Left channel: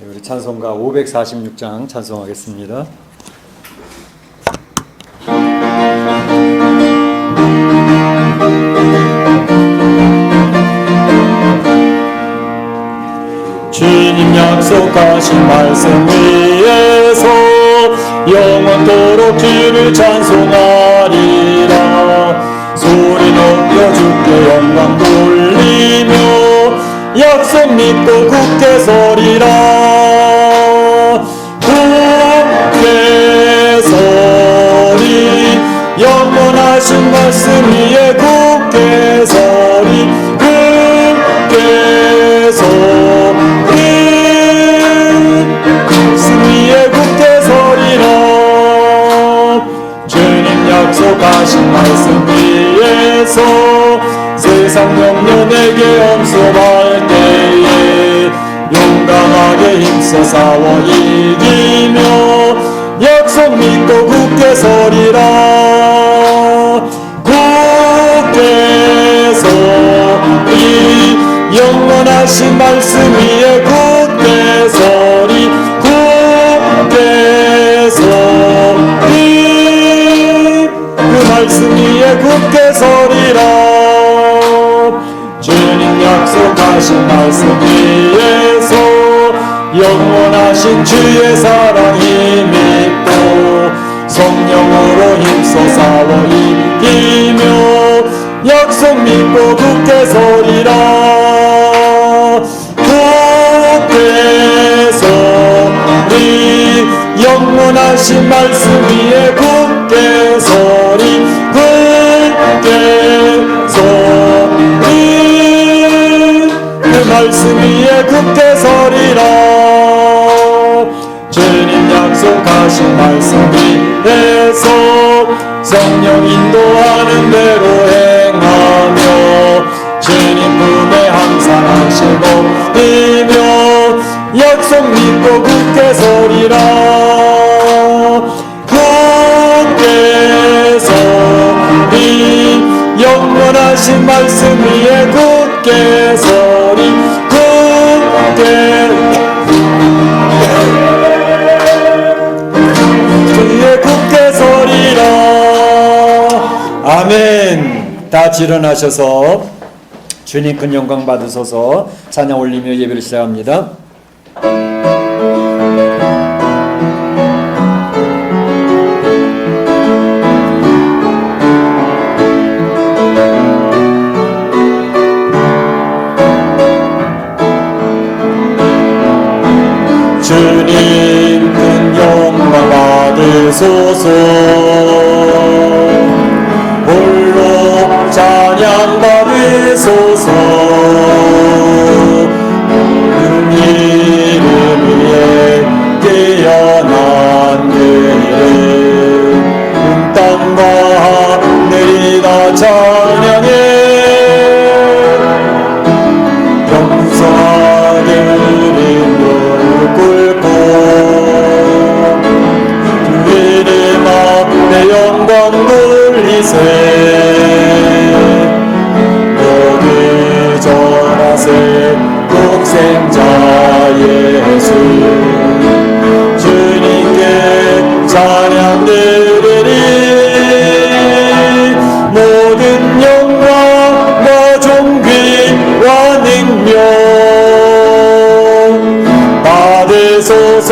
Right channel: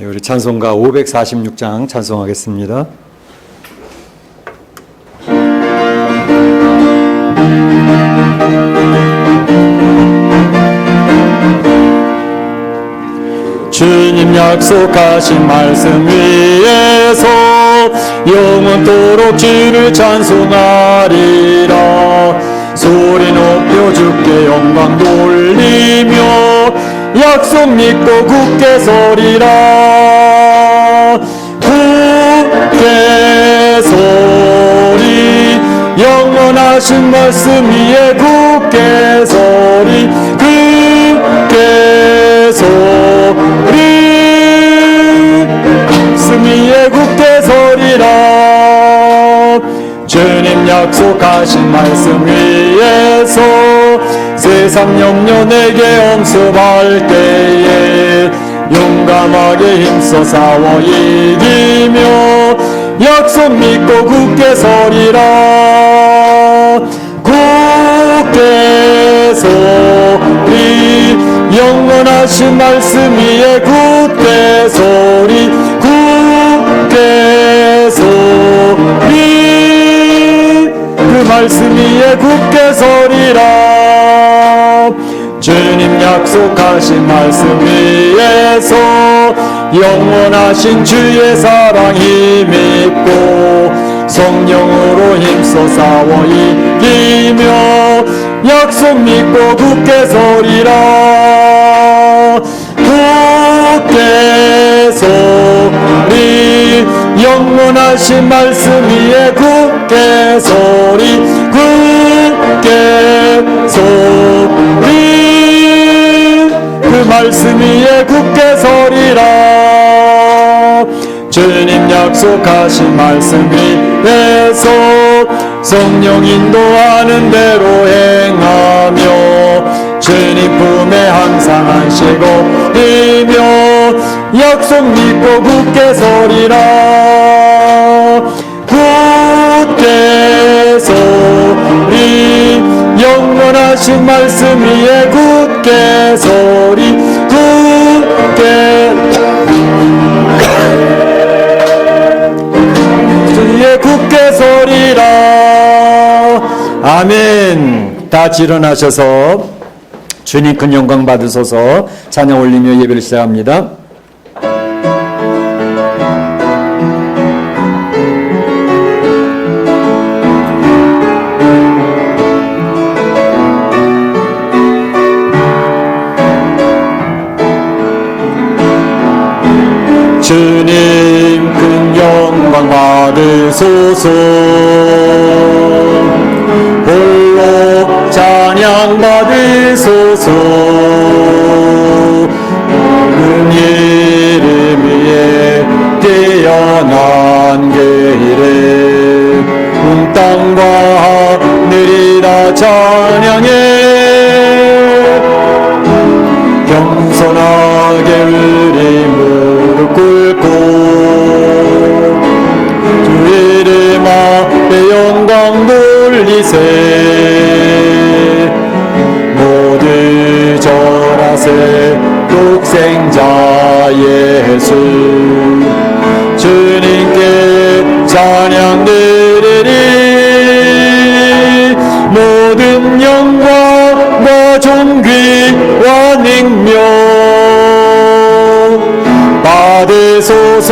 네, 우리 찬송가 546장 찬송하겠습니다. 주님 약속하신 말씀 위에서 영원토록 주를 찬송하리라. 소리 높여 주께 영광 돌리며 약속 믿고 굳게 서리라. 굳게 서리 영원하신 말씀 위에 굳게 서리. 굳게 서리 말씀 위에 굳게 서리라. 주님 약속하신 말씀 위에서 세상 영혼에게 엄습할 때에 용감하게 힘써 싸워 이기며 약속 믿고 굳게 서리라. 굳게 서리 영원하신 말씀 위에 굳게 서리. 굳게 서리 그 말씀 위에 굳게 서리라. 주님 약속하신 말씀 위에서 영원하신 주의 사랑 힘입고 성령으로 힘써 싸워 이기며 약속 믿고 굳게 서리라. 굳게 서리 영원하신 말씀 위에 굳게 서리. 굳게 서리 그 말씀 위에 굳게 서리라. 주님 약속하신 말씀 위에서 성령 인도하는 대로 행하며 주님 품에 항상 안식어이며 약속 믿고 굳게 서리라. 굳게 서리 영원하신 말씀 위에 굳게 서리. 굳게 위에 굳게 서리라. 아멘. 다 일어나셔서 주님 큰 영광 받으소서. 찬양 올리며 예배를 시작합니다. 주님 큰 영광 받으소서. 홀로 찬양 받으소서. 모든 이름 위에 뛰어난 그 이름 온 땅과 하늘이 다 찬양해. 겸손하게 우리 무릎 꿇고 주 이름 앞에 영광 돌리세. 모두 절하세 독생자 예수. 주님께 찬양 드리리. 모든 영광과 존귀와 능력 받으소서.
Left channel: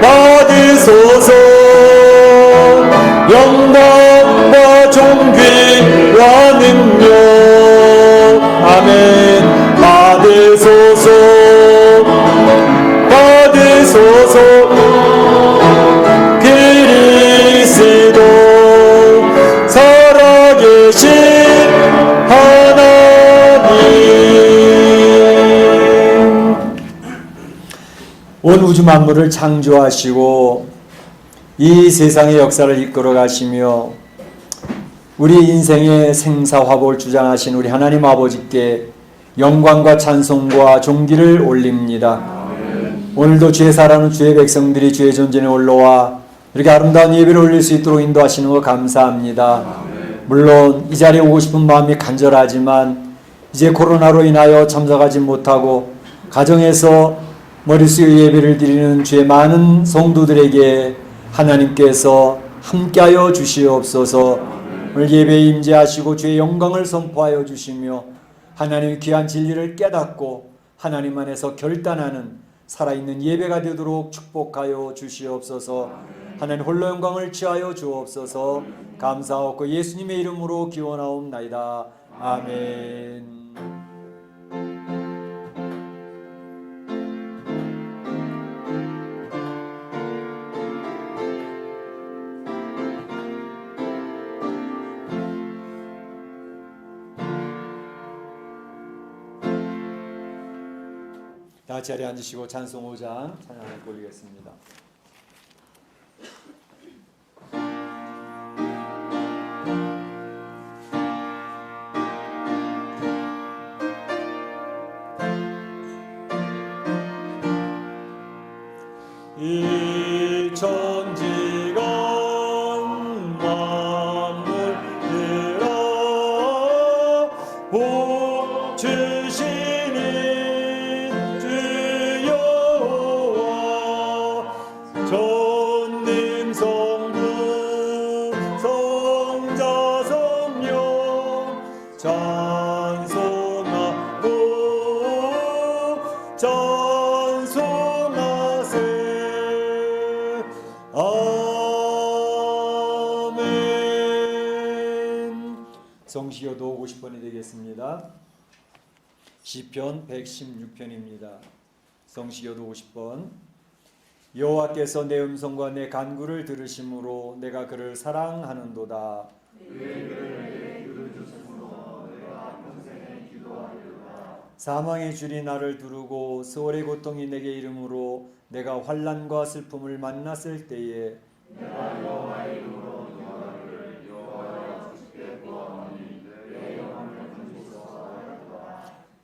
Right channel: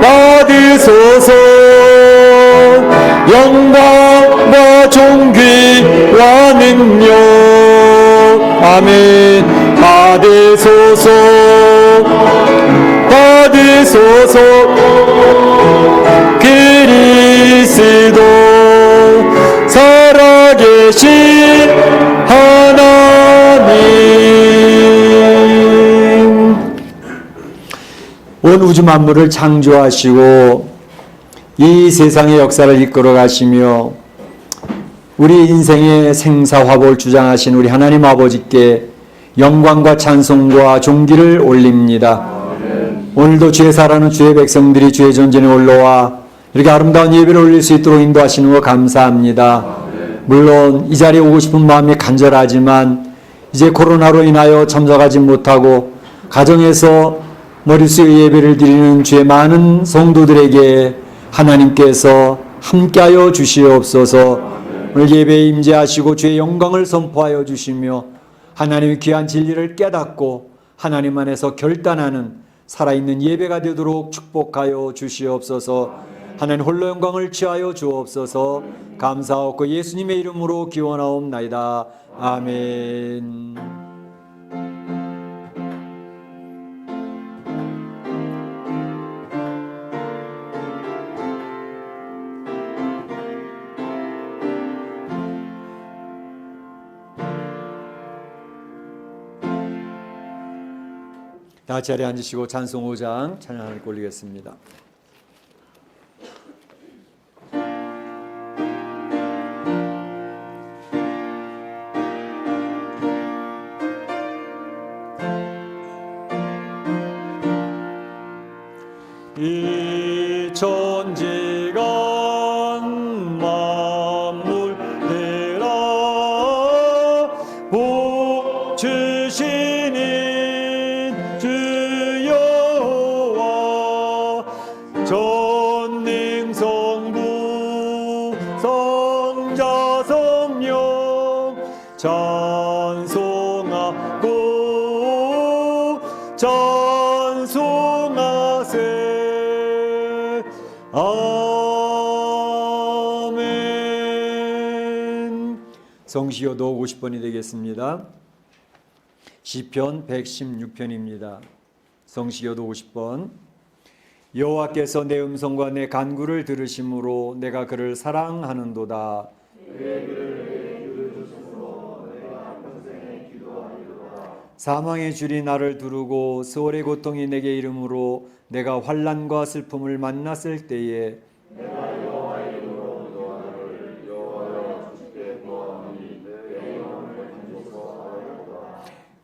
받으소서. 영광과 존귀와 능력 아멘. 받으소서. 받으소서. 그리스도 살아계신 하나님. 온 우주 만물을 창조하시고 이 세상의 역사를 이끌어 가시며 우리 인생의 생사화복을 주장하신 우리 하나님 아버지께 영광과 찬송과 존귀를 올립니다. 오늘도 주의 사랑하는 주의 백성들이 주의 전전에 올라와 이렇게 아름다운 예배를 올릴 수 있도록 인도하시는 것 감사합니다. 물론 이 자리에 오고 싶은 마음이 간절하지만 이제 코로나로 인하여 참석하지 못하고 가정에서 머릿수 예배를 드리는 죄 많은 성도들에게 하나님께서 함께하여 주시옵소서. 오늘 예배에 임재하시고 주의 영광을 선포하여 주시며 하나님의 귀한 진리를 깨닫고 하나님 안에서 결단하는 살아있는 예배가 되도록 축복하여 주시옵소서. 하나님 홀로 영광을 취하여 주옵소서. 감사하고 예수님의 이름으로 기원하옵나이다. 아멘. 다 같이 자리에 앉으시고 찬송 5장 찬양 하나님께 올리겠습니다. 이 천지가 만물 되라 복 주시니 주 여호와 전능 성부 성자 성령 찬송하고 찬송하세. 아멘. 성시효도 50번이 되겠습니다. 시편 116편입니다. 성시효도 50번. 여호와께서 내 음성과 내 간구를 들으심으로 내가 그를 사랑하는도다. 사망의 줄이 나를 두르고 스월의 고통이 내게 이름으로 내가 환난과 슬픔을 만났을 때에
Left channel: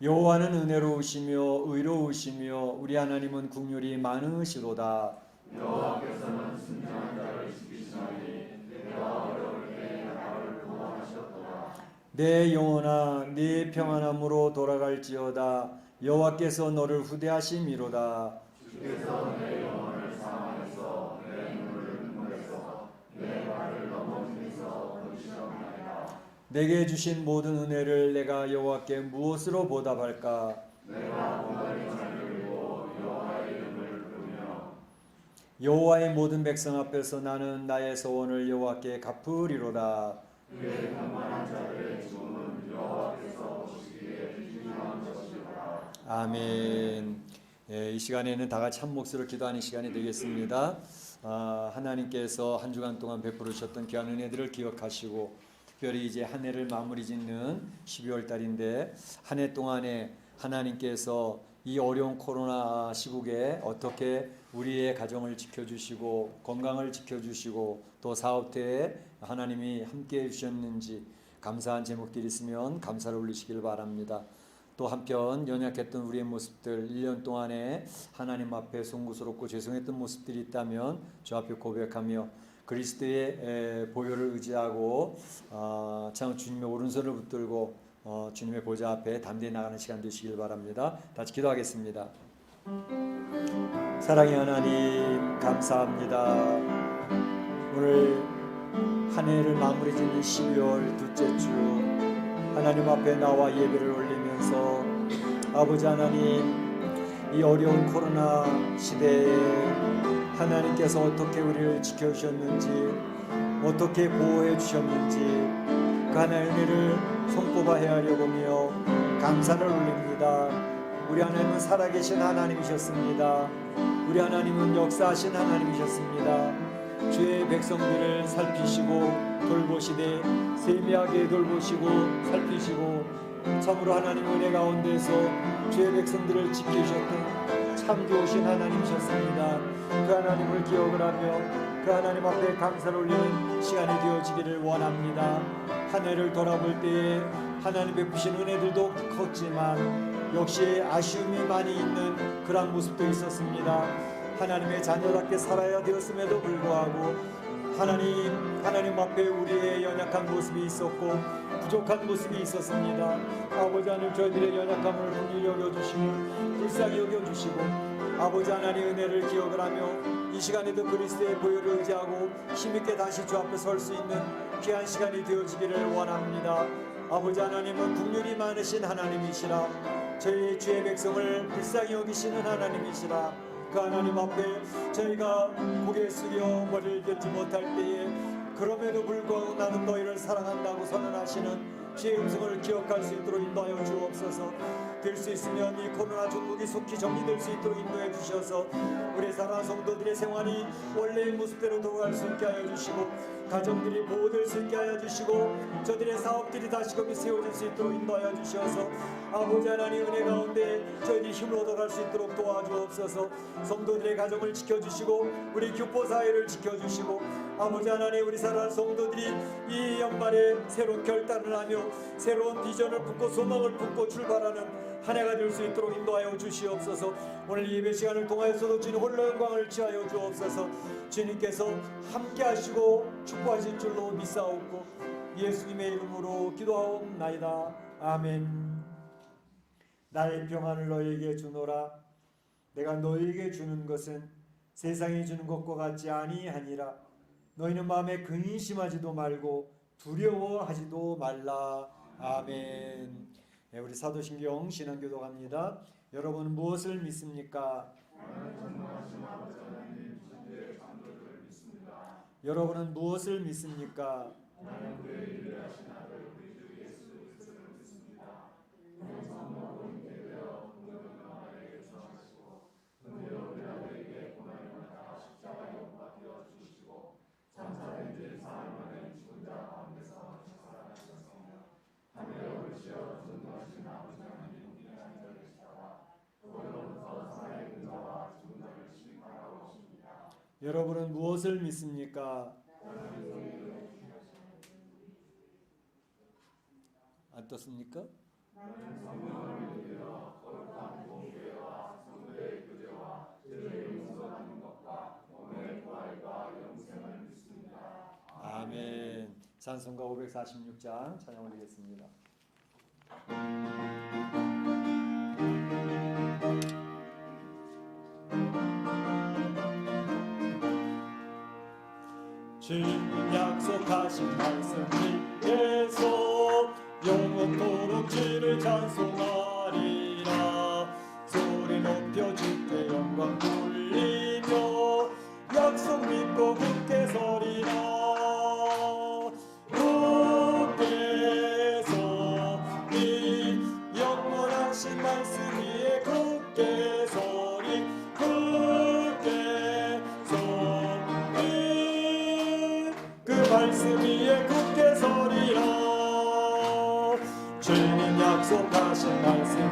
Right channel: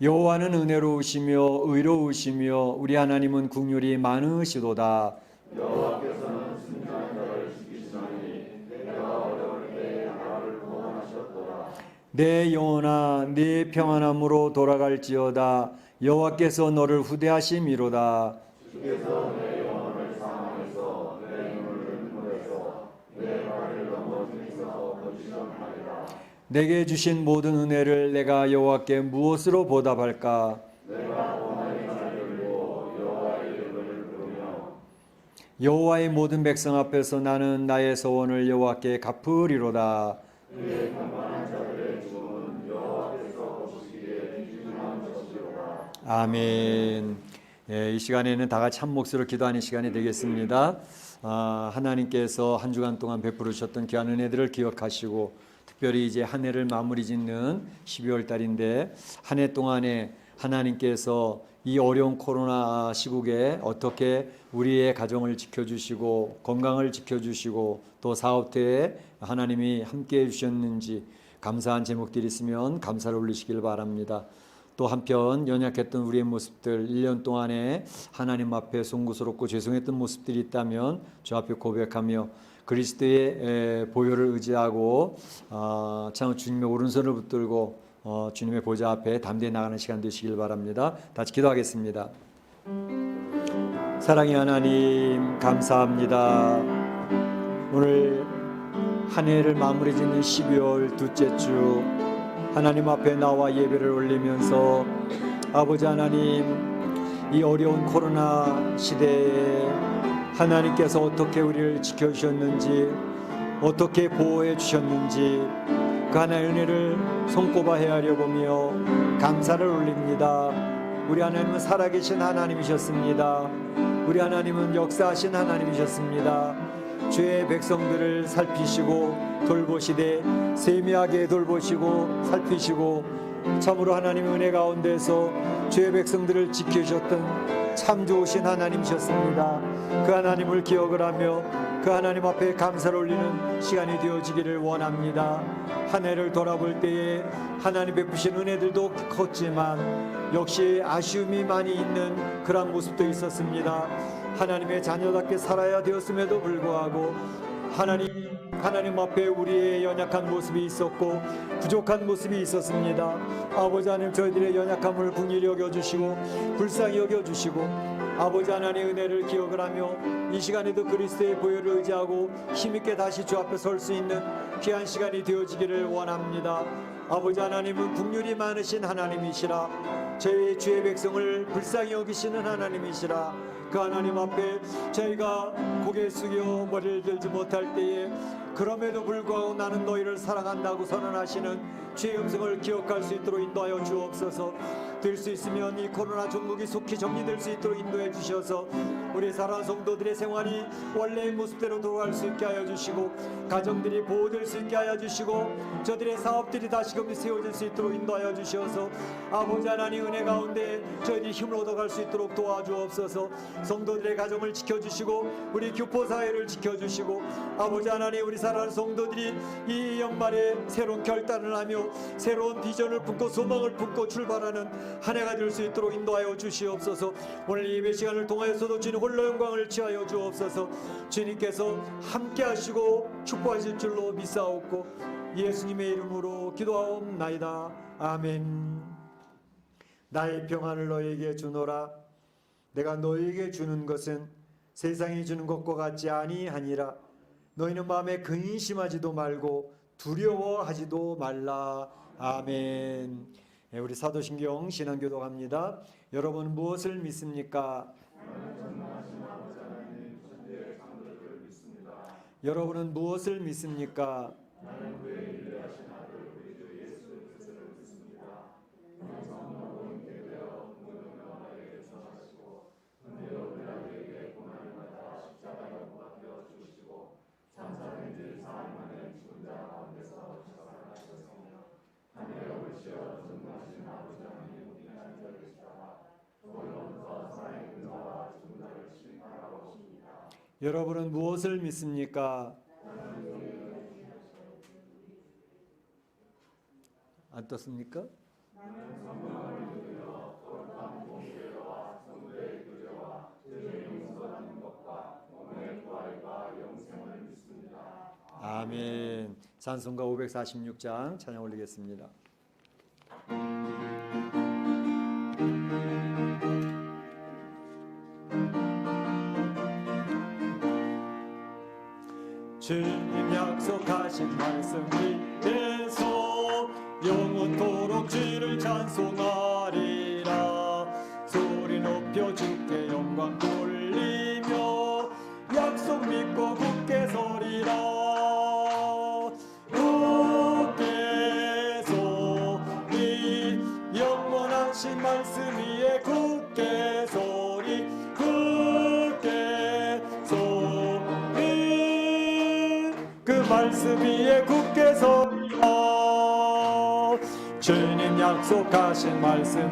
여호와는 은혜로우시며 의로우시며 우리 하나님은 긍휼이 많으시도다. 여호와께서는 순전한 자를 지키시나니 내가 어려울 때 나를 구원하셨도다. 내 영혼아 네 평안함으로 돌아갈지어다. 여호와께서 너를 후대하심이로다. 주께서 내 영혼을 사망에서 내 눈을 눈물에서 내 발을 넘어짐에서 건지셨나이다. 내게 주신 모든 은혜를 내가 여호와께 무엇으로 보답할까? 내가 오늘 하나님을 보고 여호와의 이름을 부르며 여호와의 모든 백성 앞에서 나는 나의 소원을 여호와께 갚으리로다. 그의 강만한 자들의 죽음은 여호와께서 보시기에 귀중한 것이로다. 아멘. 이 시간에는 다 같이 한 목소리로 기도하는 시간이 되겠습니다. 하나님께서 한 주간 동안 베풀어 주셨던 귀한 은혜들을 기억하시고 특별히 이제 한 해를 마무리 짓는 12월 달인데 한 해 동안에 하나님께서 이 어려운 코로나 시국에 어떻게 우리의 가정을 지켜주시고 건강을 지켜주시고 또 사업대에 하나님이 함께해 주셨는지 감사한 제목들이 있으면 감사를 올리시길 바랍니다. 또 한편 연약했던 우리의 모습들 1년 동안에 하나님 앞에 송구스럽고 죄송했던 모습들이 있다면 주 앞에 고백하며 그리스도의 보혈을 의지하고 참 주님의 오른손을 붙들고 주님의 보좌 앞에 담대히 나가는 시간 되시길 바랍니다. 다시 기도하겠습니다. 사랑의 하나님 감사합니다. 오늘 한 해를 마무리 짓는 12월 둘째 주 하나님 앞에 나와 예배를 올리면서 아버지 하나님 이 어려운 코로나 시대에 하나님께서 어떻게 우리를 지켜주셨는지 어떻게 보호해 주셨는지 그 하나님의 은혜를 손꼽아 헤아려 보며 감사를 올립니다. 우리 하나님은 살아계신 하나님이셨습니다. 우리 하나님은 역사하신 하나님이셨습니다. 주의 백성들을 살피시고 돌보시되 세미하게 돌보시고 살피시고 참으로 하나님 은혜 가운데서 주의 백성들을 지켜주셨던 참 좋으신 하나님이셨습니다. 그 하나님을 기억을 하며 그 하나님 앞에 감사를 올리는 시간이 되어지기를 원합니다. 한 해를 돌아볼 때에 하나님 베푸신 은혜들도 컸지만 역시 아쉬움이 많이 있는 그런 모습도 있었습니다. 하나님의 자녀답게 살아야 되었음에도 불구하고 하나님 앞에 우리의 연약한 모습이 있었고 부족한 모습이 있었습니다. 아버지 하나님, 저희들의 연약함을 긍휼히 여겨주시고 불쌍히 여겨주시고 아버지 하나님의 은혜를 기억을 하며 이 시간에도 그리스도의 보혈을 의지하고 힘있게 다시 주 앞에 설 수 있는 귀한 시간이 되어지기를 원합니다. 아버지 하나님은 긍휼이 많으신 하나님이시라, 저희 주의 백성을 불쌍히 여기시는 하나님이시라. 그 하나님 앞에 저희가 고개 숙여 머리를 들지 못할 때에 그럼에도 불구하고 나는 너희를 사랑한다고 선언하시는 주의 음성을 기억할 수 있도록 인도하여 주옵소서. 될 수 있으면 이 코로나 종국이 속히 정리될 수 있도록 인도해 주셔서 우리 사랑하는 성도들의 생활이 원래의 모습대로 돌아갈 수 있게 하여 주시고 가정들이 보호될 수 있게 하여 주시고 저들의 사업들이 다시금 세워질 수 있도록 인도하여 주셔서 아버지 하나님 은혜 가운데 저희들이 힘을 얻어갈 수 있도록 도와주옵소서. 성도들의 가정을 지켜주시고 우리 교포사회를 지켜주시고 아버지 하나님, 우리 사랑하는 성도들이 이 연말에 새로운 결단을 하며 새로운 비전을 품고 소망을 품고 출발하는 한 해가 될 수 있도록 인도하여 주시옵소서. 오늘 예배 시간을 통하여서도 주님 홀로 영광을 취하여 주옵소서. 주님께서 함께 하시고 축복하실 줄로 믿사옵고 예수님의 이름으로 기도하옵나이다. 아멘. 나의 평안을 너희에게 주노라. 내가 너희에게 주는 것은 세상이 주는 것과 같지 아니하니라. 너희는 마음에 근심하지도 말고 두려워하지도 말라. 아멘. 우리 사도신경 신앙교독합니다. 여러분 무엇을 믿습니까? 여러분은 무엇을 믿습니까? 여러분은 무엇을 믿습니까? 안 떴습니까? 아멘. 찬송가 546장 찬양 올리겠습니다. 주님 약속하신 말씀 위에서 영원토록 주를 찬송하리라. 소리 높여 주께 영광 돌리며 약속 믿고 굳게 서리라. 굳게 서리 영원하신 말씀 위에 굳게 서리. 굳게 서리 그 말씀 위에 굳게 서리라. 주님 약속하신 말씀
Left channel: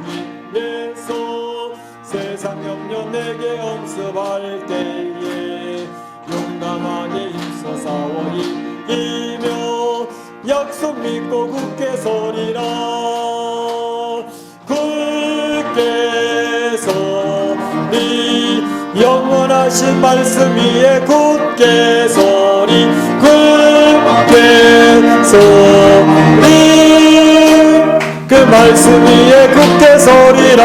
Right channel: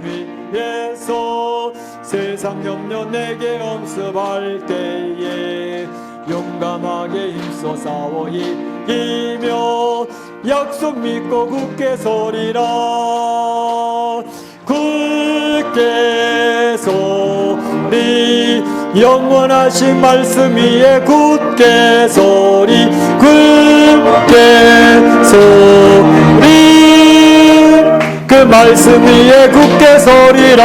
위에서 세상 염려 내게 엄습할 때에 용감하게 힘써 싸워 이기며 약속 믿고 굳게 서리라. 굳게 서리 영원하신 말씀 위에 굳게 서리. 굳게 서리 그 말씀 위에 굳게 서리라.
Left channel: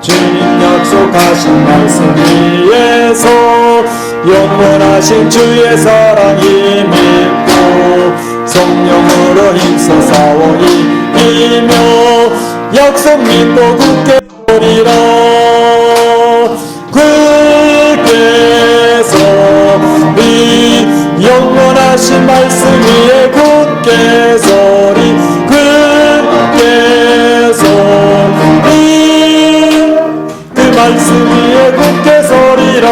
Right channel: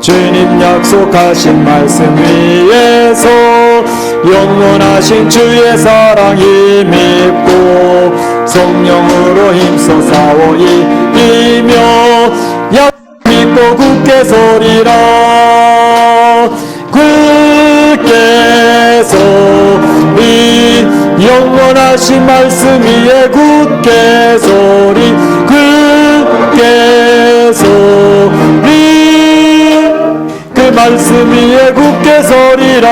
주님 약속하신 말씀 위에서 영원하신 주의 사랑이 믿고 성령으로 힘써 싸워 이기며 약속 믿고 굳게 서리라. 굳게 서리 영원하신 말씀 위에 굳게 서리. 굳게 서리 그 말씀 위에 굳게 서리라.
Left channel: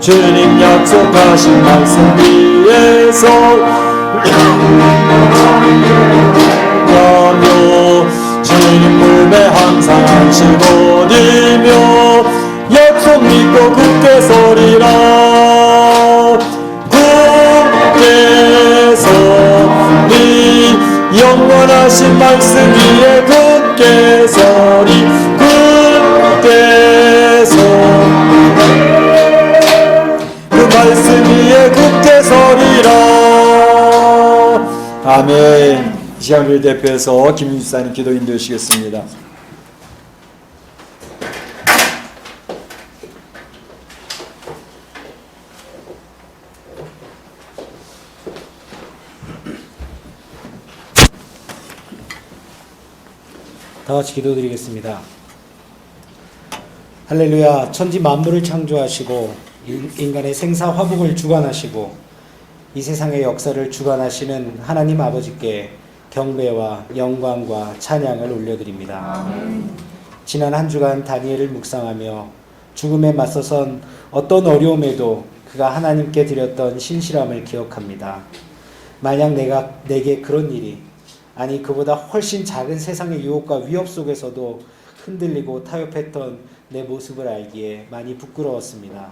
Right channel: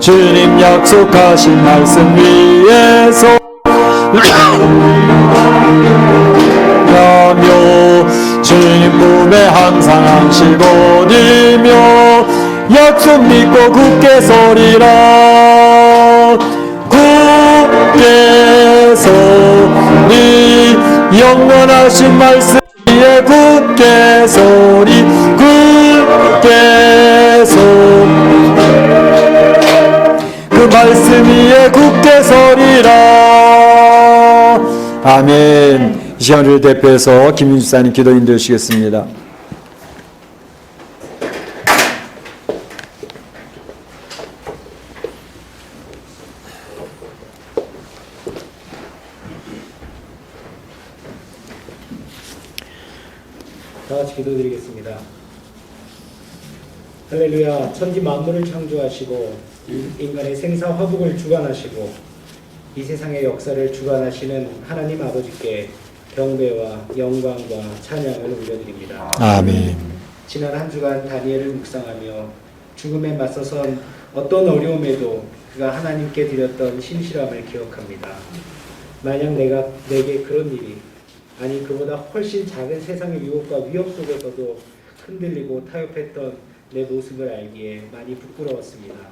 주님 약속하신 말씀 위에서 가며 주님 몸에 항상 안식거리며 약속 믿고 굳게 서리라. 굳게 서리 영원하신 말씀 위에 굳게 서리. 굳게 서리 그 대표해서 김윤주사님 기도 인도해 주시겠습니다. 다 같이 기도드리겠습니다. 할렐루야. 천지 만물을 창조하시고 인간의 생사 화복을 주관하시고 이 세상의 역사를 주관하시는 하나님 아버지께 경배와 영광과 찬양을 올려드립니다. 아멘. 지난 한 주간 다니엘을 묵상하며 죽음에 맞서선 어떤 어려움에도 그가 하나님께 드렸던 신실함을 기억합니다. 만약 내게 그런 일이, 아니 그보다 훨씬 작은 세상의 유혹과 위협 속에서도 흔들리고 타협했던 내 모습을 알기에 많이 부끄러웠습니다.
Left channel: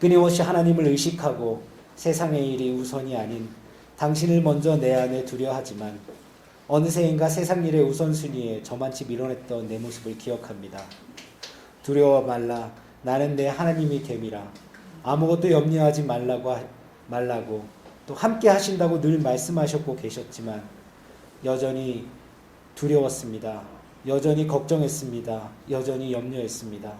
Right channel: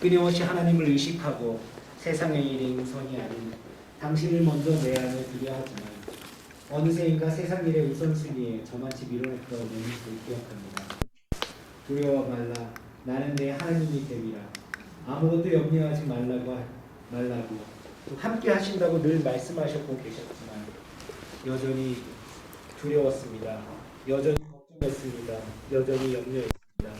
끊임없이 하나님을 의식하고 세상의 일이 우선이 아닌 당신을 먼저 내 안에 두려하지만 어느새인가 세상 일의 우선순위에 저만치 밀어냈던 내 모습을 기억합니다. 두려워 말라. 나는 내 하나님이 됨이라. 아무것도 염려하지 말라고 또 함께 하신다고 늘 말씀하셨고 계셨지만 여전히 두려웠습니다. 여전히 걱정했습니다. 여전히 염려했습니다.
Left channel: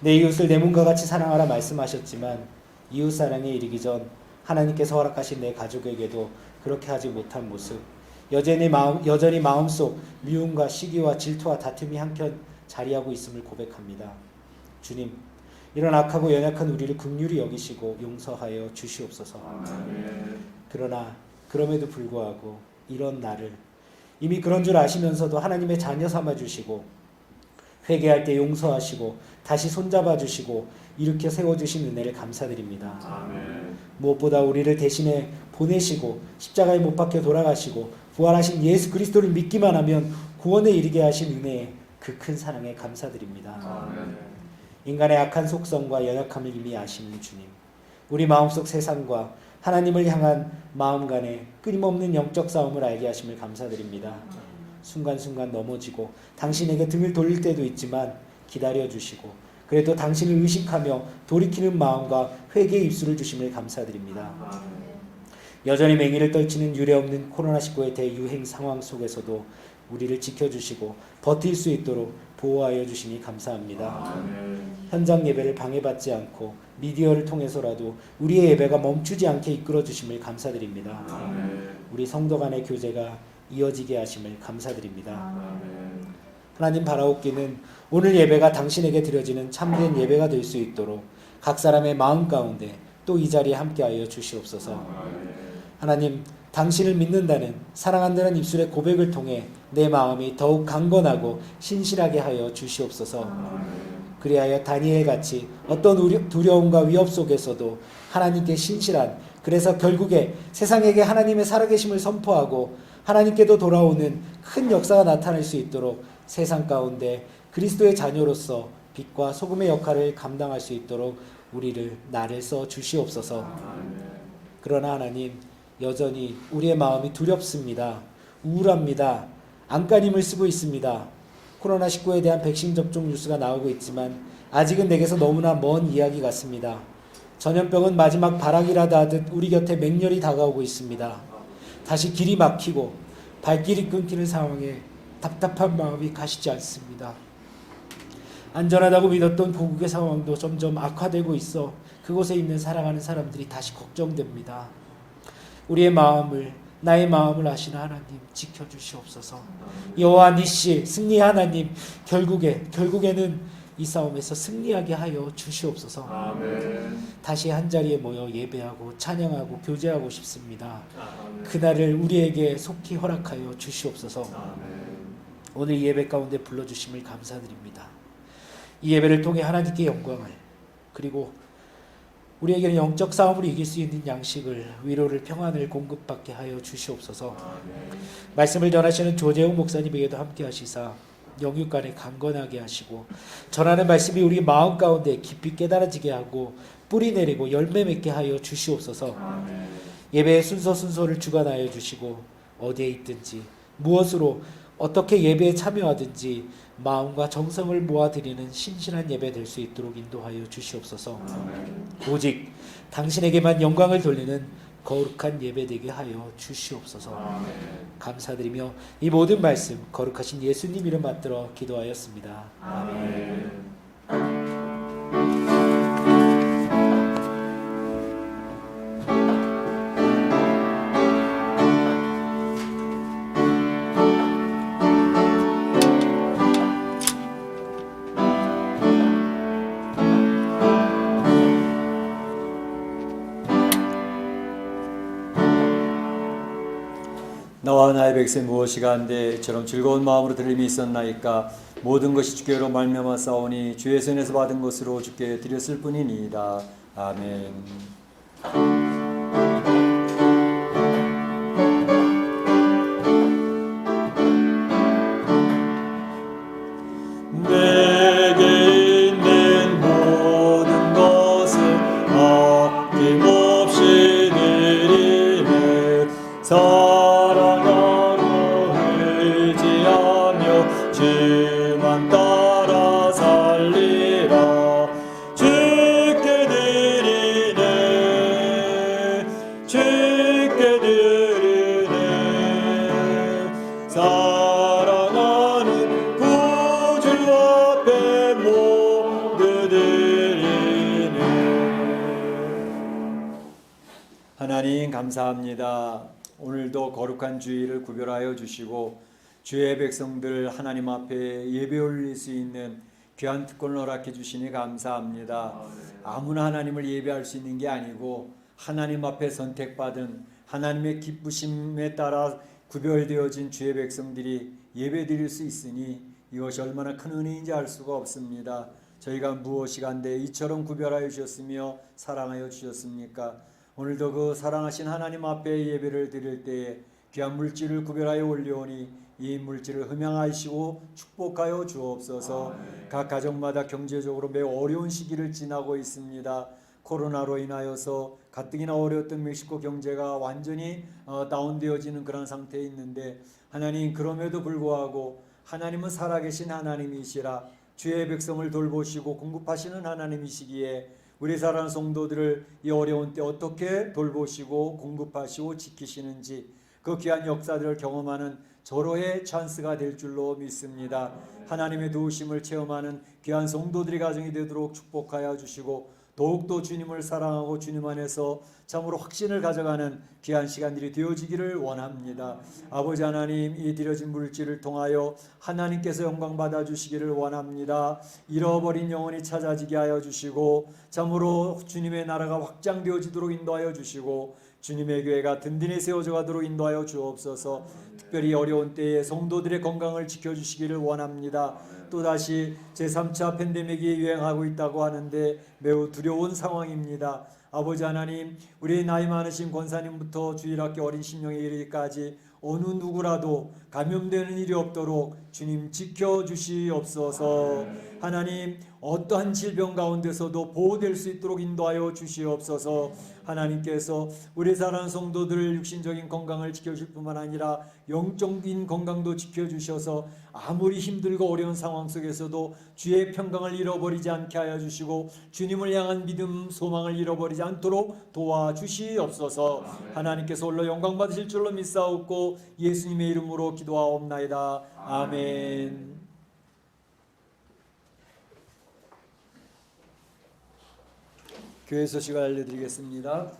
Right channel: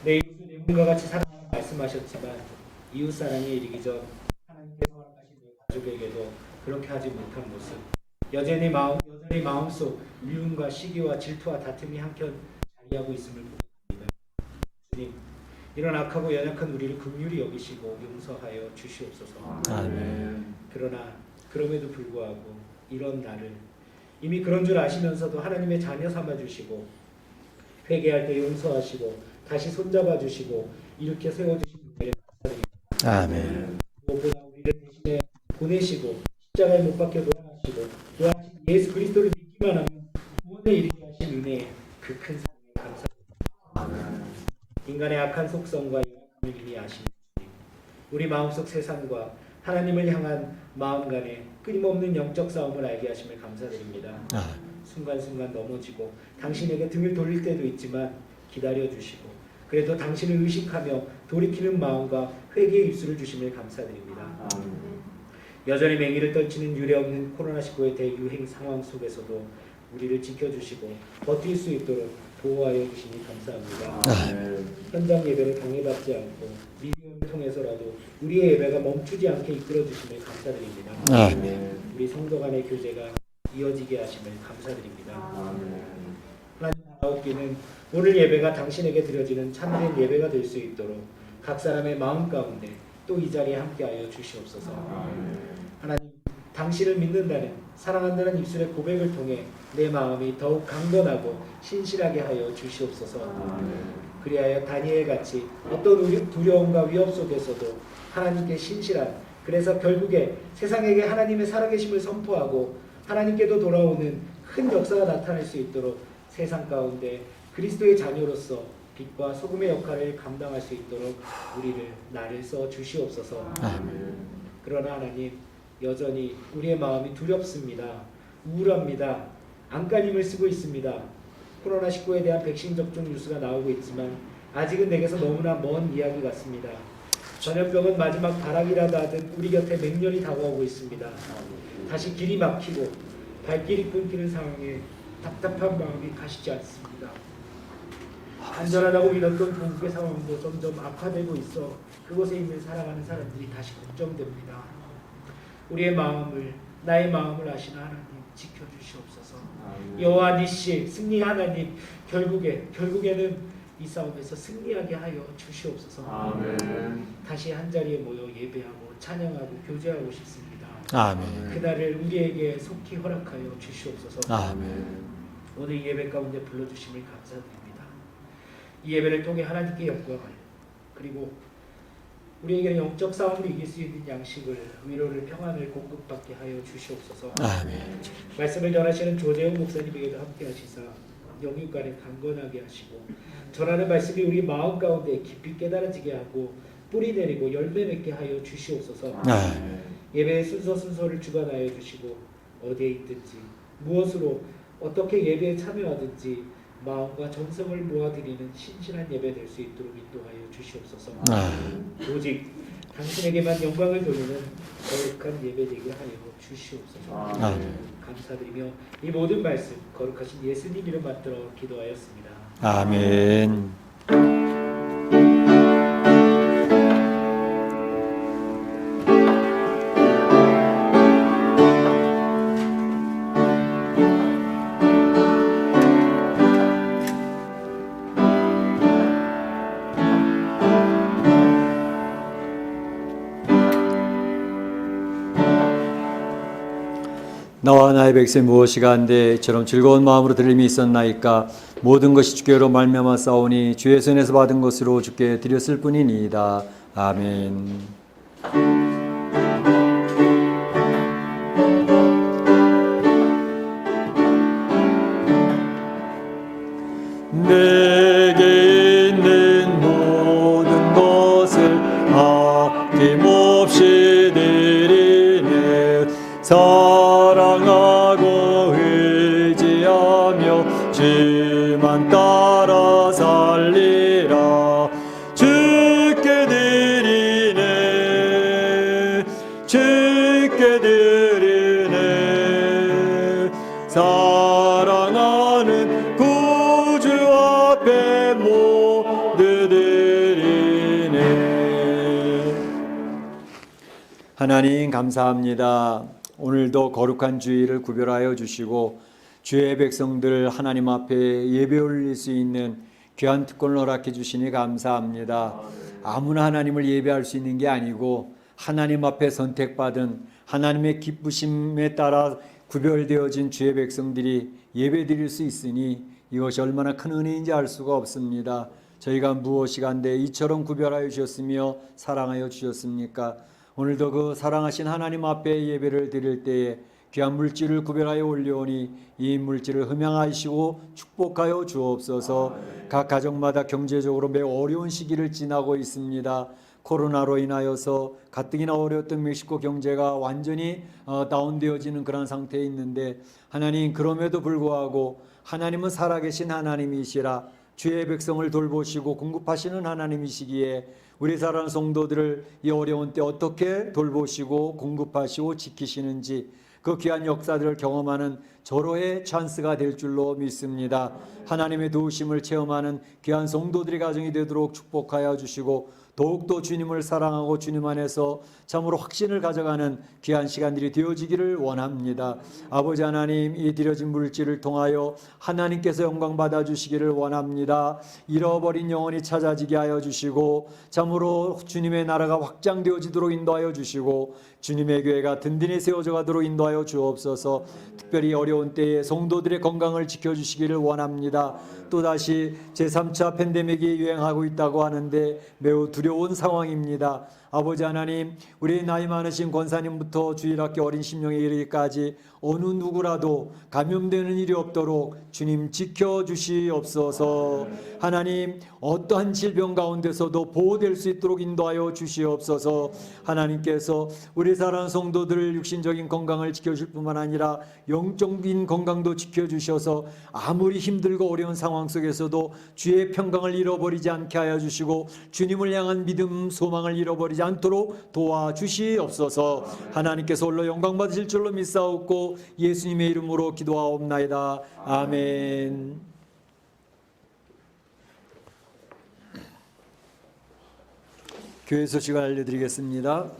내 이웃을 내 몸과 같이 사랑하라 말씀하셨지만 이웃사랑에 이르기 전 하나님께서 허락하신 내 가족에게도 그렇게 하지 못한 모습, 여전히 마음속 미움과 시기와 질투와 다툼이 한켠 자리하고 있음을 고백합니다. 주님, 이런 악하고 연약한 우리를 긍휼히 여기시고 용서하여 주시옵소서. 아멘. 그러나 그럼에도 불구하고 이런 나를 이미 그런 줄 아시면서도 하나님의 자녀 삼아주시고 회개할 때 용서하시고 다시 손잡아 주시고 일으켜 세워주신 은혜를 감사드립니다. 아멘. 무엇보다 우리를 대신에 보내시고 십자가에 못 박혀 돌아가시고 부활하신 예수 그리스도를 믿기만 하면 구원에 이르게 하신 은혜에 그 큰 사랑에 감사드립니다. 아멘. 인간의 악한 속성과 연약함을 이미 아시는 주님, 우리 마음속 세상과 하나님을 향한 마음 간의 끊임없는 영적 싸움을 알게 하심을 감사드립니다. 순간순간 넘어지고 당신에게 등을 돌릴 때도 있지만 기다려주시고 그래도 당신을 의식하며 돌이키는 마음과 회개의 입술을 주심을 감사드립니다. 여전히 맹위를 떨치는 유례없는 코로나19의 대유행 상황 속에서도 우리를 지켜주시고 버틸 수 있도록 보호하여 주시니 감사합니다. 현장 예배를 방해받지 않고 미디어를 통해서라도 우리의 예배가 멈추지 않게 이끌어 주심을 감사드립니다. 우리 성도 간의 교제가 이어지게 하심을 감사드립니다. 하나님 바라옵기는 오늘 예배가 당신에게 드려지는 참된 예배가 될 수 있도록 각 사람의 마음 가운데 또 이 자리에 함께하여 주시옵소서. 하나님, 당신을 믿는다는 사랑한다는 입술의 고백을 통해 내 마음이 더욱 강건하고 신실하게 하여 주시옵소서. 그리하여 다니엘같이 어떤 두려움과 위협 속에서도 하나님께 신실한, 그래서 결국에 세상에게 하나님의 살아계심을 선포하고 하나님께도 돌아오는 큰 역사가 나타날 수 있도록 세상 가운데 그리스도의 자녀로서 빛과 소금의 역할을 감당할 수 있도록 나를 써 주시옵소서. 그러나 하나님, 여전히 우리의 마음이 두렵습니다. 우울합니다. 안간힘을 쓰고 있습니다. 코로나19에 대한 백신 접종 뉴스가 나오고 있지만 아직은 내게서 너무나 먼 이야기 같습니다. 전염병은 마지막 발악이라도 하듯 우리 곁에 맹렬히 다가오고 있습니다. 다시 길이 막히고 발길이 끊기는 상황에 답답한 마음이 가시지 않습니다. 안전하다고 믿었던 고국의 상황도 점점 악화되고 있어 그곳에 있는 사랑하는 사람들이 다시 걱정됩니다. 우리의 마음을, 나의 마음을 아시는 하나님 지켜주시옵소서. 여호와 니시 승리 하나님, 결국에는 이 싸움에서 승리하게 하여 주시옵소서. 아멘. 다시 한 자리에 모여 예배하고 찬양하고 교제하고 싶습니다. 아멘. 그날을 우리에게 속히 허락하여 주시옵소서. 아멘. 오늘 예배 가운데 불러주심을 감사드립니다. 이 예배를 통해 하나님께 영광을, 그리고 우리에게는 영적 싸움으로 이길 수 있는 양식을, 위로를, 평안을 공급받게 하여 주시옵소서. 아멘. 말씀을 전하시는 조재웅 목사님에게도 함께 하시사 영육간에 강건하게 하시고 전하는 말씀이 우리 마음 가운데 깊이 깨달아지게 하고 뿌리 내리고 열매 맺게 하여 주시옵소서. 아멘. 예배의 순서를 주관하여 주시고 어디에 있든지 무엇으로 어떻게 예배에 참여하든지 마음과 정성을 모아드리는 신실한 예배 될 수 있도록 인도하여 주시옵소서. 오직 당신에게만 영광을 돌리는 거룩한 예배되게 하여 주시옵소서. 감사드리며 이 모든 말씀 거룩하신 예수님 이름 받들어 기도하였습니다. 아멘. 나와 나의 백성 무엇이가 한데 저런 즐거운 마음으로 들림이 있었나이까. 모든 것이 주께로 말미암아 싸우니 주의 손에서 받은 것으로 주께 드렸을 뿐이니이다. 아멘. 내게 있는 모든 것을 아낌없이 드리네. 사랑하고 의지하며 주만 따라 살리라. 주께 드리네. 주께 드리네. 사랑하는 구주 앞에 모두 드리네. 하나님 감사합니다. 오늘도 거룩한 주일을 구별하여 주시고 주의 백성들 하나님 앞에 예배 올릴 수 있는 귀한 특권을 허락해 주시니 감사합니다. 아무나 하나님을 예배할 수 있는 게 아니고 하나님 앞에 선택받은 하나님의 기쁘심에 따라 구별되어진 주의 백성들이 예배 드릴 수 있으니 이것이 얼마나 큰 은혜인지 알 수가 없습니다. 저희가 무엇이간데 이처럼 구별하여 주셨으며 사랑하여 주셨습니까? 오늘도 그 사랑하신 하나님 앞에 예배를 드릴 때에 귀한 물질을 구별하여 올려오니 이 물질을 흠양하시고 축복하여 주옵소서. 각 가정마다 경제적으로 매우 어려운 시기를 지나고 있습니다. 코로나로 인하여서 가뜩이나 어려웠던 멕시코 경제가 완전히 다운되어지는 그런 상태에 있는데 하나님 그럼에도 불구하고 하나님은 살아계신 하나님이시라 주의 백성을 돌보시고 공급하시는 하나님이시기에 우리 사랑하는 성도들을 이 어려운 때 어떻게 돌보시고 공급하시고 지키시는지 그 귀한 역사들을 경험하는 절호의 찬스가 될 줄로 믿습니다. 하나님의 도우심을 체험하는 귀한 성도들의 가정이 되도록 축복하여 주시고 더욱더 주님을 사랑하고 주님 안에서 참으로 확신을 가져가는 귀한 시간들이 되어지기를 원합니다. 아버지 하나님, 이 드려진 물질을 통하여 하나님께서 영광 받아 주시기를 원합니다. 잃어버린 영혼이 찾아지게 하여 주시고 참으로 주님의 나라가 확장되어지도록 인도하여 주시고 주님의 교회가 든든히 세워져 가도록 인도하여 주옵소서. 특별히 어려운 때에 성도들의 건강을 지켜주시기를 원합니다. 또다시 제3차 팬데믹이 유행하고 있다고 하는데 매우 두려운 상황입니다. 아버지 하나님, 우리 나이 많으신 권사님부터 주일학교 어린 심령에 이르기까지 어느 누구라도 감염되는 일이 없도록 주님 지켜주시옵소서. 하나님, 어떠한 질병 가운데서도 보호될 수 있도록 인도하여 주시옵소서. 하나님께서 우리 사랑하는 성도들 육신적인 건강을 지켜줄 뿐만 아니라 영적인 건강도 지켜주셔서 아무리 힘들고 어려운 상황 속에서도 주의 평강을 잃어버리지 않게 하여 주시고 주님을 향한 믿음, 소망을 잃어버리지 않도록 도와주시옵소서. 하나님께서 홀로 영광 받으실 줄로 믿사옵고 예수님의 이름으로 기도하옵나이다. 아멘. 교회 소식을 알려드리겠습니다.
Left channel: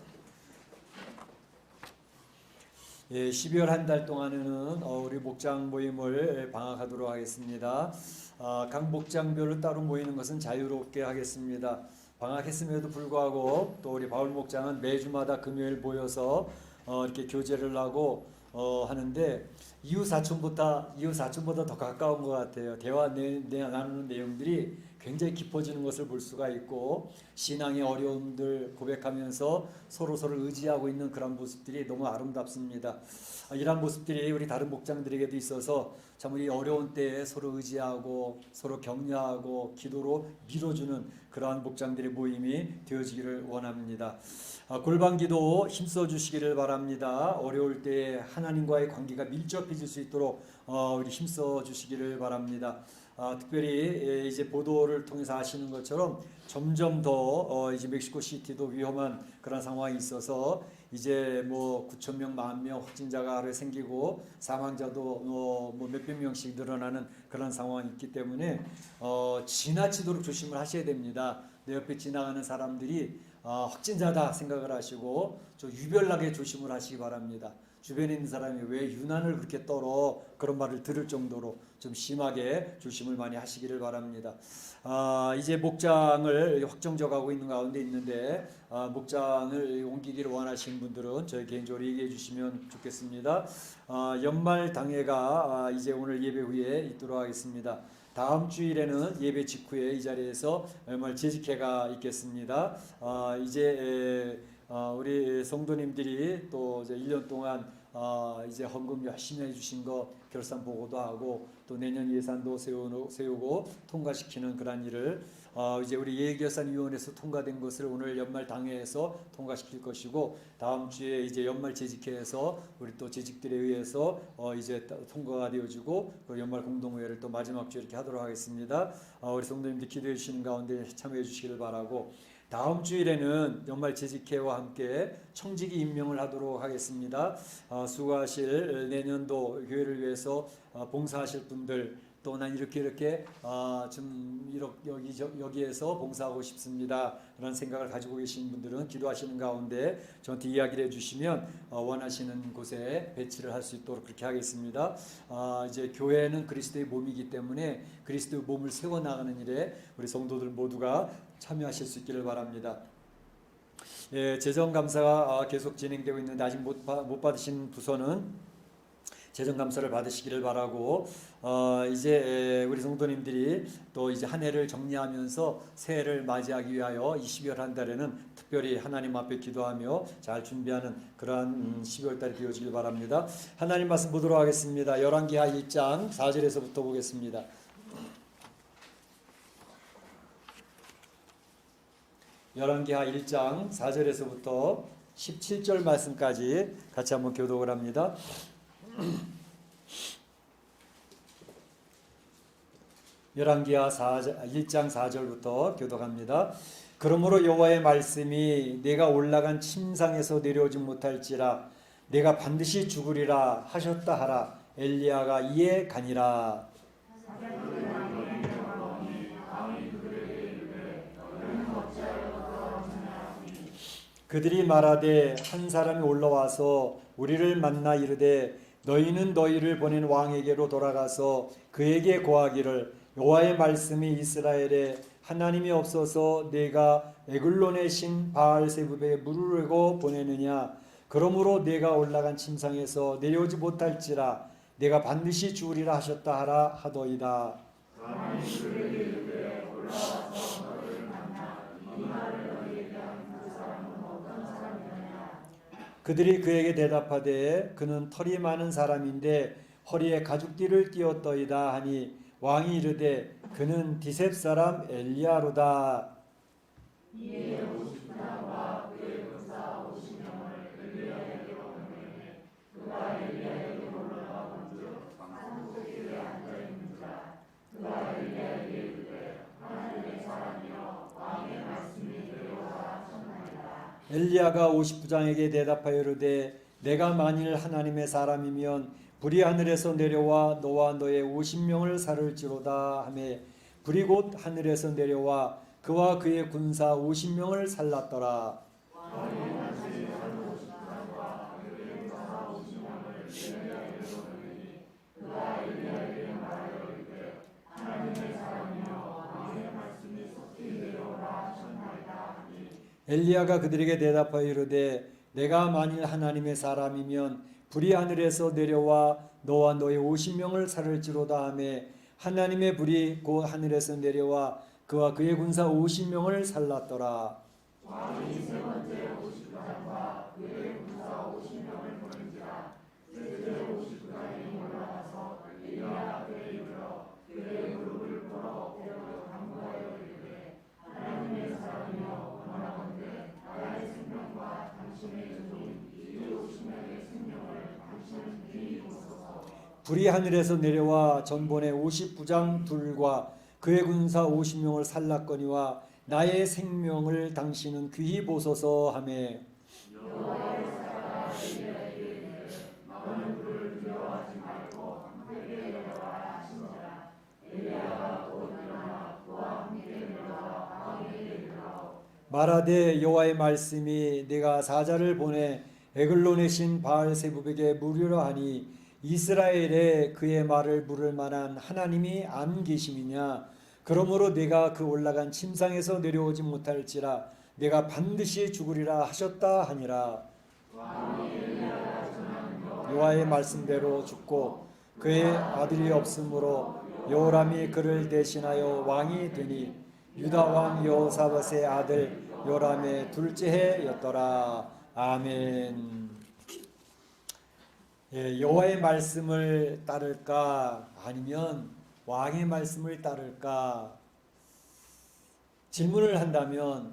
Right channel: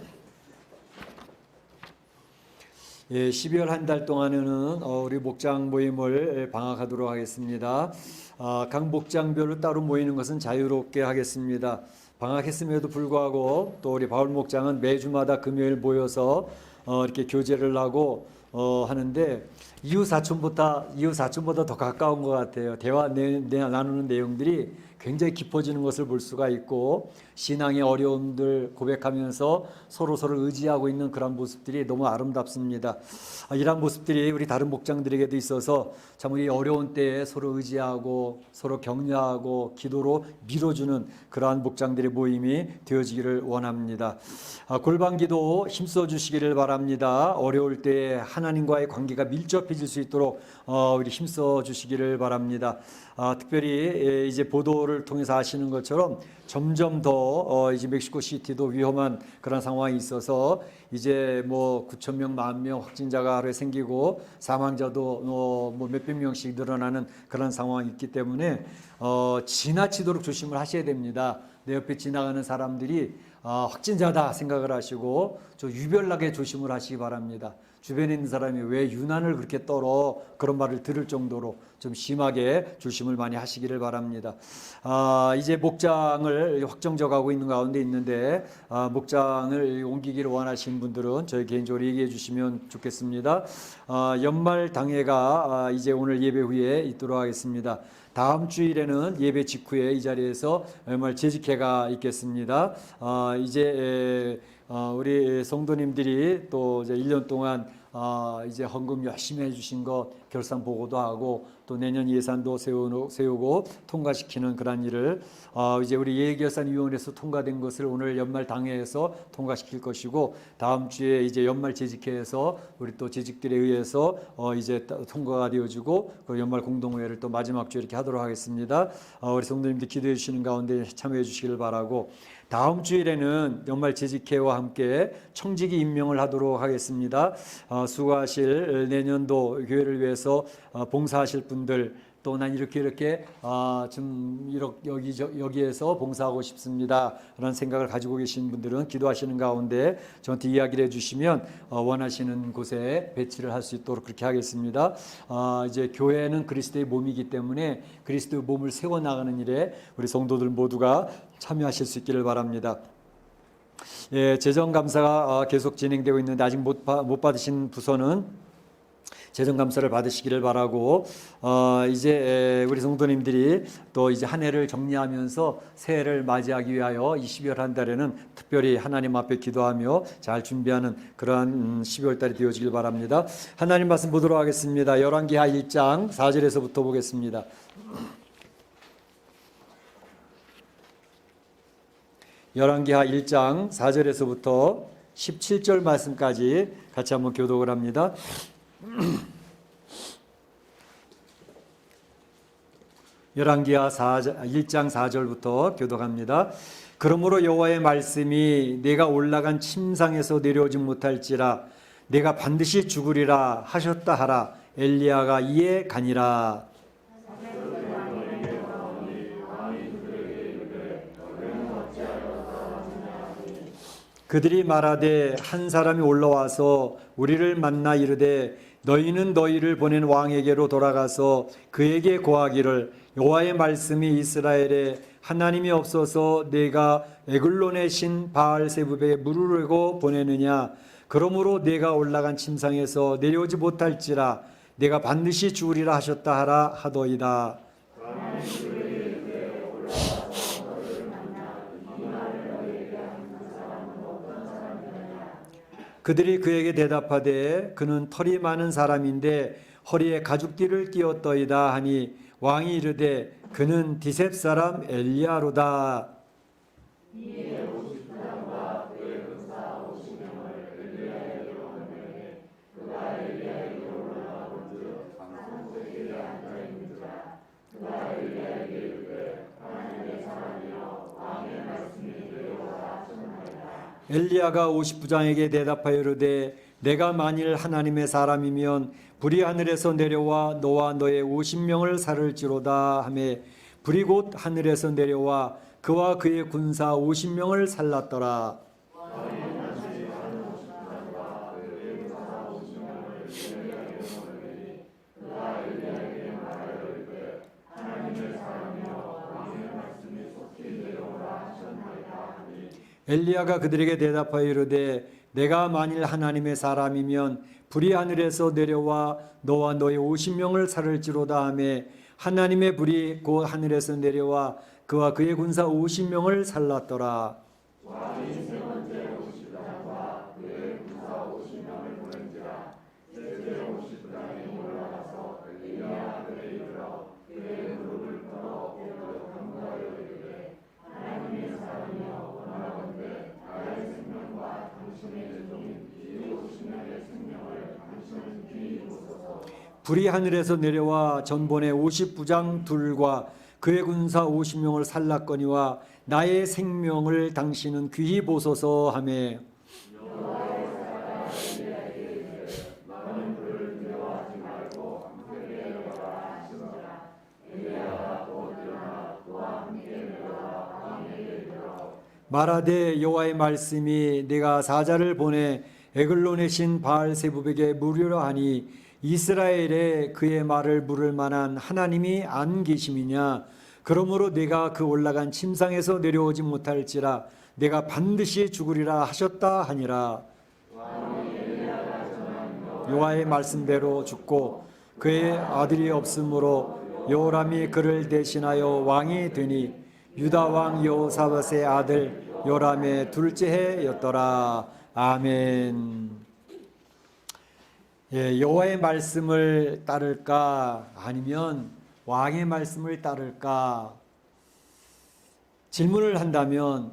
12월 한 달 동안에는 우리 목장 모임을 방학하도록 하겠습니다. 각 목장별로 따로 모이는 것은 자유롭게 하겠습니다. 방학했음에도 불구하고 또 우리 바울 목장은 매주마다 금요일 모여서 이렇게 교제를 하고 하는데 이웃 사촌보다 더 가까운 것 같아요. 대화 나누는 내용들이 굉장히 깊어지는 것을 볼 수가 있고 신앙의 어려움들 고백하면서 서로서로 의지하고 있는 그런 모습들이 너무 아름답습니다. 이런 모습들이 우리 다른 목장들에게도 있어서 참 우리 어려운 때에 서로 의지하고 서로 격려하고 기도로 밀어주는 그러한 목장들의 모임이 되어지기를 원합니다. 골방기도 힘써 주시기를 바랍니다. 어려울 때에 하나님과의 관계가 밀접해질 수 있도록 우리 힘써 주시기를 바랍니다. 특별히 이제 보도를 통해서 아시는 것처럼 점점 더 이제 멕시코 시티도 위험한 그런 상황이 있어서 이제 뭐 9천 명, 10,000명 확진자가 하루에 생기고 사망자도 뭐 몇백 명씩 늘어나는 그런 상황이 있기 때문에 지나치도록 조심을 하셔야 됩니다. 내 옆에 지나가는 사람들이 확진자다 생각을 하시고 좀 유별나게 조심을 하시기 바랍니다. 주변에 있는 사람이 왜 유난을 그렇게 떨어 그런 말을 들을 정도로 좀 심하게 조심을 많이 하시기를 바랍니다. 이제 목장을 확정져 가고 있는 가운데 있는데 목장을 옮기기를 원하시는 분들은 저희 개인적으로 얘기해 주시면 좋겠습니다. 연말 당회가 이제 오늘 예배 후에 있도록 하겠습니다. 다음 주일에는 예배 직후에 이 자리에서 연말 재직회가 있겠습니다. 이제 우리 성도님들이 또 이제 1년 동안 이제 헌금 열심히 해주신 것 결산 보고도 하고 또 내년 예산도 세우고 통과시키는 그런 일을 이제 우리 예결산위원회에서 통과된 것을 오늘 연말 당회에서 통과시킬 것이고 다음 주에 이제 연말 재직회에서 우리 또 재직들에 의해서 이제 통과가 되어지고 그 연말 공동회의를 또 마지막 주에 이렇게 하도록 하겠습니다. 우리 성도님들 기도해 주시는 가운데 참여해 주시길 바라고 다음 주일에는 연말 재직회와 함께 청지기 임명을 하도록 하겠습니다. 수고하실 내년도 교회를 위해서 봉사하실 분들 또 난 이렇게 좀 여기에서 봉사하고 싶습니다. 그런 생각을 가지고 계신 분들은 기도하시는 가운데 저한테 이야기를 해주시면 원하시는 곳에 배치를 할 수 있도록 그렇게 하겠습니다. 이제 교회는 그리스도의 몸이기 때문에 그리스도의 몸을 세워나가는 일에 우리 성도들 모두가 참여하실 수 있기를 바랍니다. 예, 재정감사가 계속 진행되고 있는데 아직 못 받으신 부서는 재정감사를 받으시기를 바라고 이제 우리 성도님들이 또 이제 한 해를 정리하면서 새해를 맞이하기 위하여 이 12월 한 달에는 특별히 하나님 앞에 기도하며 잘 준비하는 그러한 12월 달이 되어지길 바랍니다. 하나님 말씀 보도록 하겠습니다. 열왕기하 1장 4절에서부터 보겠습니다. 열왕기하 1장 4절에서부터 17절 말씀까지 같이 한번 교독을 합니다. 열왕기하 1장 4절부터 교독합니다. 그러므로 여호와의 말씀이 내가 올라간 침상에서 내려오지 못할지라 내가 반드시 죽으리라 하셨다 하라. 엘리야가 이에 가니라. 그들이 말하되 한 사람이 올라와서 우리를 만나 이르되 너희는 너희를 보낸 왕에게로 돌아가서 그에게 고하기를 여호와의 말씀이 이스라엘에 하나님이 없어서 내가 에글론의 신 바알세붑에 물으려고 보내느냐. 그러므로 내가 올라간 침상에서 내려오지 못할지라 내가 반드시 죽으리라 하셨다 하라 하더이다. 그들이 그에게 대답하되 그는 털이 많은 사람인데 허리에 가죽띠를 띠었더이다 하니 왕이 이르되 그는 디셉 사람 엘리야로다. 엘리야가 50부장에게 대답하여 이르되 내가 만일 하나님의 사람이면 불이 하늘에서 내려와 너와 너의 50명을 살을지로다 하매 불이 곧 하늘에서 내려와 그와 그의 군사 50명을 살랐더라. 엘리야가 그들에게 대답하여 이르되 내가 만일 하나님의 사람이면 불이 하늘에서 내려와 너와 너의 50명을 살을지로다 하며 하나님의 불이 곧 하늘에서 내려와 그와 그의 군사 50명을 살랐더라. 불이 하늘에서 내려와 전본의 50부장 둘과 그의 군사 50명을 살랐거니와 나의 생명을 당신은 귀히 보소서 하매 말하되 여호와의 말씀이 내가 사자를 보내 에글론의 신 바알세붑에게 물으려 하니 이스라엘에 그의 말을 물을 만한 하나님이 안 계심이냐. 그러므로 내가 그 올라간 침상에서 내려오지 못할지라 내가 반드시 죽으리라 하셨다 하니라. 여호와의 말씀대로 죽고 그의 아들이 없으므로 여호람이 그를 대신하여 왕이 되니 유다 왕 여호사밧의 아들 요람의 둘째 해였더라. 아멘. 예, 여호와의 말씀을 따를까 아니면 왕의 말씀을 따를까 질문을 한다면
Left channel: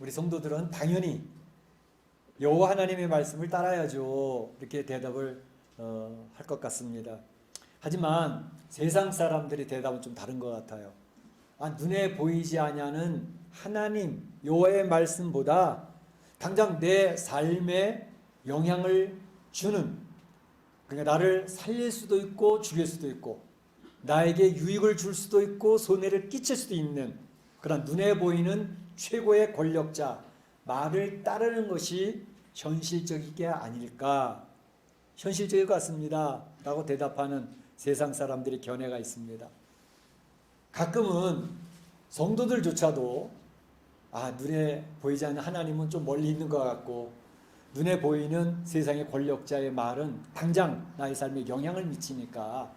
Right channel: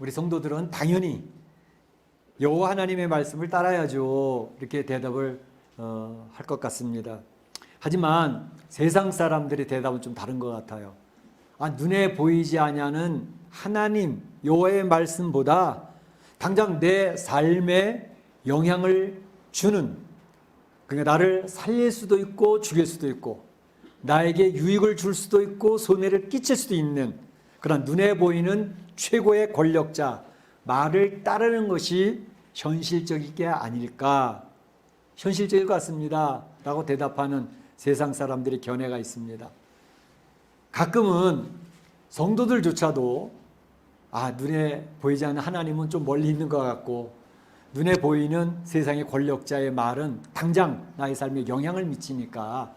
우리 성도들은 당연히 여호와 하나님의 말씀을 따라야죠. 이렇게 대답을 할 것 같습니다. 하지만 세상 사람들의 대답은 좀 다른 것 같아요. 눈에 보이지 아니하는 하나님 여호와의 말씀보다 당장 내 삶에 영향을 주는, 그러니까 나를 살릴 수도 있고 죽일 수도 있고 나에게 유익을 줄 수도 있고 손해를 끼칠 수도 있는 그런 눈에 보이는 최고의 권력자 말을 따르는 것이 현실적인 게 아닐까, 현실적일 것 같습니다 라고 대답하는 세상 사람들의 견해가 있습니다. 가끔은 성도들조차도 눈에 보이지 않는 하나님은 좀 멀리 있는 것 같고 눈에 보이는 세상의 권력자의 말은 당장 나의 삶에 영향을 미치니까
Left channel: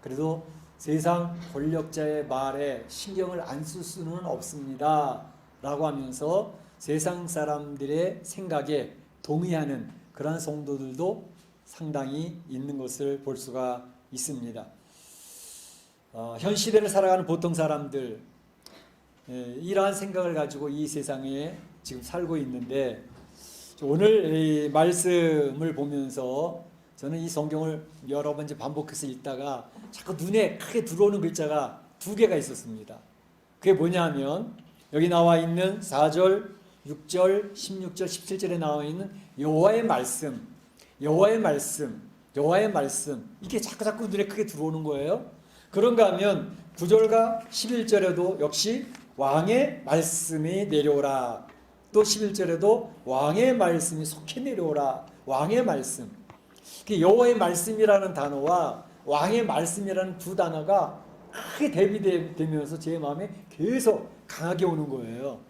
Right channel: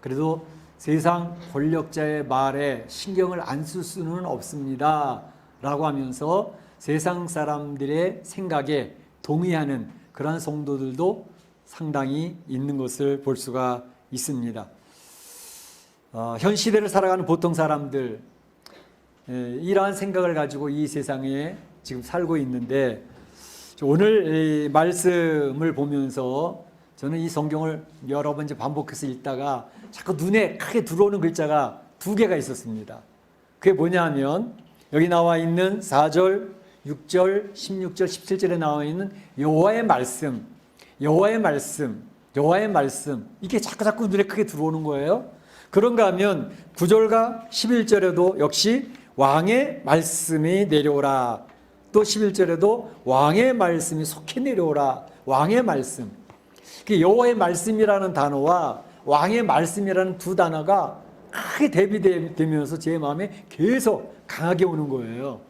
그래도 세상 권력자의 말에 신경을 안 쓸 수는 없습니다 라고 하면서 세상 사람들의 생각에 동의하는 그러한 성도들도 상당히 있는 것을 볼 수가 있습니다. 현 시대를 살아가는 보통 사람들, 이러한 생각을 가지고 이 세상에 지금 살고 있는데 오늘 이 말씀을 보면서 저는 이 성경을 여러 번 이제 반복해서 읽다가 자꾸 눈에 크게 들어오는 글자가 두 개가 있었습니다. 그게 뭐냐면 여기 나와 있는 4절, 6절, 16절, 17절에 나와 있는 여호와의 말씀, 여호와의 말씀, 여호와의 말씀, 이게 자꾸 눈에 크게 들어오는 거예요. 그런가 하면 9절과 11절에도 역시 왕의 말씀이 내려오라. 또 11절에도 왕의 말씀이 속히 내려오라. 왕의 말씀. 여호와의 말씀이라는 단어와 왕의 말씀이라는 두 단어가 크게 대비되면서 제 마음에 계속 강하게 오는 거예요.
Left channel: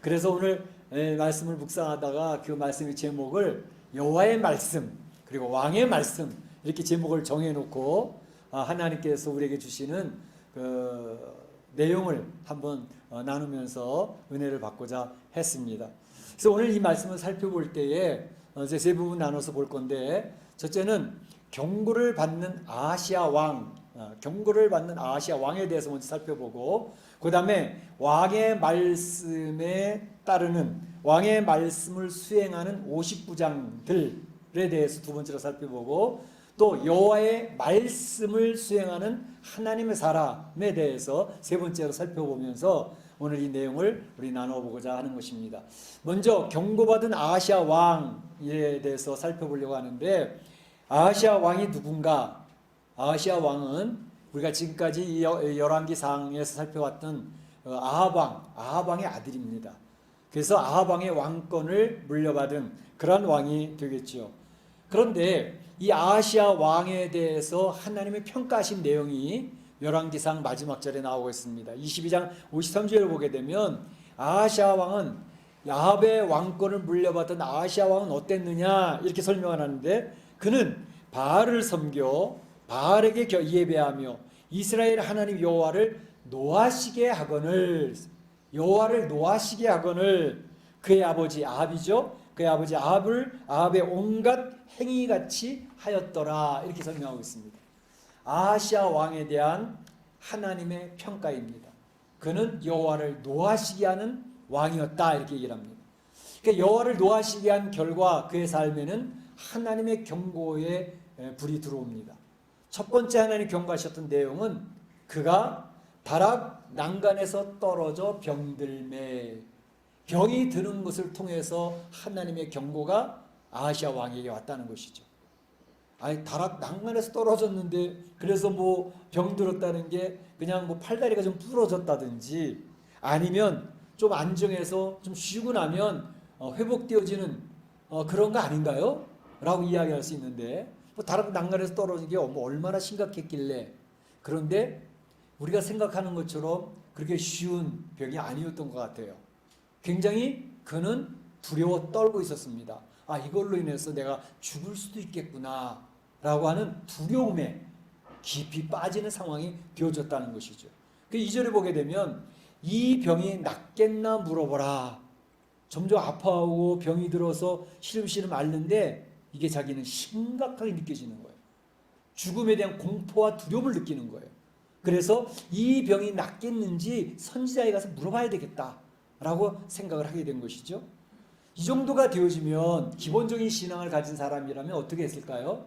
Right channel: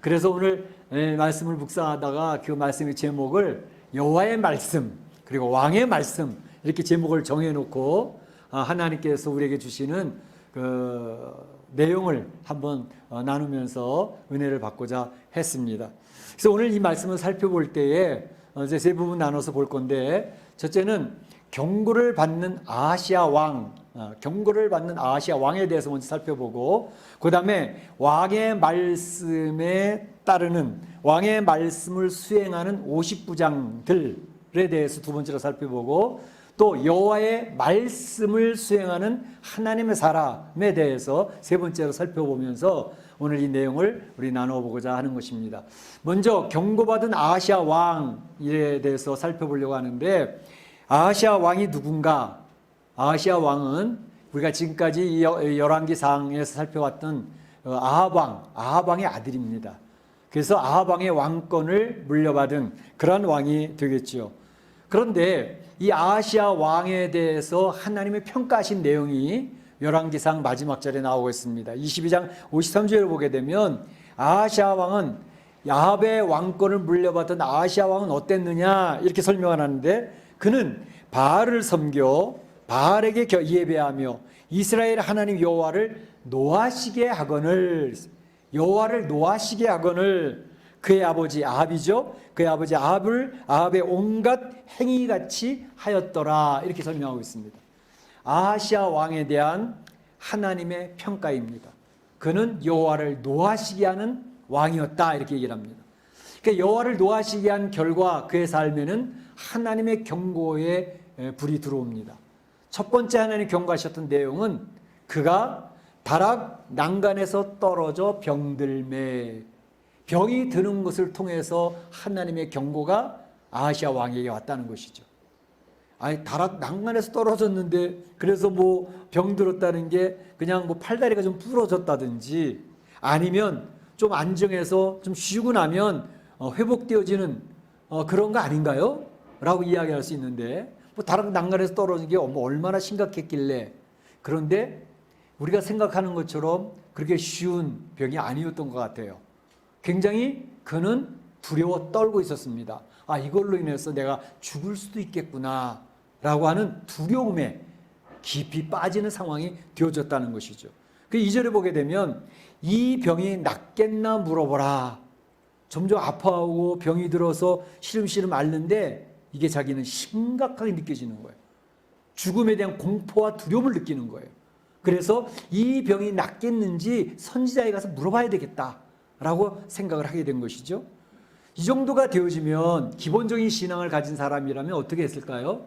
그래서 오늘 말씀을 묵상하다가 그 말씀의 제목을 여호와의 말씀 그리고 왕의 말씀 이렇게 제목을 정해놓고 하나님께서 우리에게 주시는 그 내용을 한번 나누면서 은혜를 받고자 했습니다. 그래서 오늘 이 말씀을 살펴볼 때에 이제 세 부분 나눠서 볼 건데, 첫째는 경고를 받는 아하시아 왕, 경고를 받는 아하시아 왕에 대해서 먼저 살펴보고, 그 다음에 왕의 말씀에 따르는 왕의 말씀을 수행하는 50부장들에 대해서 두 번째로 살펴보고, 또 여호와의 말씀을 수행하는 하나님의 사람에 대해서 세 번째로 살펴보면서 오늘 이 내용을 우리 나눠보고자 하는 것입니다. 먼저 경고받은 아하시아 왕에 대해서 살펴보려고 하는데, 아하시아 왕이 누군가? 아하시아 왕은 우리가 지금까지 열왕기상에서 살펴봤던 아합 왕의 아들입니다. 그래서 아합 왕의 왕권을 물려받은 그런 왕이 되겠죠. 그런데 이 아하시아 왕에 대해서 하나님의 평가하신 내용이 열왕기상 마지막 절에 나오고 있습니다. 22장 53절을 보게 되면 아하시아 왕은 아합의 왕권을 물려받은 아하시아 왕은 어땠느냐 이렇게 설명을 하는데, 그는 바알을 섬겨 바알에게 예배하며 이스라엘 하나님 여호와를 노하시게 하거늘, 여호와를 노하시게 하거늘 그의 아버지 아합이죠. 그의 아버지 아합의 온갖 행위같이 하였더라 이렇게 설명하고 있습니다. 아하시아 왕에 대한 하나님의 평가입니다. 그는 여호와를 노하시게 하는 왕이었다 이렇게 얘기를 합니다. 그러니까 여호와를 노하시게 한 결과 그의 삶에는 하나님의 경고의 불이 들어옵니다. 첫 번째 하나님 경고하셨던 내용은 그가 다락 난간에서 떨어져 병들매, 병이 드는 것을 통해서 하나님의 경고가 아하시아 왕에게 왔다는 것이죠. 아니, 다락 난간에서 떨어졌는데 그래서 뭐 병들었다는 게 그냥 뭐 팔다리가 좀 부러졌다든지 아니면 좀 안정해서 좀 쉬고 나면 회복되어지는 그런 거 아닌가요? 라고 이야기할 수 있는데 뭐 다락 난간에서 떨어진 게 뭐 얼마나 심각했길래. 그런데 우리가 생각하는 것처럼 그렇게 쉬운 병이 아니었던 것 같아요. 굉장히 그는 두려워 떨고 있었습니다. 아, 이걸로 인해서 내가 죽을 수도 있겠구나 라고 하는 두려움에 깊이 빠지는 상황이 되어졌다는 것이죠. 그 2절에 보게 되면 이 병이 낫겠나 물어보라. 점점 아파하고 병이 들어서 시름시름 앓는데 이게 자기는 심각하게 느껴지는 거예요. 죽음에 대한 공포와 두려움을 느끼는 거예요. 그래서 이 병이 낫겠는지 선지자에 가서 물어봐야 되겠다라고 생각을 하게 된 것이죠. 이 정도가 되어지면 기본적인 신앙을 가진 사람이라면 어떻게 했을까요?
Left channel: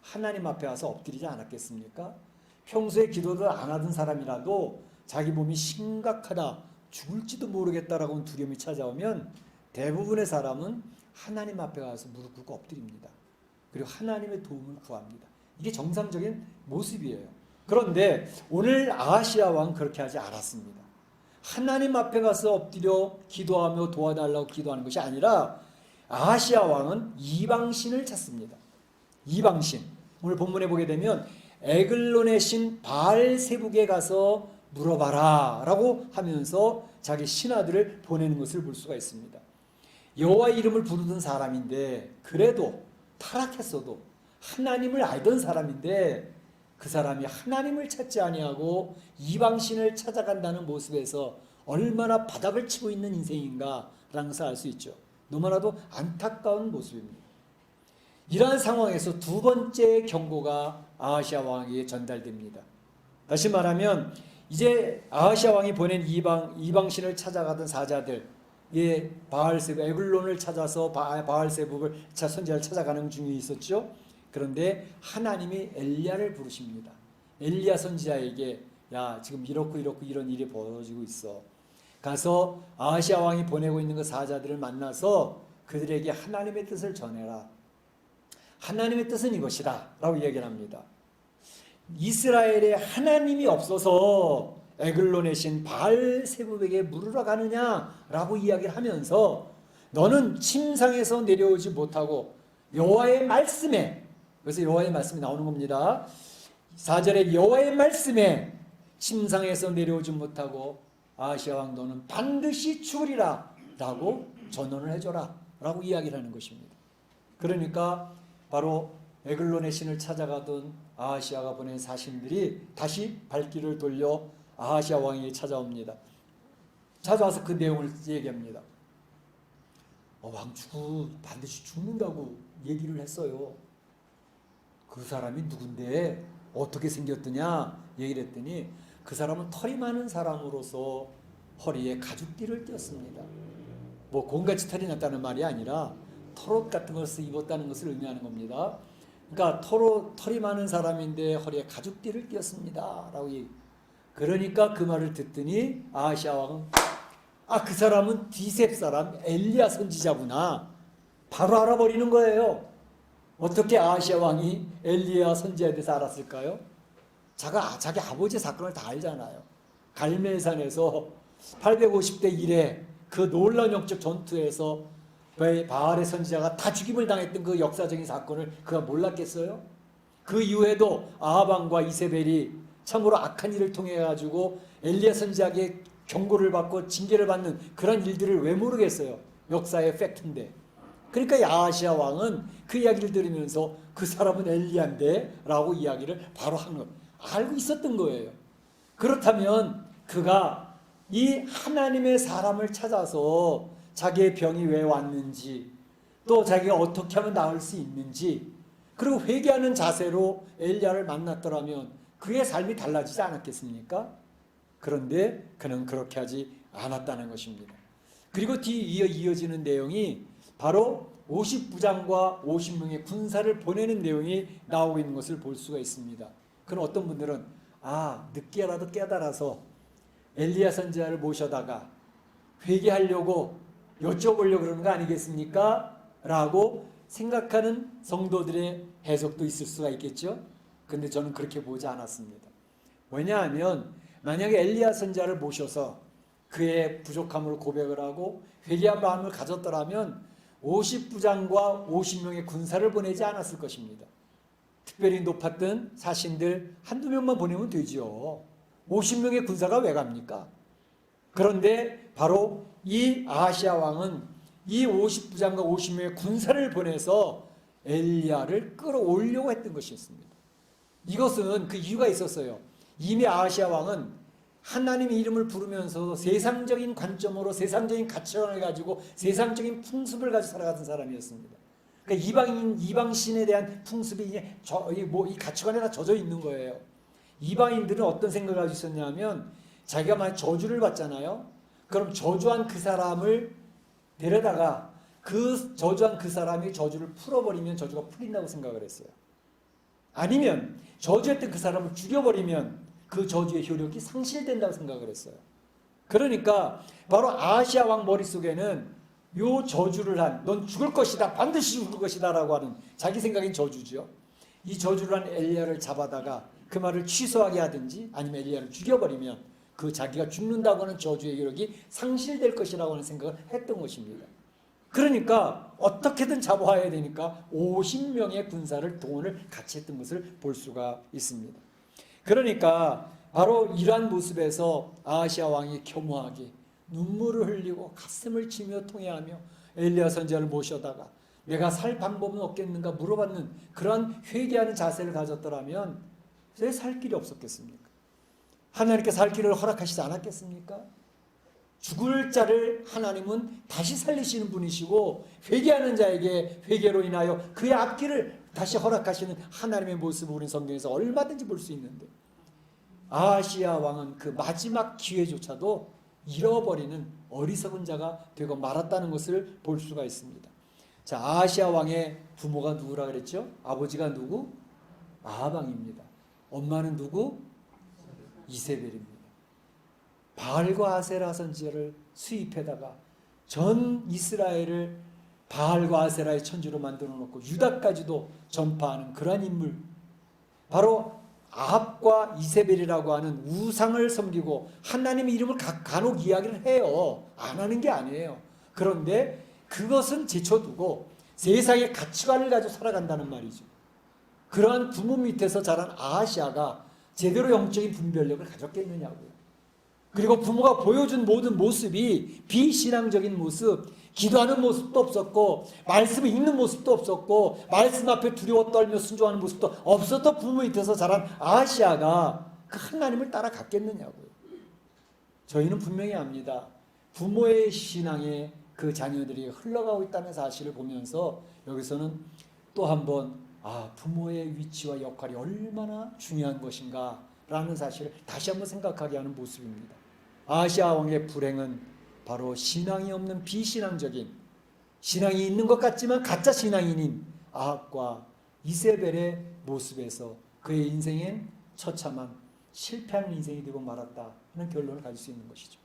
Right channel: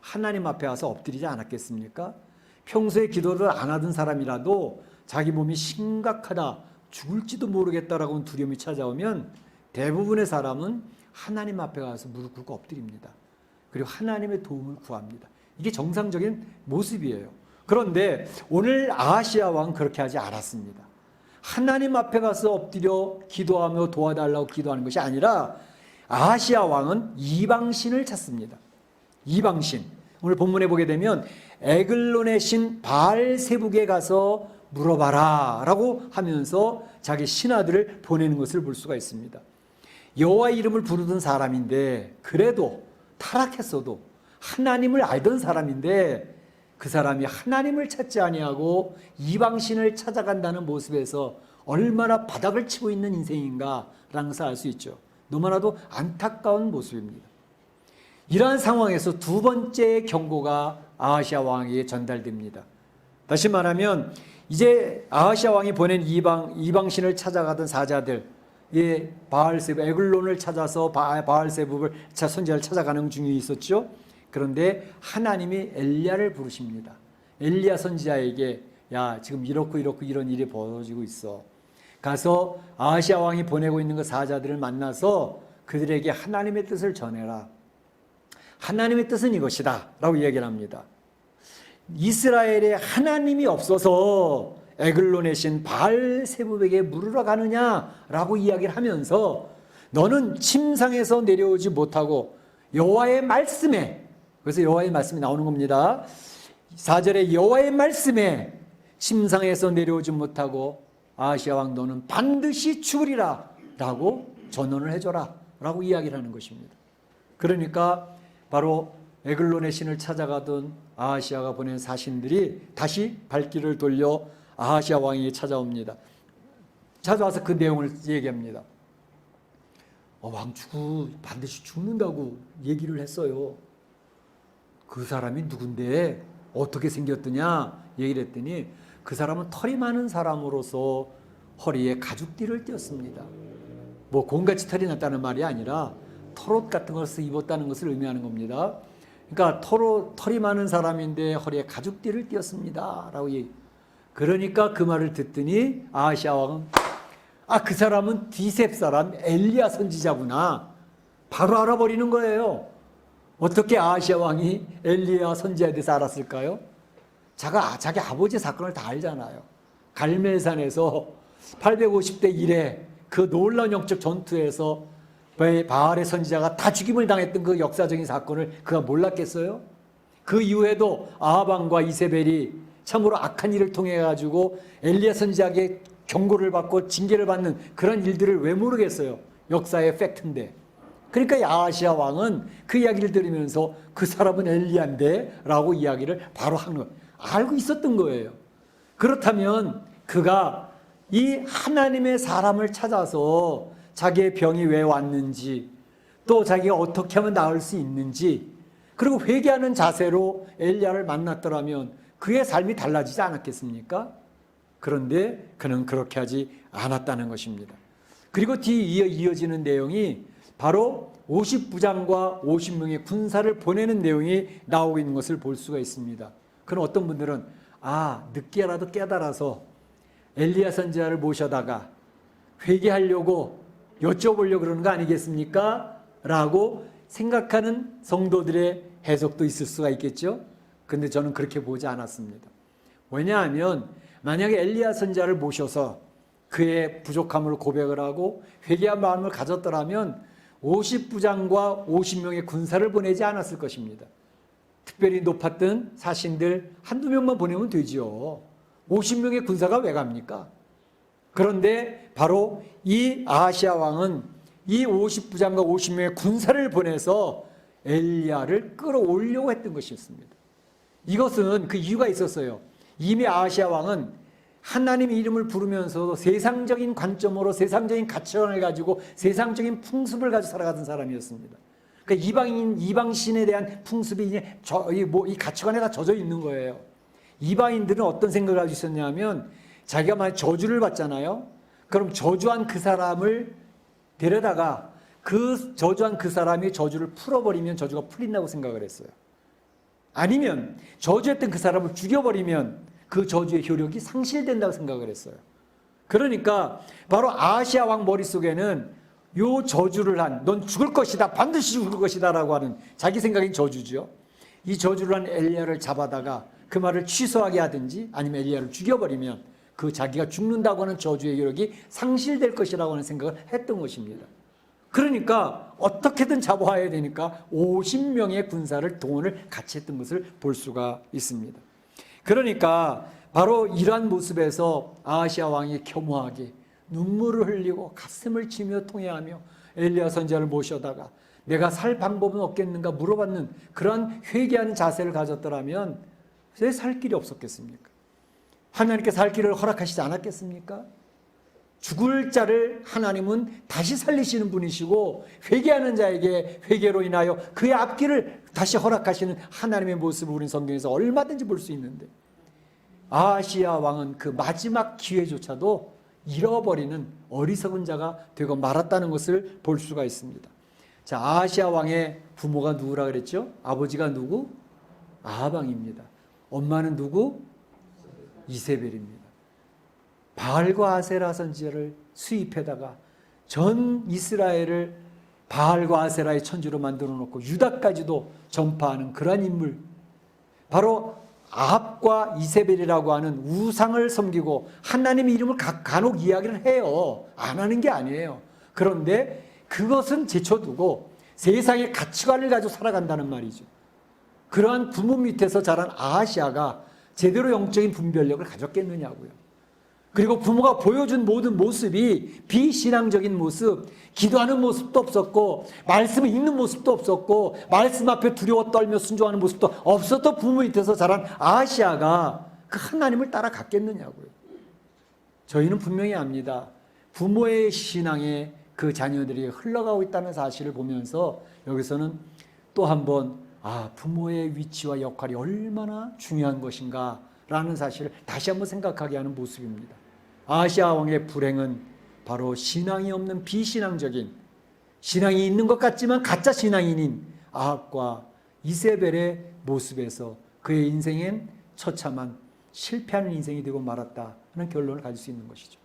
하나님 앞에 와서 엎드리지 않았겠습니까? 평소에 기도를 안 하던 사람이라도 자기 몸이 심각하다, 죽을지도 모르겠다라고 하는 두려움이 찾아오면 대부분의 사람은 하나님 앞에 가서 무릎 꿇고 엎드립니다. 그리고 하나님의 도움을 구합니다. 이게 정상적인 모습이에요. 그런데 오늘 아하시아 왕은 그렇게 하지 않았습니다. 하나님 앞에 가서 엎드려 기도하며 도와달라고 기도하는 것이 아니라 아하시아 왕은 이방신을 찾습니다. 이방신. 오늘 본문에 보게 되면 에글론의 신 바알세북에 가서 물어봐라 라고 하면서 자기 신하들을 보내는 것을 볼 수가 있습니다. 여호와의 이름을 부르던 사람인데 그래도 타락했어도 하나님을 알던 사람인데 그 사람이 하나님을 찾지 아니하고 이방신을 찾아간다는 모습에서 얼마나 바닥을 치고 있는 인생인가라는 것을 알 수 있죠. 너무나도 안타까운 모습입니다. 이러한 상황에서 두 번째 경고가 아하시아 왕에게 전달됩니다. 다시 말하면 이제 아하시아 왕이 보낸 이방신을 찾아가던 사자들, 바알세북, 에글론을 찾아서 바알세북을 선지자를 찾아가는 중에 있었죠. 그런데 하나님이 엘리야를 부르십니다. 엘리야 선지자에게 야, 지금 이렇고 이런 일이 벌어지고 있어. 가서 아하시아 왕이 보내고 있는 그 사자들을 만나서 그들에게 하나님의 뜻을 전해라. 하나님의 뜻은 이것이다 라고 이야기를 합니다. 이스라엘에 하나님이 없어서 에글론의 신 바알세북에게 물으러 가느냐라고 이야기를 하면서 너는 침상에서 내려오지 못하고 여호와의 말씀에, 그래서 여호와의 말씀이 나오는 겁니다. 4절에 여호와의 말씀에 침상에서 내려오지 못하고 아하시아 왕 너는 반드시 죽으리라 라고 전언을 해줘라 라고 이야기를 하는 것입니다. 그러니까 바로 에글론의 신을 찾아가던 아하시아가 보낸 사신들이 다시 발길을 돌려 아하시아 왕에게 찾아옵니다. 찾아와서 그 내용을 얘기합니다. 왕주가 반드시 죽는다고 얘기를 했어요. 그 사람이 누군데 어떻게 생겼더냐 얘기를 했더니 그 사람은 털이 많은 사람으로서 허리에 가죽띠를 띄었습니다. 뭐 곰같이 털이 났다는 말이 아니라 털옷 같은 것을 입었다는 것을 의미하는 겁니다. 그러니까 털이 많은 사람인데 허리에 가죽띠를 띄었습니다 라고 그러니까 그 말을 듣더니 아하시아 왕은 그 사람은 디셉 사람 엘리야 선지자구나 바로 알아버리는 거예요. 어떻게 아하시아 왕이 엘리야 선지자에 대해서 알았을까요? 자기 아버지의 사건을 다 알잖아요. 갈멜산에서 850대 1에 그 놀라운 영적 전투에서 바알의 선지자가 다 죽임을 당했던 그 역사적인 사건을 그가 몰랐겠어요? 그 이후에도 아하방과 이세벨이 참으로 악한 일을 통해 가지고 엘리야 선지자에게 경고를 받고 징계를 받는 그런 일들을 왜 모르겠어요? 역사의 팩트인데. 그러니까 아하시아 왕은 그 이야기를 들으면서 그 사람은 엘리야인데 라고 이야기를 바로 한 것. 알고 있었던 거예요. 그렇다면 그가 이 하나님의 사람을 찾아서 자기의 병이 왜 왔는지 또 자기가 어떻게 하면 나을 수 있는지 그리고 회개하는 자세로 엘리야를 만났더라면 그의 삶이 달라지지 않았겠습니까? 그런데 그는 그렇게 하지 않았다는 것입니다. 그리고 뒤에 이어지는 내용이 바로 50부장과 50명의 군사를 보내는 내용이 나오고 있는 것을 볼 수가 있습니다. 그럼 어떤 분들은 늦게라도 깨달아서 엘리야 선지자를 모셔다가 회개하려고 여쭤보려고 그러는 거 아니겠습니까? 라고 생각하는 성도들의 해석도 있을 수가 있겠죠. 근데 저는 그렇게 보지 않았습니다. 왜냐하면 만약에 엘리야 선지자를 모셔서 그의 부족함을 고백을 하고 회개한 마음을 가졌더라면 50부장과 50명의 군사를 보내지 않았을 것입니다. 특별히 높았던 사신들 한두 명만 보내면 되지요. 50명의 군사가 왜 갑니까? 그런데 바로 이 아하시아 왕은 이 50부장과 50명의 군사를 보내서 엘리야를 끌어올려고 했던 것이었습니다. 이것은 그 이유가 있었어요. 이미 아하시아 왕은 하나님의 이름을 부르면서 세상적인 관점으로 세상적인 가치관을 가지고 세상적인 풍습을 가지고 살아가던 사람이었습니다. 그러니까 이방신에 대한 풍습이 이 가치관에 다 젖어 있는 거예요. 이방인들은 어떤 생각을 가지고 있었냐면 자기가 만약 저주를 받잖아요. 그럼 저주한 그 사람을 데려다가 그 저주한 그 사람이 저주를 풀어버리면 저주가 풀린다고 생각을 했어요. 아니면 저주했던 그 사람을 죽여버리면 그 저주의 효력이 상실된다고 생각을 했어요. 그러니까 바로 아하시아 왕 머릿속에는 요 저주를 넌 죽을 것이다, 반드시 죽을 것이다 라고 하는 자기 생각인 저주죠. 이 저주를 한 엘리야를 잡아다가 그 말을 취소하게 하든지 아니면 엘리야를 죽여버리면 그 자기가 죽는다고 하는 저주의 효력이 상실될 것이라고 하는 생각을 했던 것입니다. 그러니까 어떻게든 잡아야 되니까 50명의 군사를 동원을 같이 했던 것을 볼 수가 있습니다. 그러니까 바로 이러한 모습에서 아하시아 왕이 겸허하게 눈물을 흘리고 가슴을 치며 통회하며 엘리야 선지자를 모셔다가 내가 살 방법은 없겠는가 물어봤는 그런 회개하는 자세를 가졌더라면 왜 살 길이 없었겠습니까? 하나님께서 살 길을 허락하시지 않았겠습니까? 죽을 자를 하나님은 다시 살리시는 분이시고 회개하는 자에게 회개로 인하여 그의 앞길을 다시 허락하시는 하나님의 모습을 우리는 성경에서 얼마든지 볼 수 있는데 아하시아 왕은 그 마지막 기회조차도 잃어버리는 어리석은 자가 되고 말았다는 것을 볼 수가 있습니다. 자, 아하시아 왕의 부모가 누구라 그랬죠? 아버지가 누구? 아하방입니다. 엄마는 누구? 이세벨입니다. 바알과 아세라 선지자를 수입해다가 전 이스라엘을 바알과 아세라의 천주로 만들어 놓고 유다까지도 전파하는 그러한 인물, 바로 아합과 이세벨이라고 하는 우상을 섬기고 하나님의 이름을 간혹 이야기를 해요. 안 하는 게 아니에요. 그런데 그것은 제쳐두고 세상의 가치관을 가지고 살아간다는 말이죠. 그러한 부모 밑에서 자란 아하시아가 제대로 영적인 분별력을 가졌겠느냐고요. 그리고 부모가 보여준 모든 모습이 비신앙적인 모습, 기도하는 모습도 없었고 말씀을 읽는 모습도 없었고 말씀 앞에 두려워 떨며 순종하는 모습도 없었던 부모 밑에서 자란 아하시아가 그 하나님을 따라갔겠느냐고요. 저희는 분명히 압니다. 부모의 신앙에 그 자녀들이 흘러가고 있다는 사실을 보면서 여기서는 또 한번 부모의 위치와 역할이 얼마나 중요한 것인가 라는 사실을 다시 한번 생각하게 하는 모습입니다. 아하시아 왕의 불행은 바로 신앙이 없는 비신앙적인, 신앙이 있는 것 같지만 가짜 신앙인인 아합과 이세벨의 모습에서 그의 인생엔 처참한 실패하는 인생이 되고 말았다 하는 결론을 가질 수 있는 것이죠.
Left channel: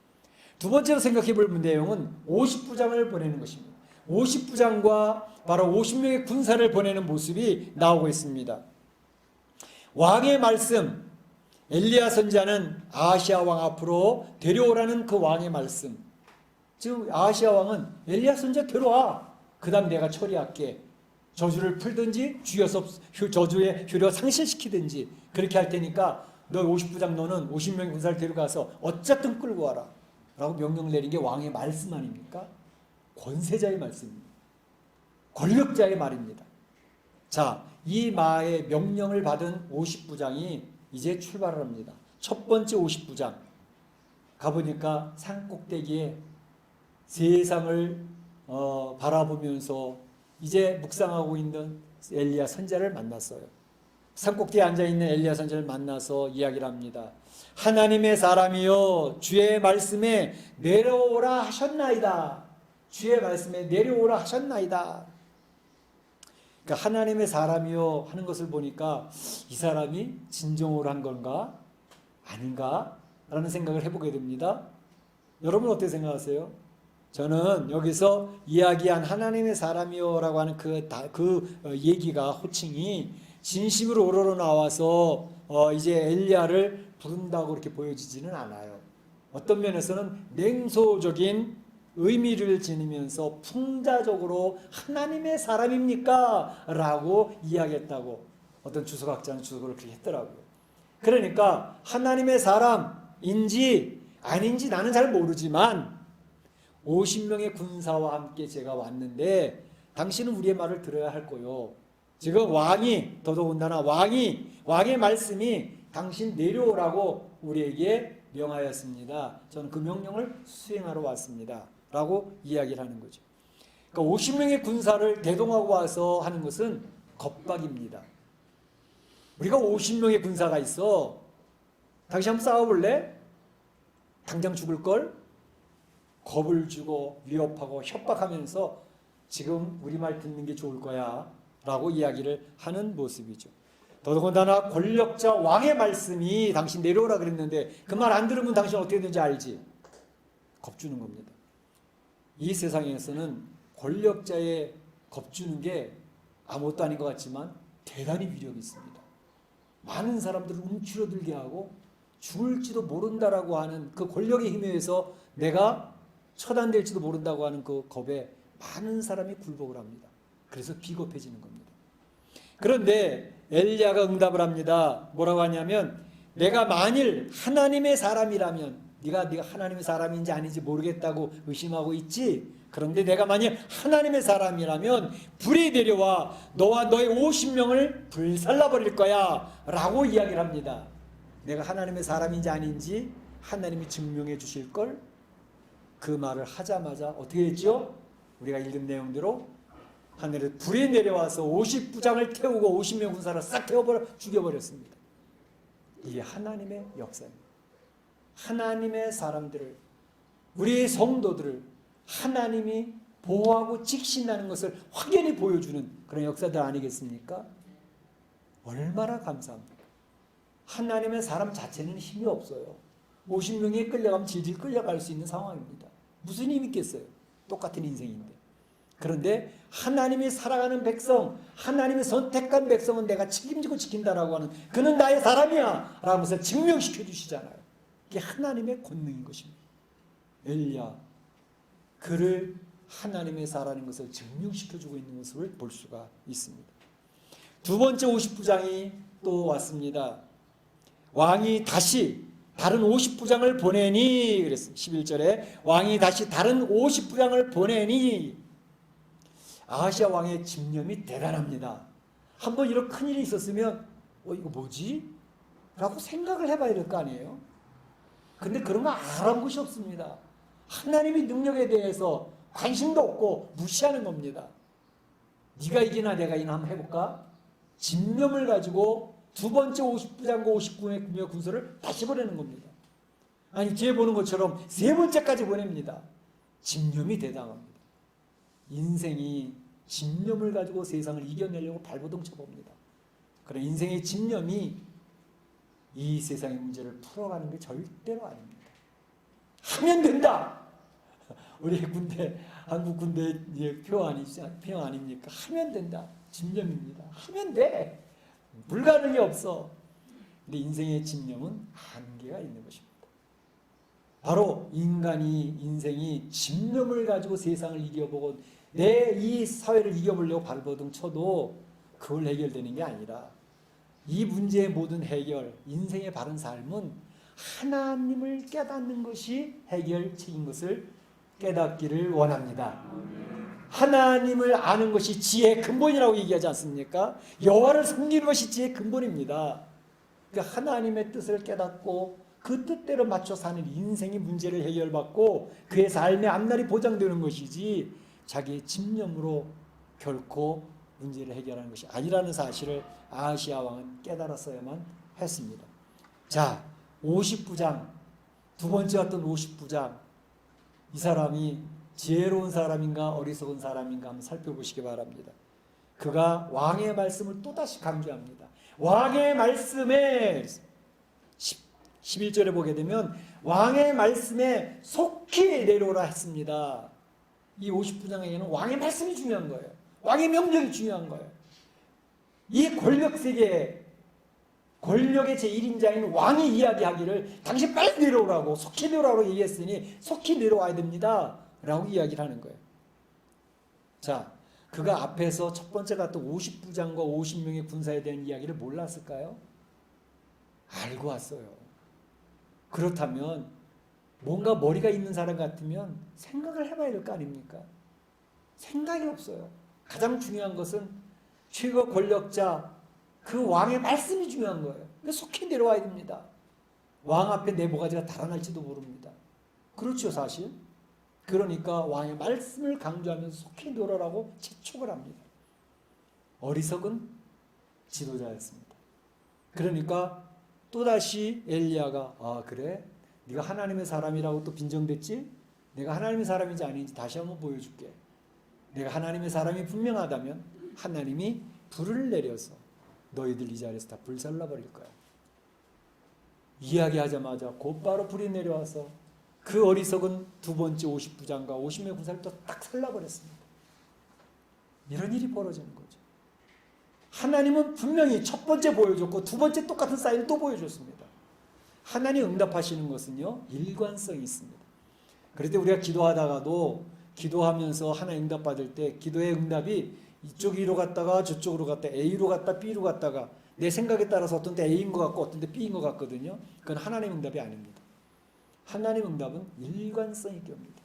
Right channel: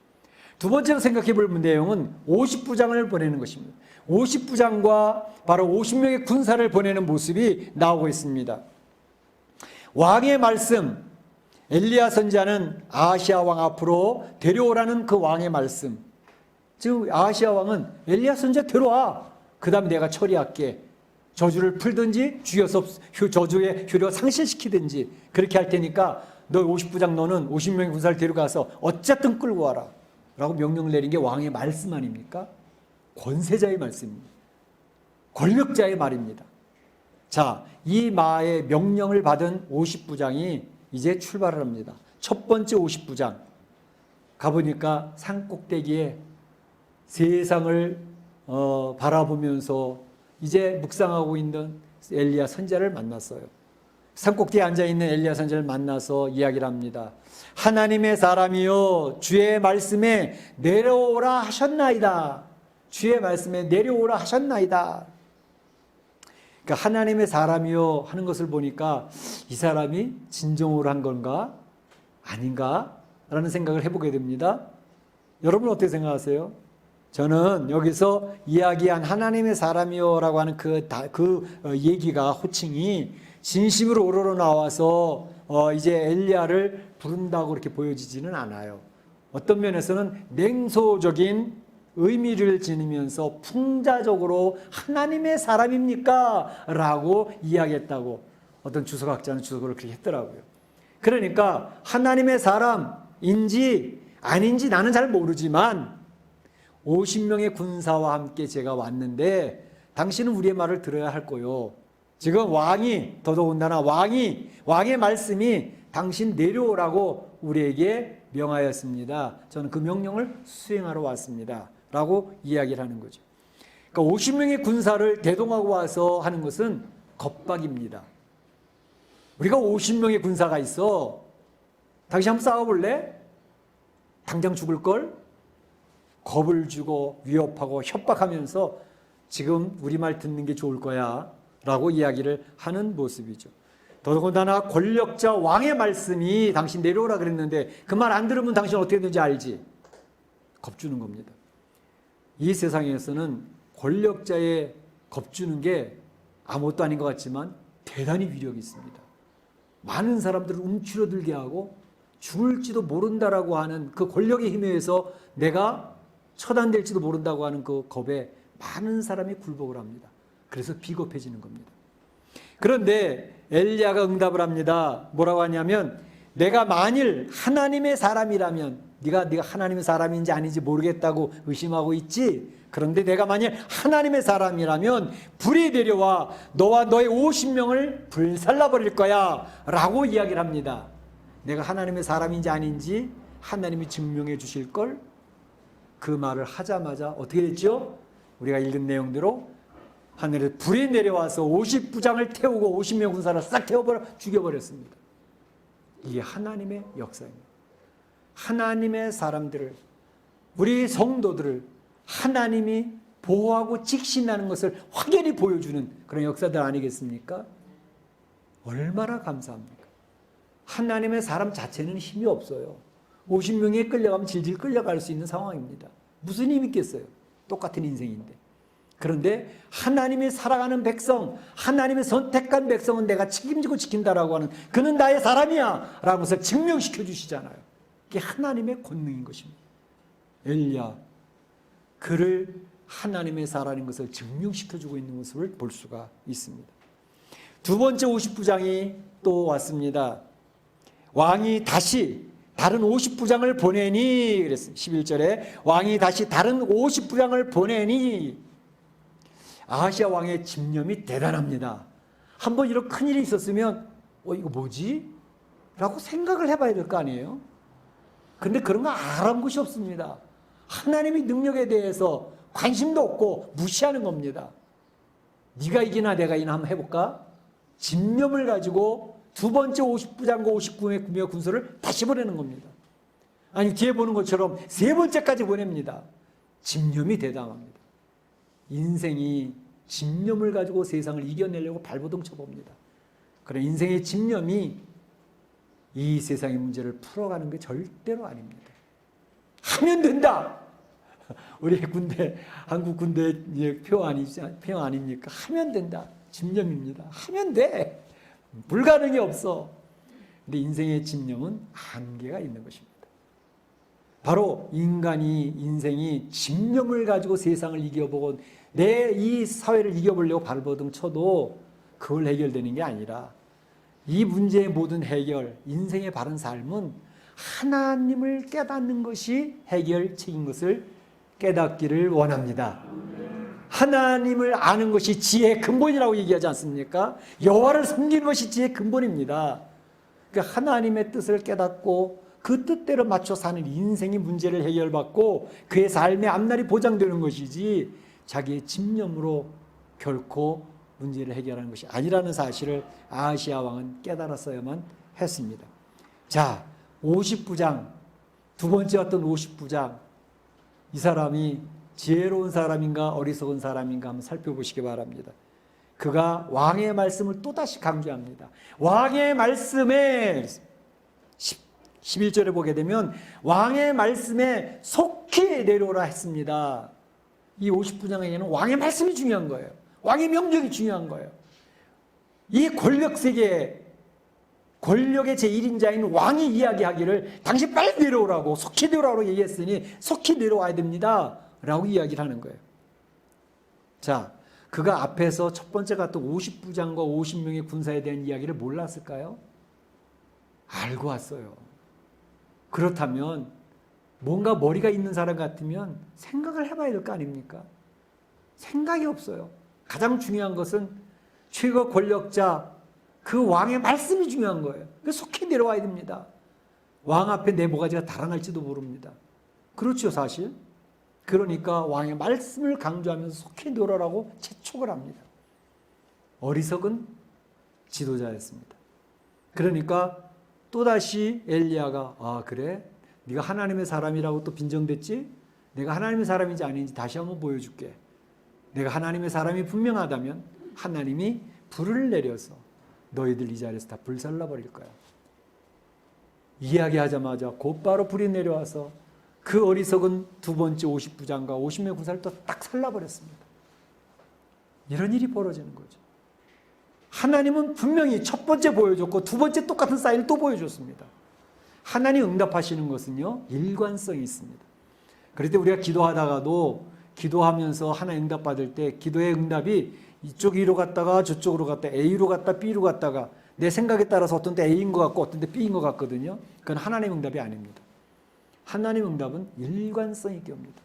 두 번째로 생각해 볼 내용은 50부장을 보내는 것입니다. 50부장과 바로 50명의 군사를 보내는 모습이 나오고 있습니다. 왕의 말씀, 엘리야 선지자는 아하시아 왕 앞으로 데려오라는 그 왕의 말씀, 즉 아하시아 왕은 엘리야 선지자 데려와, 그 다음 내가 처리할게, 저주를 풀든지 죽여서 저주의 효력을 상실시키든지 그렇게 할 테니까 너 50부장 너는 50명의 군사를 데려가서 어쨌든 끌고 와라 라고 명령을 내린 게 왕의 말씀 아닙니까? 권세자의 말씀입니다. 권력자의 말입니다. 자, 이 마의 명령을 받은 50부장이 이제 출발을 합니다. 첫 번째 50부장 가보니까 산 꼭대기에 세상을 바라보면서 이제 묵상하고 있는 엘리야 선지자를 만났어요. 산 꼭대기에 앉아있는 엘리야 선지자를 만나서 이야기를 합니다. 하나님의 사람이여 주의 말씀에 내려오라 하셨나이다. 주의 말씀에 내려오라 하셨나이다. 그러니까 하나님의 사람이요 하는 것을 보니까 이 사람이 진정으로 한 건가 아닌가 라는 생각을 해보게 됩니다. 여러분 어떻게 생각하세요? 저는 여기서 이야기한 하나님의 사람이요 라고 하는 그 얘기가 호칭이 진심으로 우러러 나와서 이제 엘리야를 부른다고 이렇게 보여지지는 않아요. 어떤 면에서는 냉소적인 의미를 지니면서 풍자적으로 하나님의 사람입니까? 라고 이야기했다고 어떤 주석학자는 주석을 그렇게 했더라고요. 그러니까 하나님의 사람인지 아닌지 나는 잘 모르지만 50명의 군사와 함께 제가 왔는데 당신은 우리의 말을 들어야 할 거요. 지금 왕이 더더군다나 왕의 말씀이 당신 내려오라고 우리에게 명하였습니다. 저는 그 명령을 수행하러 왔습니다. 라고 이야기를 하는 거죠. 그러니까 50명의 군사를 대동하고 와서 하는 것은 겁박입니다. 우리가 50명의 군사가 있어. 당신 한번 싸워볼래? 당장 죽을걸? 겁을 주고 위협하고 협박하면서 지금 우리 말 듣는 게 좋을 거야 라고 이야기를 하는 모습이죠. 더더군다나 권력자 왕의 말씀이 당신 내려오라 그랬는데 그 말 안 들으면 당신 어떻게 되는지 알지? 겁주는 겁니다. 이 세상에서는 권력자의 겁주는 게 아무것도 아닌 것 같지만 대단히 위력이 있습니다. 많은 사람들을 움츠러들게 하고 죽을지도 모른다라고 하는 그 권력의 힘에 의해서 내가 처단될지도 모른다고 하는 그 겁에 많은 사람이 굴복을 합니다. 그래서 비겁해지는 겁니다. 그런데 엘리야가 응답을 합니다. 뭐라고 하냐면 내가 만일 하나님의 사람이라면 네가 하나님의 사람인지 아닌지 모르겠다고 의심하고 있지. 그런데 내가 만일 하나님의 사람이라면 불이 내려와 너와 너의 50명을 불살라버릴 거야 라고 이야기를 합니다. 내가 하나님의 사람인지 아닌지 하나님이 증명해 주실 걸. 그 말을 하자마자 어떻게 됐죠? 우리가 읽은 내용대로 하늘에 불이 내려와서 50부장을 태우고 50명 군사를 싹 태워버려 죽여버렸습니다. 이게 하나님의 역사입니다. 하나님의 사람들을, 우리 성도들을 하나님이 보호하고 직신하는 것을 확연히 보여주는 그런 역사들 아니겠습니까? 얼마나 감사합니까? 하나님의 사람 자체는 힘이 없어요. 50명에 끌려가면 질질 끌려갈 수 있는 상황입니다. 무슨 힘이 있겠어요? 똑같은 인생인데. 그런데 하나님이 살아가는 백성, 하나님의 선택한 백성은 내가 책임지고 지킨다라고 하는 그는 나의 사람이야 라는 것을 증명시켜 주시잖아요. 이게 하나님의 권능인 것입니다. 엘리야 그를 하나님의 사람인 것을 증명시켜주고 있는 모습을 볼 수가 있습니다. 두 번째 50부장이 또 왔습니다. 왕이 다시 다른 50부장을 보내니 그랬어요. 11절에 왕이 다시 다른 50부장을 보내니 아하시아 왕의 집념이 대단합니다. 한번 이런 큰일이 있었으면 이거 뭐지? 라고 생각을 해봐야 될 거 아니에요? 근데 그런 거 알아본 것이 없습니다. 하나님의 능력에 대해서 관심도 없고 무시하는 겁니다. 네가 이기나 내가 이기나 한번 해볼까? 집념을 가지고 두 번째 50부장과 59명의 군사를 다시 보내는 겁니다. 아니 뒤에 보는 것처럼 세 번째까지 보냅니다. 집념이 대단합니다. 인생이 집념을 가지고 세상을 이겨내려고 발버둥 쳐봅니다. 그래 인생의 집념이 이 세상의 문제를 풀어가는 게 절대로 아닙니다. 하면 된다. 우리 군대 한국 군대 표 아닙니까? 하면 된다. 집념입니다. 하면 돼. 불가능이 없어. 근데 인생의 집념은 한계가 있는 것입니다. 바로 인생이 집념을 가지고 세상을 이겨보고 내 이 사회를 이겨보려고 발버둥 쳐도 그걸 해결되는 게 아니라 이 문제의 모든 해결, 인생의 바른 삶은 하나님을 깨닫는 것이 해결책인 것을 깨닫기를 원합니다. 하나님을 아는 것이 지혜의 근본이라고 얘기하지 않습니까? 여호와를 섬기는 것이 지혜의 근본입니다. 그러니까 하나님의 뜻을 깨닫고 그 뜻대로 맞춰 사는 인생의 문제를 해결받고 그의 삶의 앞날이 보장되는 것이지 자기의 집념으로 결코 문제를 해결하는 것이 아니라는 사실을 아하시아 왕은 깨달았어야만 했습니다. 자, 50부장, 두 번째 어떤 50부장, 이 사람이 지혜로운 사람인가 어리석은 사람인가 한번 살펴보시기 바랍니다. 그가 왕의 말씀을 또다시 강조합니다. 왕의 말씀에 11절에 보게 되면 왕의 말씀에 속히 내려오라 했습니다. 이 50부장에게는 왕의 말씀이 중요한 거예요. 왕의 명령이 중요한 거예요. 이 권력세계, 권력의 제1인자인 왕이 이야기하기를 당신 빨리 내려오라고, 속히 내려오라고 얘기했으니 속히 내려와야 됩니다 라고 이야기를 하는 거예요. 자, 그가 앞에서 첫 번째 갔던 50부장과 50명의 군사에 대한 이야기를 몰랐을까요? 알고 왔어요. 그렇다면 뭔가 머리가 있는 사람 같으면 생각을 해봐야 될 거 아닙니까? 생각이 없어요. 가장 중요한 것은 최고 권력자 그 왕의 말씀이 중요한 거예요. 속히 내려와야 됩니다. 왕 앞에 내 모가지가 달아날지도 모릅니다. 그렇죠, 사실. 그러니까 왕의 말씀을 강조하면서 속히 내려오라고 재촉을 합니다. 어리석은 지도자였습니다. 그러니까 또다시 엘리야가 아 그래? 네가 하나님의 사람이라고 또 빈정댔지? 내가 하나님의 사람인지 아닌지 다시 한번 보여줄게. 내가 하나님의 사람이 분명하다면 하나님이 불을 내려서 너희들 이 자리에서 다 불살라버릴 거야. 이야기하자마자 곧바로 불이 내려와서 그 어리석은 두 번째 50부장과 50명 군사를 또 딱 살라버렸습니다. 이런 일이 벌어지는 거죠. 하나님은 분명히 첫 번째 보여줬고 두 번째 똑같은 사인을 또 보여줬습니다. 하나님 응답하시는 것은요, 일관성이 있습니다. 그럴 때 우리가 기도하다가도 기도하면서 하나님 응답받을 때 기도의 응답이 이쪽 갔다가 저쪽으로 갔다 A로 갔다 B로 갔다가 내 생각에 따라서 어떤 때 A인 것 같고 어떤 때 B인 것 같거든요. 그건 하나님 응답이 아닙니다. 하나님 응답은 일관성 있게 옵니다.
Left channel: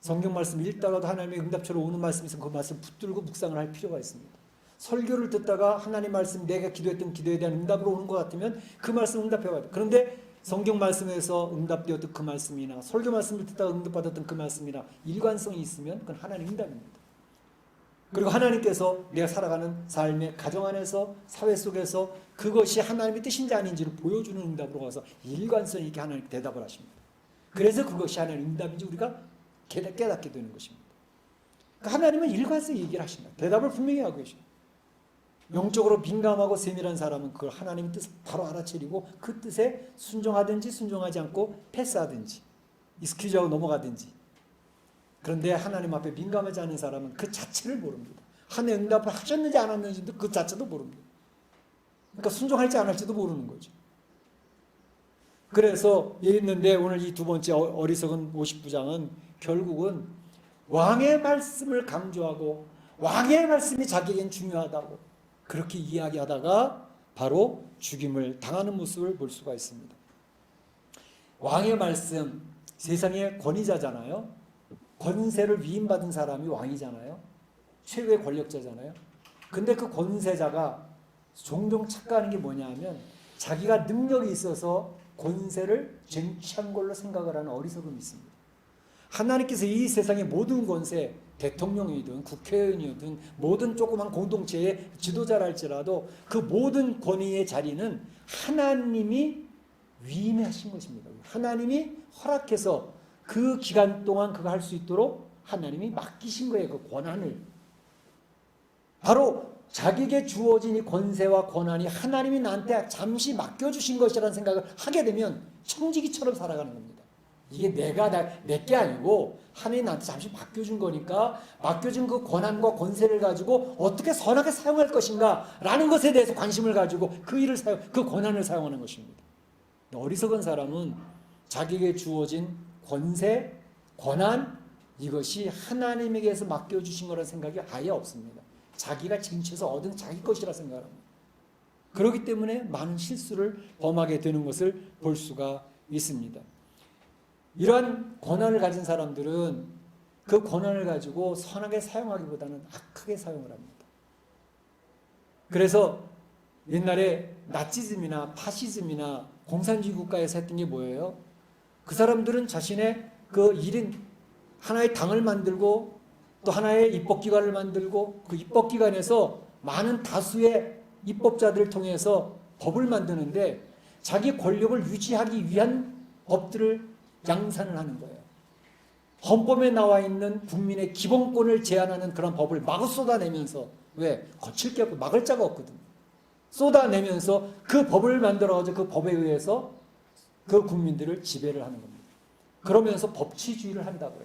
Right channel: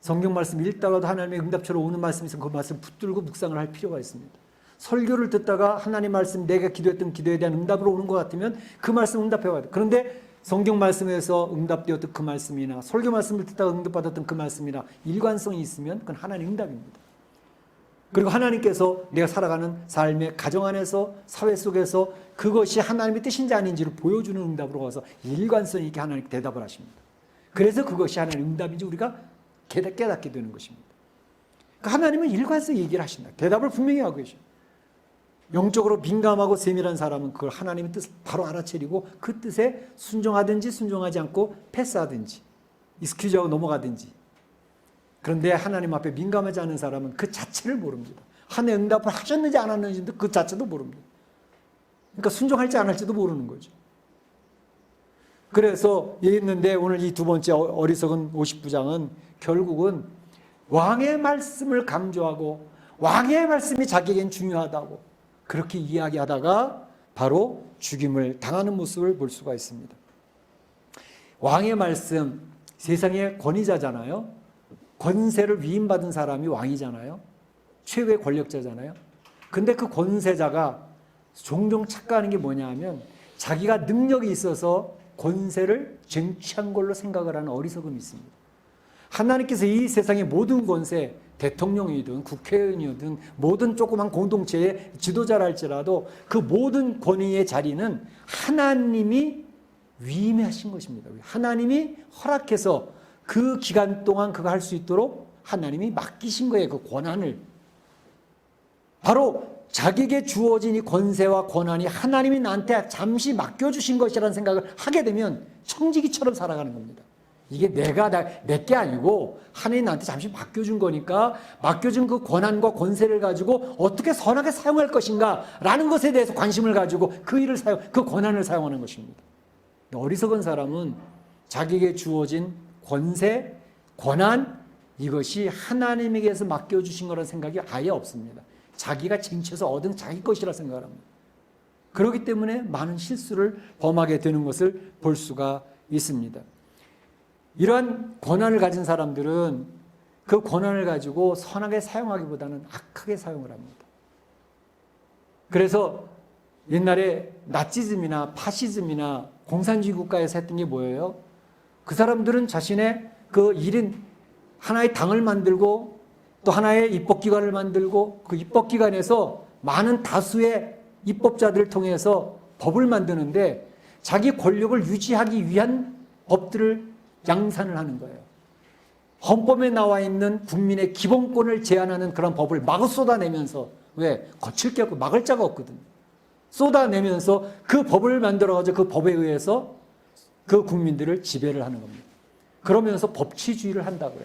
성경 말씀 읽다가도 하나님의 응답처럼 오는 말씀이 있으면 그 말씀 붙들고 묵상을 할 필요가 있습니다. 설교를 듣다가 하나님 말씀 내가 기도했던 기도에 대한 응답으로 오는 것 같으면 그 말씀 응답해야 돼요. 그런데 성경 말씀에서 응답되었던 그 말씀이나 설교 말씀을 듣다가 응답받았던 그 말씀이나 일관성이 있으면 그건 하나님 응답입니다. 그리고 하나님께서 내가 살아가는 삶의 가정 안에서 사회 속에서 그것이 하나님의 뜻인지 아닌지를 보여주는 응답으로 가서 일관성 있게 하나님께 대답을 하십니다. 그래서 그것이 하나님의 응답인지 우리가 깨닫게 되는 것입니다. 그러니까 하나님은 일관성 얘기를 하신다. 대답을 분명히 하고 계십니다. 영적으로 민감하고 세밀한 사람은 그걸 하나님의 뜻을 바로 알아채리고 그 뜻에 순종하든지 순종하지 않고 패스하든지 익스큐즈하고 넘어가든지. 그런데 하나님 앞에 민감하지 않은 사람은 그 자체를 모릅니다. 하나님의 응답을 하셨는지 안 하셨는지도 그 자체도 모릅니다. 그러니까 순종할지 안 할지도 모르는 거죠. 그래서 있는데 오늘 이 두 번째 어리석은 50부장은 결국은 왕의 말씀을 강조하고 왕의 말씀이 자기에겐 중요하다고 그렇게 이야기하다가 바로 죽임을 당하는 모습을 볼 수가 있습니다. 왕의 말씀, 세상의 권위자잖아요. 권세를 위임받은 사람이 왕이잖아요. 최고의 권력자잖아요. 근데 그 권세자가 종종 착각하는 게 뭐냐 하면 자기가 능력이 있어서 권세를 쟁취한 걸로 생각을 하는 어리석음이 있습니다. 하나님께서 이 세상의 모든 권세, 대통령이든 국회의원이든 모든 조그만 공동체의 지도자라 할지라도 그 모든 권위의 자리는 하나님이 위임하신 것입니다. 하나님이 허락해서 그 기간 동안 그거 할 수 있도록 하나님이 맡기신 거예요. 그 권한을. 바로 자기에게 주어진 이 권세와 권한이 하나님이 나한테 잠시 맡겨주신 것이라는 생각을 하게 되면 청지기처럼 살아가는 겁니다. 이게 내게 아니고 하나님이 나한테 잠시 맡겨준 거니까 맡겨준 그 권한과 권세를 가지고 어떻게 선하게 사용할 것인가 라는 것에 대해서 관심을 가지고 그 권한을 사용하는 것입니다. 어리석은 사람은 자기에게 주어진 권세, 권한 이것이 하나님에게서 맡겨주신 거라는 생각이 아예 없습니다. 자기가 쟁취해서 얻은 자기 것이라 생각을 합니다. 그렇기 때문에 많은 실수를 범하게 되는 것을 볼 수가 있습니다. 이러한 권한을 가진 사람들은 그 권한을 가지고 선하게 사용하기보다는 악하게 사용을 합니다. 그래서 옛날에 나치즘이나 파시즘이나 공산주의 국가에서 했던 게 뭐예요? 그 사람들은 자신의 그 1인 하나의 당을 만들고 또 하나의 입법기관을 만들고 그 입법기관에서 많은 다수의 입법자들을 통해서 법을 만드는데 자기 권력을 유지하기 위한 법들을 양산을 하는 거예요. 헌법에 나와 있는 국민의 기본권을 제한하는 그런 법을 마구 쏟아내면서 왜? 거칠 게 없고 막을 자가 없거든. 쏟아내면서 그 법을 만들어가지고 그 법에 의해서 그 국민들을 지배를 하는 겁니다. 그러면서 법치주의를 한다고요.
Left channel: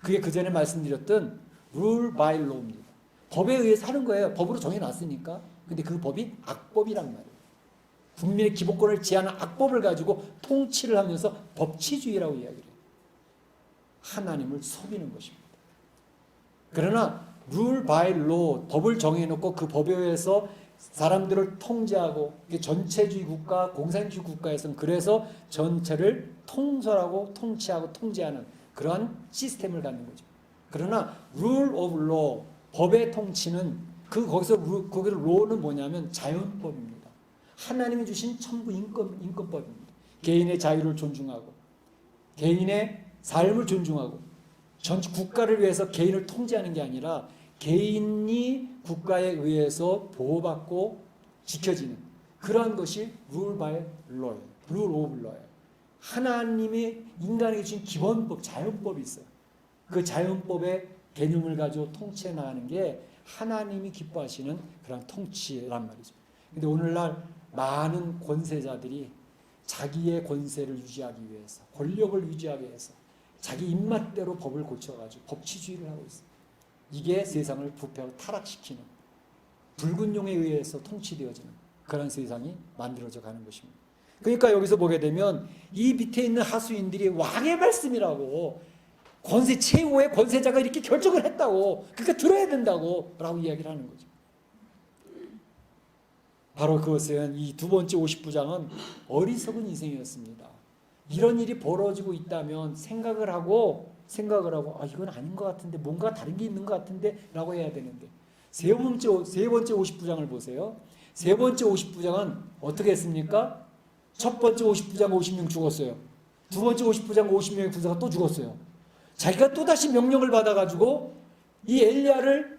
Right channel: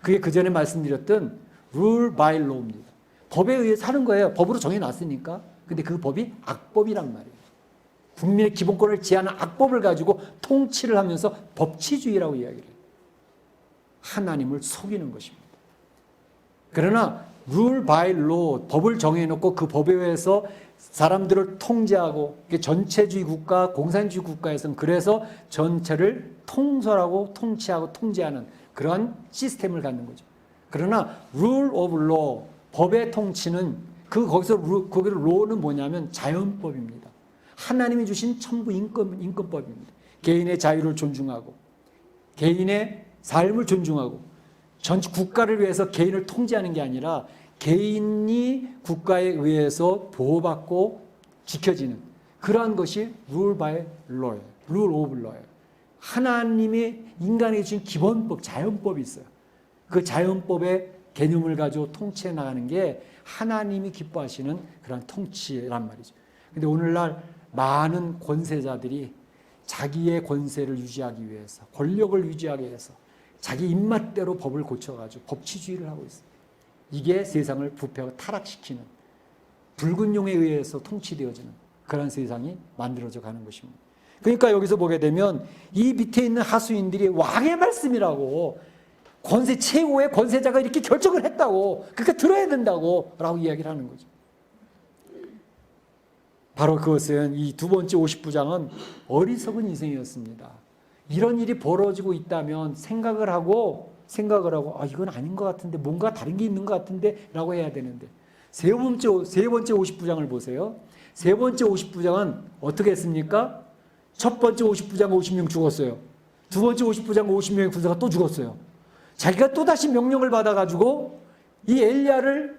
그게 그 전에 말씀드렸던 rule by law입니다. 법에 의해서 하는 거예요. 법으로 정해놨으니까. 근데 그 법이 악법이란 말이에요. 국민의 기본권을 제한하는 악법을 가지고 통치를 하면서 법치주의라고 이야기를 해요. 하나님을 속이는 것입니다. 그러나 rule by law, 법을 정해놓고 그 법에 의해서 사람들을 통제하고 전체주의 국가, 공산주의 국가에서는 그래서 전체를 통솔하고 통치하고 통제하는 그러한 시스템을 갖는 거죠. 그러나 rule of law, 법의 통치는 거기를 law는 뭐냐면 자연법입니다. 하나님이 주신 천부 인권법입니다. 개인의 자유를 존중하고 개인의 삶을 존중하고 전체 국가를 위해서 개인을 통제하는 게 아니라 개인이 국가에 의해서 보호받고 지켜지는 그러한 것이 rule by law예요. rule of law예요. 하나님이 인간에게 주신 기본법, 자연법이 있어요. 그 자연법의 개념을 가지고 통치해 나가는 게 하나님이 기뻐하시는 그런 통치란 말이죠. 근데 오늘날 많은 권세자들이 자기의 권세를 유지하기 위해서, 권력을 유지하기 위해서 자기 입맛대로 법을 고쳐가지고 법치주의를 하고 있어요. 이게 세상을 부패하고 타락시키는 붉은 용에 의해서 통치되어지는 그런 세상이 만들어져 가는 것입니다. 그러니까 여기서 보게 되면 이 밑에 있는 하수인들이 왕의 말씀이라고 최고의 권세자가 이렇게 결정을 했다고 그러니까 들어야 된다고 라고 이야기를 하는 거죠. 바로 그것은 이 두 번째 50부장은 어리석은 인생이었습니다. 이런 일이 벌어지고 있다면 생각을 하고 이건 아닌 것 같은데 뭔가 다른 게 있는 것 같은데 라고 해야 되는데 세 번째 50부장을 보세요. 세 번째 50부장은 어떻게 했습니까? 첫 번째 50부장 50명 죽었어요. 두 번째 50부장 50명의 군사가 또 죽었어요. 자기가 또다시 명령을 받아가지고 이 엘리야를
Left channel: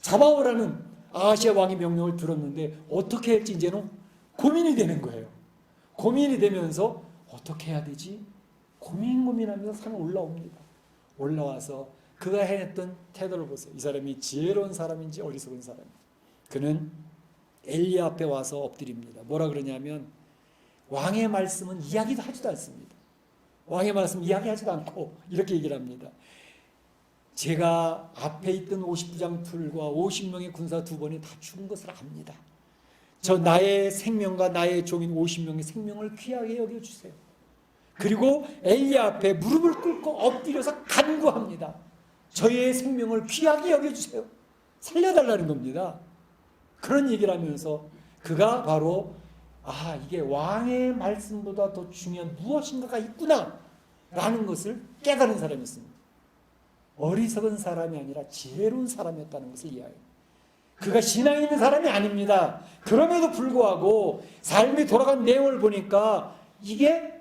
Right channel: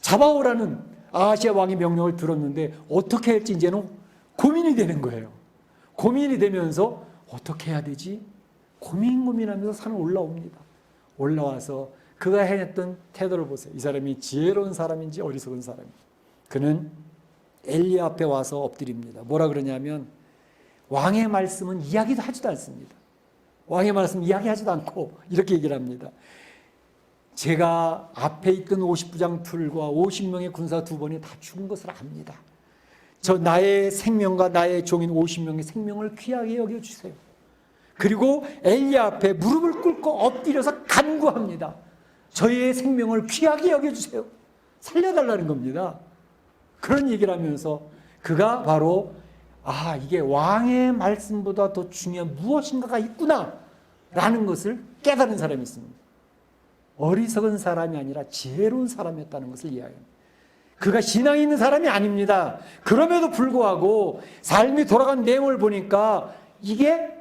잡아오라는 아하시아 왕의 명령을 들었는데 어떻게 할지 이제는 고민이 되는 거예요. 고민이 되면서 어떻게 해야 되지? 고민하면서 산을 올라옵니다. 올라와서 그가 해냈던 태도를 보세요. 이 사람이 지혜로운 사람인지 어리석은 사람인지. 그는 엘리야 앞에 와서 엎드립니다. 뭐라 그러냐면 왕의 말씀은 이야기도 하지도 않습니다. 왕의 말씀 이야기하지도 않고 이렇게 얘기를 합니다. 제가 앞에 있던 50부장 둘과 50명의 군사 두 번이 다 죽은 것을 압니다. 저 나의 생명과 나의 종인 50명의 생명을 귀하게 여겨주세요. 그리고 엘리야 앞에 무릎을 꿇고 엎드려서 간구합니다. 저의 생명을 귀하게 여겨주세요. 살려달라는 겁니다. 그런 얘기를 하면서 그가 바로 이게 왕의 말씀보다 더 중요한 무엇인가가 있구나 라는 것을 깨달은 사람이 있습니다. 어리석은 사람이 아니라 지혜로운 사람이었다는 것을 이야기합니다. 그가 신앙이 있는 사람이 아닙니다. 그럼에도 불구하고 삶이 돌아간 내용을 보니까 이게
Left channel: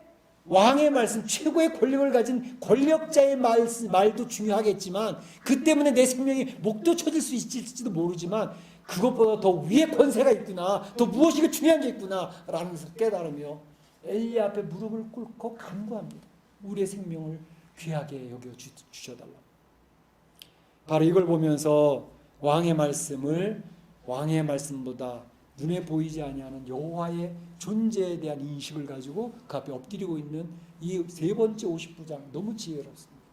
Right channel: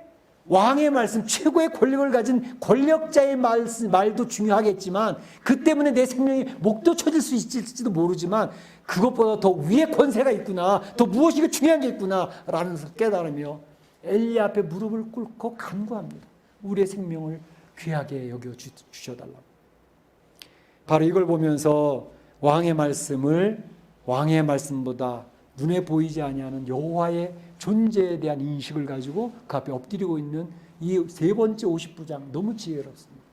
왕의 말씀, 최고의 권력을 가진 권력자의 말도 중요하겠지만 그 때문에 내 생명이 목도 쳐질 수 있을지도 모르지만 그것보다 더 위의 권세가 있구나, 더 무엇이 중요한 게 있구나 라는 것을 깨달으며 엘리야 앞에 무릎을 꿇고 간구합니다. 우리의 생명을 귀하게 여겨주셔달라고. 바로 이걸 보면서 왕의 말씀보다 눈에 보이지 아니하는 여호와의 존재에 대한 인식을 가지고 그 앞에 엎드리고 있는 이 세 번째 50부장 너무 지혜롭습니다.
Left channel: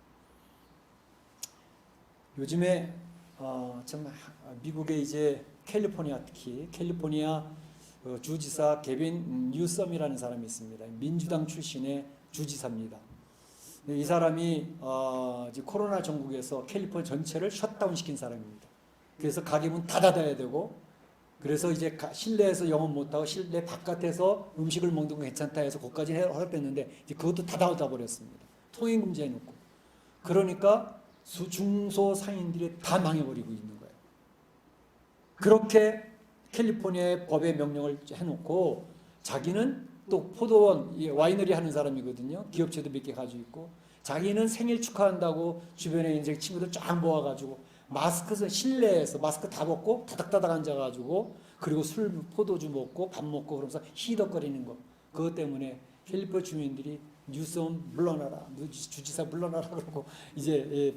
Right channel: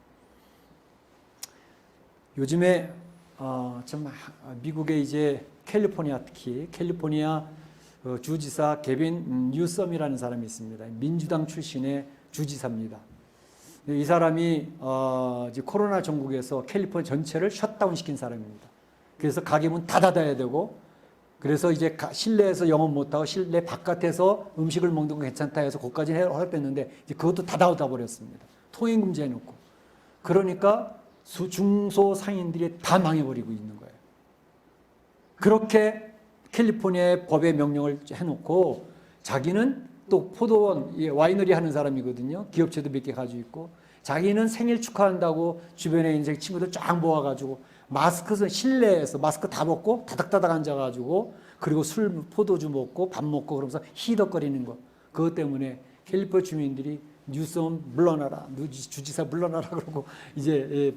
요즘에 좀 미국의 이제 캘리포니아 주지사 게빈 뉴섬이라는 사람이 있습니다. 민주당 출신의 주지사입니다. 이 사람이 이제 코로나 전국에서 캘리포니아 전체를 셧다운 시킨 사람입니다. 그래서 가게 문 다 닫아야 되고 그래서 이제 실내에서 영업 못하고 실내 바깥에서 음식을 먹는 건 괜찮다 해서 그것까지 허락했는데 이제 그것도 다 닫아버렸습니다. 통행 금지해놓고. 그러니까 중소 상인들이 다 망해버리고 있는 거예요. 그렇게 캘리포니아의 법의 명령을 해놓고 자기는 또 포도원, 와이너리 하는 사람이거든요. 기업체도 몇 개 가지고 있고 자기는 생일 축하한다고 주변에 이제 친구들 쫙 모아가지고 실내에서 마스크 다 벗고 다닥다닥 앉아가지고 그리고 포도주 먹고 밥 먹고 그러면서 히덕거리는 거. 그것 때문에 캘리포니아 주민들이 뉴섬 물러나라, 주지사 물러나라 그러고 이제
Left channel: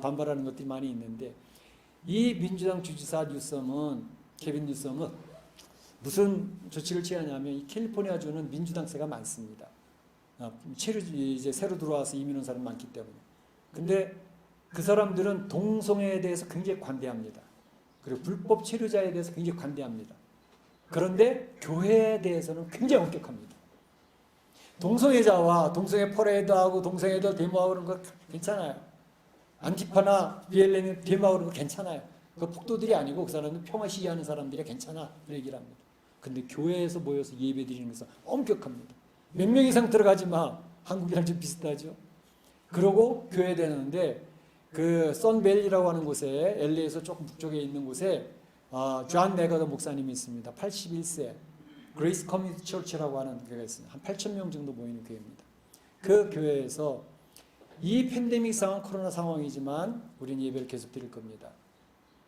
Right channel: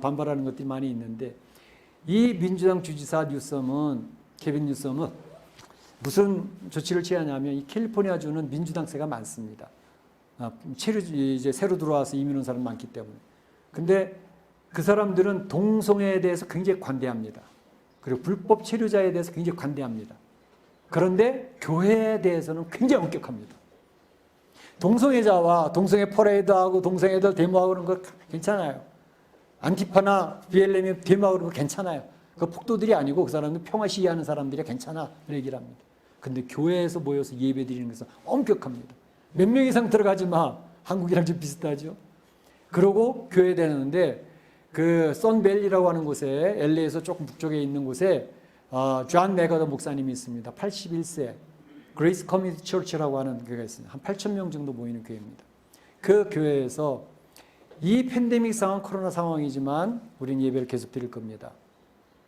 반발하는 것들이 많이 있는데, 이 민주당 주지사 뉴섬은, 케빈 뉴섬은 무슨 조치를 취하냐면, 이 캘리포니아주는 민주당세가 많습니다. 이제 새로 들어와서 이민 온 사람 많기 때문에. 근데 그 사람들은 동성애에 대해서 굉장히 관대합니다. 그리고 불법 체류자에 대해서 굉장히 관대합니다. 그런데 교회에 대해서는 굉장히 엄격합니다. 동성애자와 동성애 퍼레이드하고 동성애들 데모하고 그런 거 괜찮아요. 안티파나 BLM이 데모하고 그런 거 괜찮아요. 그 폭도들이 아니고 그 사람들 평화 시위하는 사람들이 괜찮아. 그 얘기를 합니다. 근데 교회에서 모여서 예배 드리는 것은 엄격합니다. 몇 명 이상 들어가지 마. 한국이랑 좀 비슷하죠. 그러고 교회에 되는데, 그 선밸리라고 하는 곳에, LA에서 조금 북쪽에 있는 곳에 존 메가더 목사님이 있습니다. 81세. 그레이스 커뮤니티 처치라고 하는 교회가 있습니다. 한 8,000명 정도 모이는 교회입니다. 그 교회에서 이 팬데믹 상황, 코로나 상황이지만 우리는 예배를 계속 드릴 겁니다.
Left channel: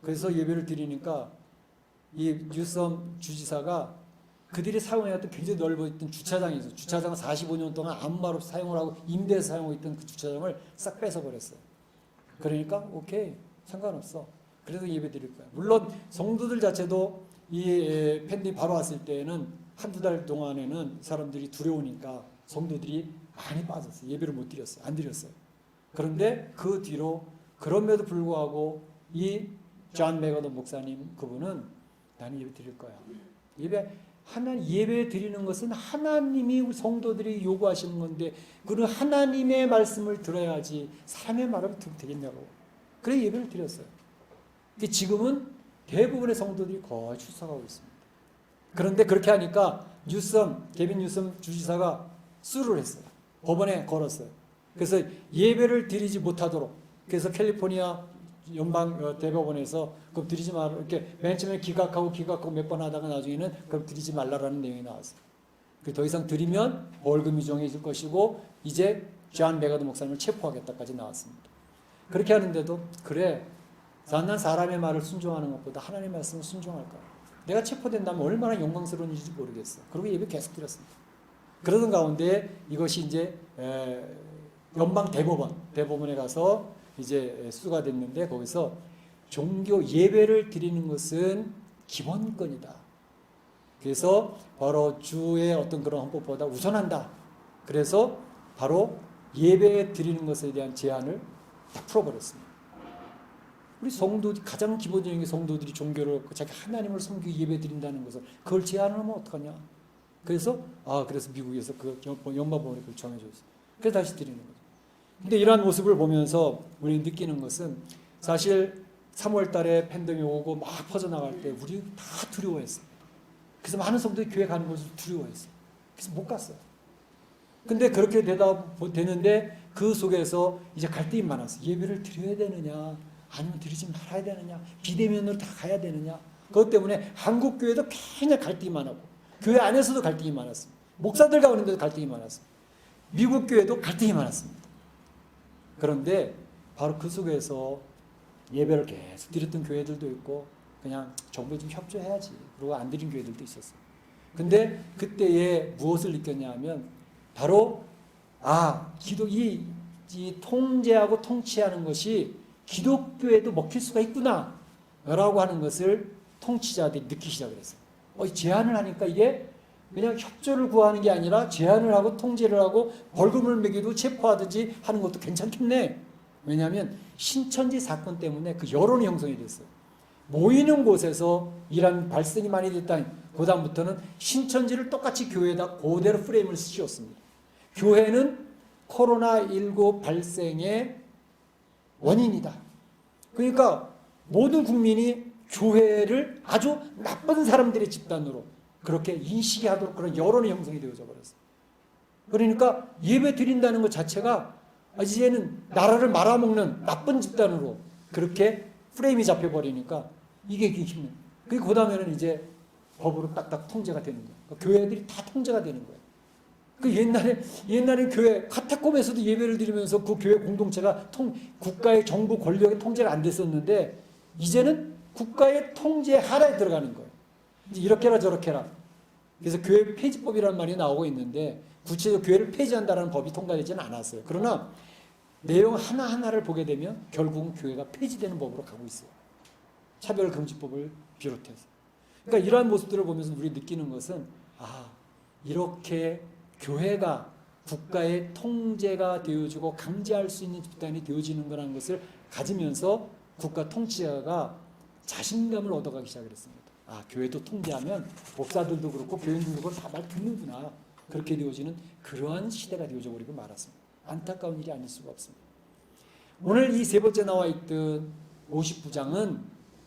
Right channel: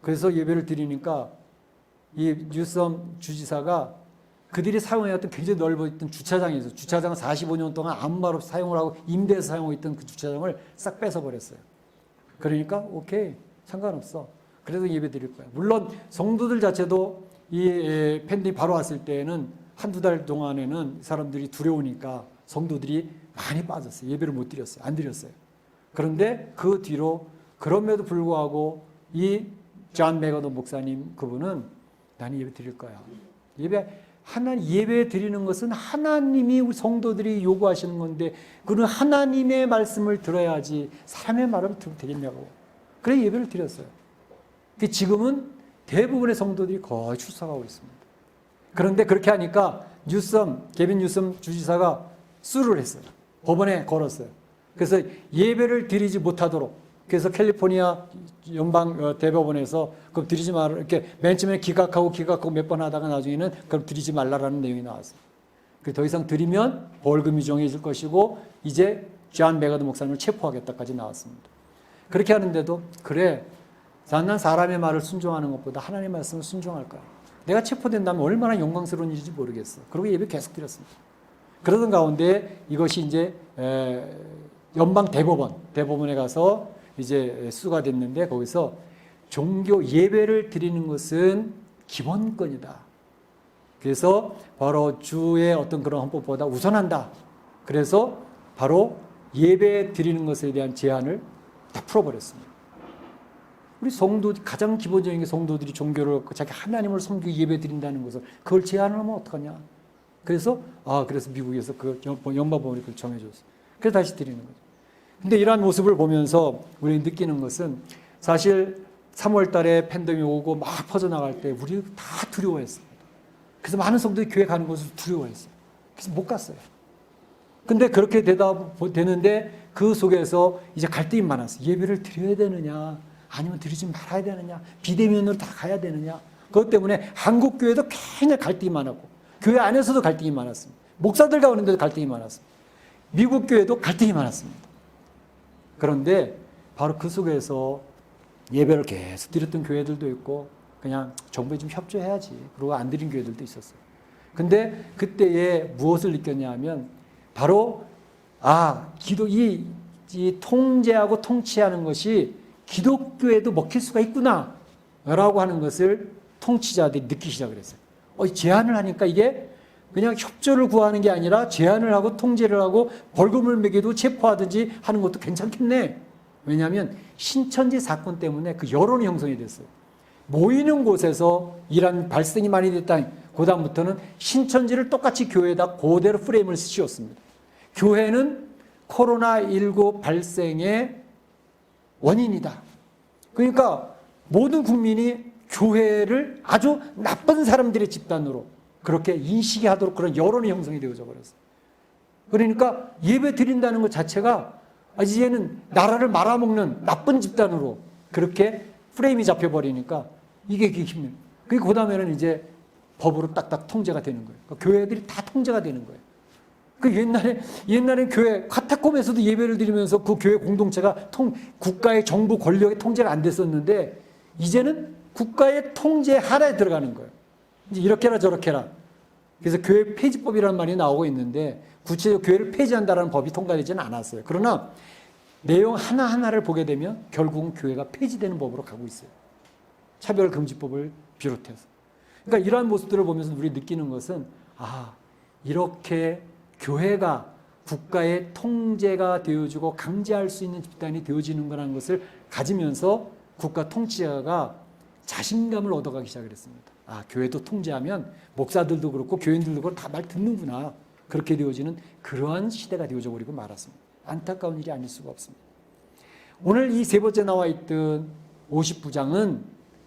그래서 예배를 드리니까 이 뉴섬 주지사가 그들이 사용해왔던 굉장히 넓어있던 주차장에서, 주차장을 45년 동안 아무 말 없이 사용을 하고 임대해서 사용하고 있던 그 주차장을 싹 뺏어버렸어요. 그러니까 오케이, 상관없어. 그래도 예배 드릴 거야. 물론 성도들 자체도 이 팬데믹 바로 왔을 때는 한두 달 동안에는 사람들이 두려우니까 성도들이 많이 빠졌어요. 예배를 못 드렸어요. 안 드렸어요. 그런데 그 뒤로 그럼에도 불구하고 이 존 메가더 목사님, 그분은 나는 예배 드릴 거야. 예배 드리는 것은 하나님이 우리 성도들이 요구하시는 건데, 그는 하나님의 말씀을 들어야지 사람의 말을 들으면 되겠냐고. 그래 예배를 드렸어요. 지금은 대부분의 성도들이 거의 출석하고 있습니다. 그런데 그렇게 하니까 케빈 뉴섬 주지사가 수를 했어요. 법원에 걸었어요. 그래서 예배를 드리지 못하도록, 그래서 캘리포니아 연방 대법원에서 그럼 드리지 말라, 이렇게 맨 처음에 기각하고 몇 번 하다가 나중에는 그럼 드리지 말라라는 내용이 나왔어요. 더 이상 드리면 벌금이 정해질 것이고 이제 존 메가더 목사님을 체포하겠다까지 나왔습니다. 그렇게 하는데도 그래, 난 사람의 말을 순종하는 것보다 하나님의 말씀을 순종할 거야. 내가 체포된다면 얼마나 영광스러운 일인지 모르겠어. 그리고 예배 계속 드렸습니다. 그러던 가운데 이것이 이제 연방 대법원에 가서 이제 수가 됐는데, 거기서 종교 예배를 드리는 것은 기본권이다. 그래서 바로 주의 어떤 그런 헌법보다 우선한다. 그래서 바로 예배 드리는 것에 대한 제한을 다 풀어버렸습니다. 우리 가장 기본적인 게 성도들이 종교를 자기 하나님을 섬기고 예배 드린다는 것을 그걸 제한을 하면 어떡하냐. 그래서 미국에서 그 연방법원이 그걸 정해줬어요. 그래서 다시 드리는 거죠. 근데 이러한 모습을 보면서 우리는 느끼는 것은, 사실 3월 달에 팬데믹이 오고 막 퍼져나갈 때 우리 다 두려워했습니다. 그래서 많은 성도들이 교회 가는 것을 두려워했어요. 그래서 못 갔어요. 근데 그렇게 되는데 그 속에서 이제 갈등이 많았어요. 예배를 드려야 되느냐, 아니면 드리지 말아야 되느냐, 비대면으로 다 가야 되느냐. 그것 때문에 한국 교회도 굉장히 갈등이 많았고, 교회 안에서도 갈등이 많았습니다. 목사들 가운데도 갈등이 많았습니다. 미국 교회도 갈등이 많았습니다. 그런데 바로 그 속에서 예배를 계속 드렸던 교회들도 있고, 그냥 정부에 좀 협조해야지, 그러고 안 드린 교회들도 있었어요. 근데 그때에 무엇을 느꼈냐 하면, 바로 이 통제하고 통치하는 것이 기독교에도 먹힐 수가 있구나 라고 하는 것을 통치자들이 느끼기 시작을 했어요. 제한을 하니까 이게 그냥 협조를 구하는 게 아니라 제한을 하고 통제를 하고 벌금을 매기도 체포하든지 하는 것도 괜찮겠네. 왜냐하면 신천지 사건 때문에 그 여론이 형성이 됐어요. 모이는 곳에서 이런 발생이 많이 됐다. 그 다음부터는 신천지를 똑같이 교회에다 그대로 프레임을 씌웠습니다. 교회는 코로나19 발생의 원인이다. 그러니까 모든 국민이 교회를 아주 나쁜 사람들의 집단으로 그렇게 인식이 하도록 그런 여론이 형성이 되어져 버렸어요. 그러니까 예배 드린다는 것 자체가 이제는 나라를 말아먹는 나쁜 집단으로 그렇게 프레임이 잡혀버리니까 이게 힘들어요. 그 다음에는 이제 법으로 딱딱 통제가 되는 거예요. 그러니까 교회들이 다 통제가 되는 거예요. 옛날에 교회 카타콤에서도 예배를 드리면서 그 교회 공동체가 국가의 정부 권력의 통제가 안 됐었는데, 이제는 국가의 통제 하나에 들어가는 거예요. 이제 이렇게 해라 저렇게 해라. 그래서 교회 폐지법이라는 말이 나오고 있는데 구체적으로 교회를 폐지한다는 법이 통과되지는 않았어요. 그러나 내용 하나하나를 보게 되면 결국은 교회가 폐지되는 법으로 가고 있어요. 차별금지법을 비롯해서. 그러니까 이러한 모습들을 보면서 우리 느끼는 것은 이렇게 교회가 국가의 통제가 되어지고 강제할 수 있는 집단이 되어지는 거라는 것을 가지면서 국가 통치자가 자신감을 얻어가기 시작을 했습니다. 교회도 통제하면 목사들도 그렇고 교인들도 그렇고 다 말 듣는구나. 그렇게 되어지는 그러한 시대가 되어져 버리고 말았습니다. 안타까운 일이 아닐 수가 없습니다. 오늘 이 세 번째 나와 있던 50부장은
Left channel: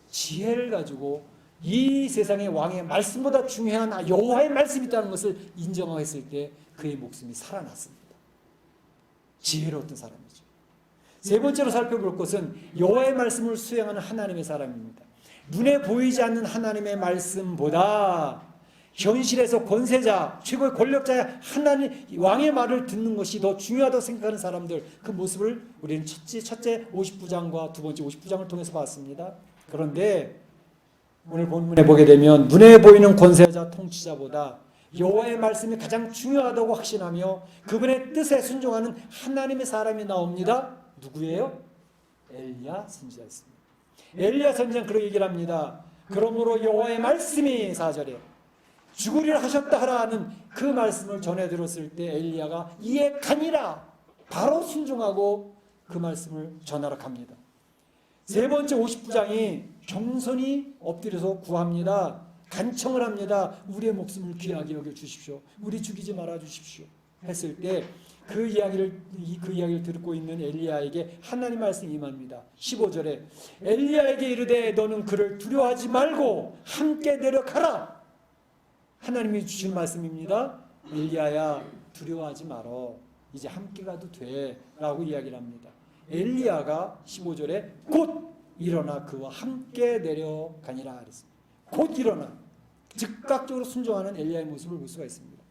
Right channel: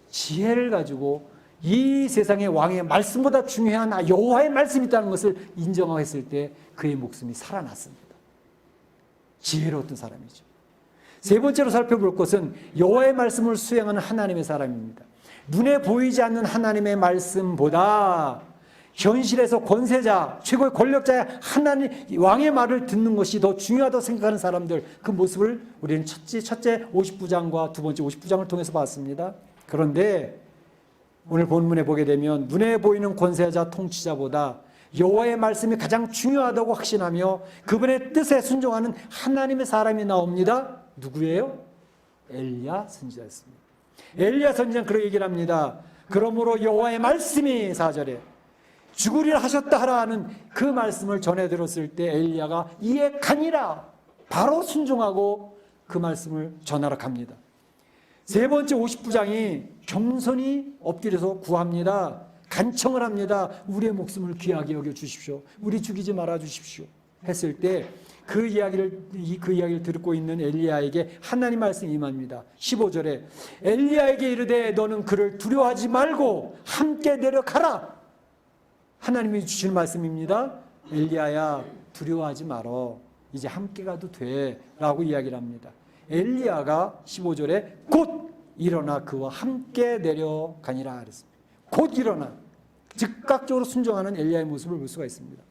지혜를 가지고 이 세상의 왕의 말씀보다 중요한 여호와의 말씀이 있다는 것을 인정했을 때 그의 목숨이 살아났습니다. 지혜로웠던 사람이죠. 세 번째로 살펴볼 것은 여호와의 말씀을 수행하는 하나님의 사람입니다. 눈에 보이지 않는 하나님의 말씀보다 현실에서 권세자, 최고의 권력자의 하나님 왕의 말을 듣는 것이 더 중요하다고 생각하는 사람들, 그 모습을 우리는 첫째 50부장과 두 번째 50부장을 통해서 봤습니다. 그런데 오늘 본문에 보게 되면 눈에 보이는 권세자 통치자보다 여호와의 말씀이 가장 중요하다고 확신하며 그분의 뜻에 순종하는 하나님의 사람이 나옵니다. 누구예요? 엘리야 선지자였습니다. 엘리야 선지자는 그렇게 얘기를 합니다. 그러므로 여호와의 말씀이 4절에 죽으리라 하셨다 하라 하는 그 말씀을 전해 들었을 때 엘리야가 이에 가니라 바로 순종하고 그 말씀을 전하러 갑니다. 세 번째 50부장이 경선히 엎드려서 구합니다. 간청을 합니다. 우리의 목숨을 귀하게 여겨 주십시오. 우리 죽이지 말아 주십시오. 했을 때 그 이야기를 듣고 있는 엘리야에게 하나님 말씀이 임합니다. 15절에 엘리야에게 이르되 너는 그를 두려워하지 말고 함께 내려가라. 하나님이 주신 말씀입니다. 엘리야야 두려워하지 말어. 이제 함께 가도 돼. 라고 이야기를 합니다. 엘리야가 15절에 곧 일어나 그와 함께 내려가니라 그랬습니다. 곧 일어나 즉각적으로 순종하는 엘리야의 모습을 볼 수가 있습니다.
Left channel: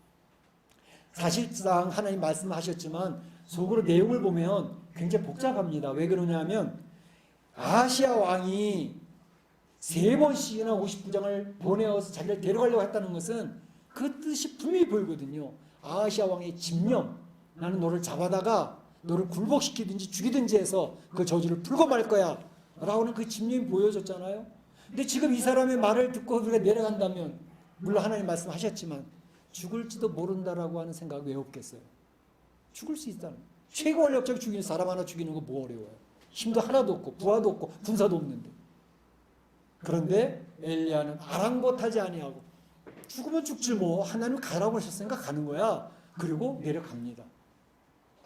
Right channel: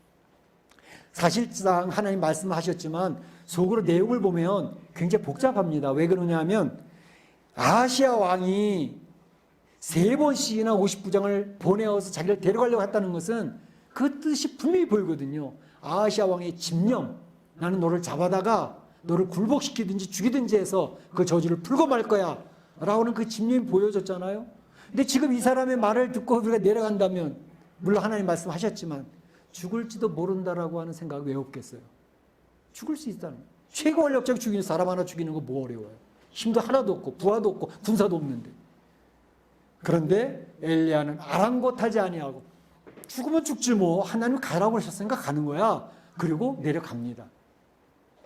사실상 하나님 말씀하셨지만 속으로 내용을 보면 굉장히 복잡합니다. 왜 그러냐 하면 아하시아 왕이 3번씩이나 50부장을 보내어서 자기를 데려가려고 했다는 것은 그 뜻이 분명히 보이거든요. 아하시아 왕의 집념, 나는 너를 잡아다가 너를 굴복시키든지 죽이든지 해서 그 저주를 풀고 말 거야 라고는 그 집념이 보여졌잖아요. 근데 지금 이 사람의 말을 듣고 우리가 내려간다면 물론 하나님 말씀하셨지만 죽을지도 모른다라고 하는 생각이 왜 없겠어요? 죽을 수 있다는 거예요. 최고 권력자가 죽이는 사람 하나 죽이는 거 뭐 어려워요? 힘도 하나도 없고 부하도 없고 군사도 없는데. 그런데 엘리야는 아랑곳하지 아니하고 죽으면 죽지 뭐 하나님 가라고 하셨으니까 가는 거야. 그리고 내려갑니다.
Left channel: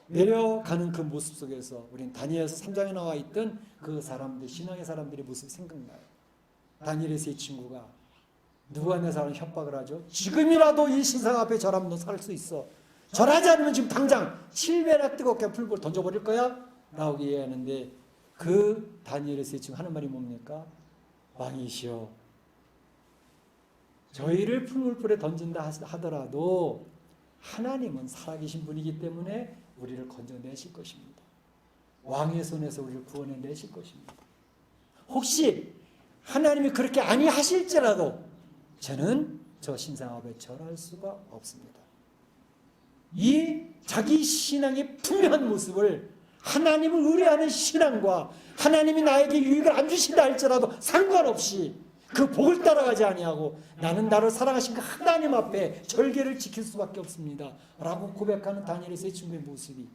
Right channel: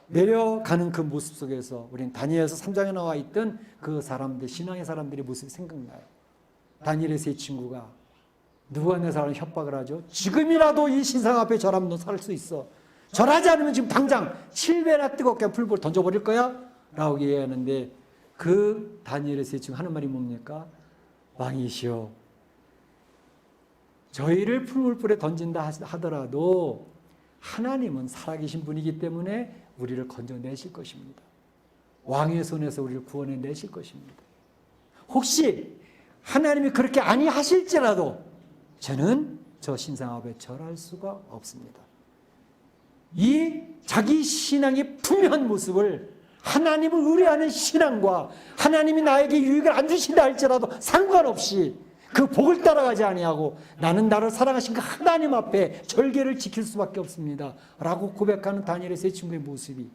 내려가는 그 모습 속에서 우리는 다니엘서 3장에 나와 있던 그 사람들, 신앙의 사람들의 모습이 생각나요. 다니엘의 세 친구가 누가 내 사람을 협박을 하죠? 지금이라도 이 신상 앞에 절하면 너 살 수 있어. 절하지 않으면 지금 당장 7배나 뜨겁게 풀불 던져버릴 거야? 라고 얘기하는데 그 다니엘의 세 친구 하는 말이 뭡니까? 왕이시여 저희를 풀물불에 던진다 하더라도 하나님은 살아계신 분이기 때문에 우리를 건져내실 것입니다. 왕의 손에서 우리를 구원해내실 것입니다. 혹시 하나님이 그렇게 아니하실지라도 저는 저 신상 앞에 절할 수가 없습니다. 이 자기 신앙의 분명한 모습을 하나님을 의뢰하는 신앙과 하나님이 나에게 유익을 안 주신다 할지라도 상관없이 그 복을 따라가지 아니하고 나는 나를 사랑하신 그 하나님 앞에 절개를 지킬 수밖에 없습니다. 라고 고백하는 다니엘의 세 친구의 모습이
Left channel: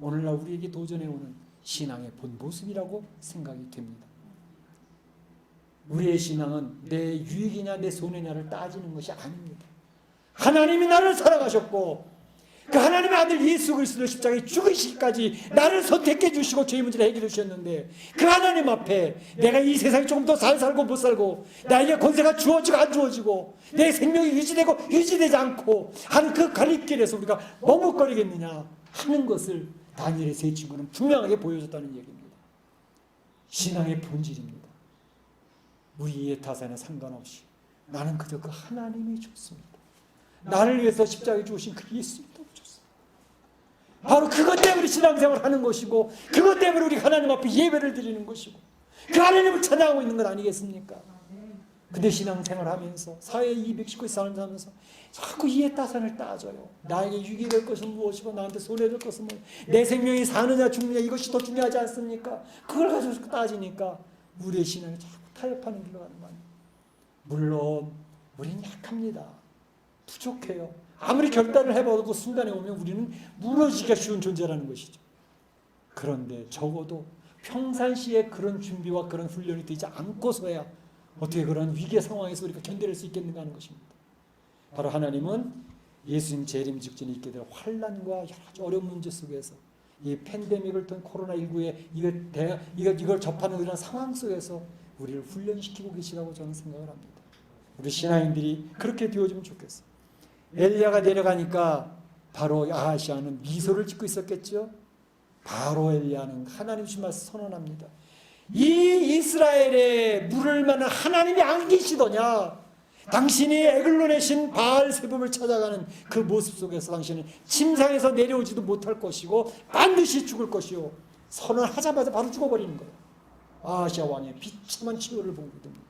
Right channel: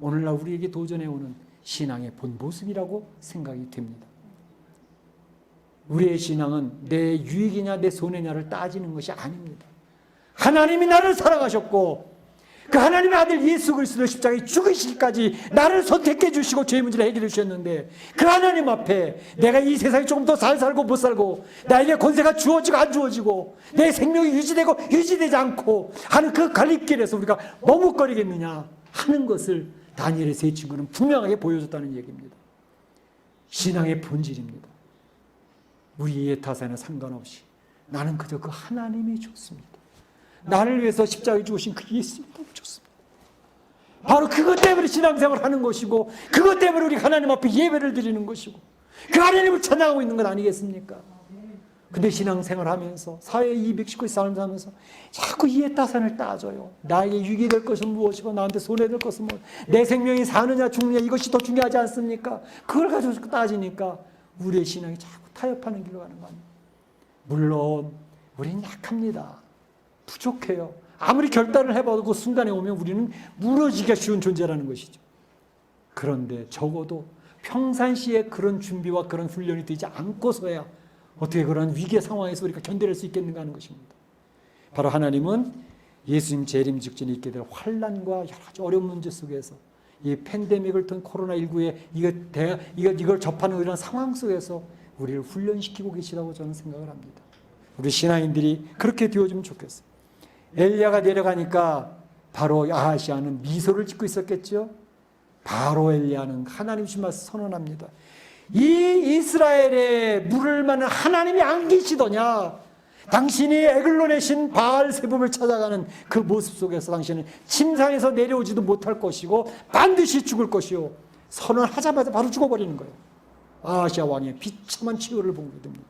오늘날 우리에게 도전해오는 신앙의 본 모습이라고 생각이 됩니다. 우리의 신앙은 내 유익이냐 내 손해냐를 따지는 것이 아닙니다. 하나님이 나를 사랑하셨고 그 하나님의 아들 예수 그리스도 십자가에 죽으시기까지 나를 선택해 주시고 죄의 문제를 해결해 주셨는데 그 하나님 앞에 내가 이 세상에 조금 더 잘 살고 못 살고 나에게 권세가 주어지고 안 주어지고 내 생명이 유지되고 유지되지 않고 하는 그 갈림길에서 우리가 머뭇거리겠느냐 하는 것을 다니엘의 세 친구는 분명하게 보여줬다는 얘기입니다. 신앙의 본질입니다. 우리의 타산에 상관없이 나는 그저 그 하나님이 좋습니다. 나를 위해서 십자가에 죽으신 그 예수님이 너무 좋습니다. 바로 그것 때문에 신앙생활을 하는 것이고 그것 때문에 우리 하나님 앞에 예배를 드리는 것이고 그 하나님을 찬양하고 있는 것 아니겠습니까? 근데 신앙생활 하면서 사회 219 삶을 하면서 자꾸 이해 따산을 따져요. 나에게 유익이 될 것은 무엇이고 나한테 손해될 것은 무엇이고 내 생명이 사느냐 죽느냐 이것이 더 중요하지 않습니까? 그걸 가지고 따지니까 우리의 신앙이 자꾸 타협하는 길로 가는 겁니다. 물론 우리는 약합니다. 부족해요. 아무리 결단을 해봐도 그 순간에 오면 우리는 무너지기가 쉬운 존재라는 것이죠. 그런데 적어도 평상시에 그런 준비와 그런 훈련이 되지 않고서야 어떻게 그런 위기의 상황에서 우리가 견뎌낼 수 있겠는가 하는 것입니다. 바로 하나님은 예수님 재림 직전에 있게 될 환난과 여러 가지 어려운 문제 속에서 이 팬데믹을 통 코로나19에 이걸 접하는 이런 상황 속에서 우리를 훈련시키고 계시다고 저는 생각을 합니다. 우리 신앙인들이 그렇게 되어주면 좋겠어요. 엘리야가 내려가니까 바로 아하시아는 미소를 짓고 있었겠죠. 바로 엘리야는 하나님 주신 말씀 선언합니다. 이 이스라엘에 물을 만한 하나님이 안 계시더냐? 당신이 에글론의 신 바알세붑을 찾아가는 그 모습 속에서 당신은 침상에서 내려오지도 못할 것이고 반드시 죽을 것이요. 선언하자마자 바로 죽어버리는 거예요. 아하시아 왕의 비참한 치료를 보게 됩니다.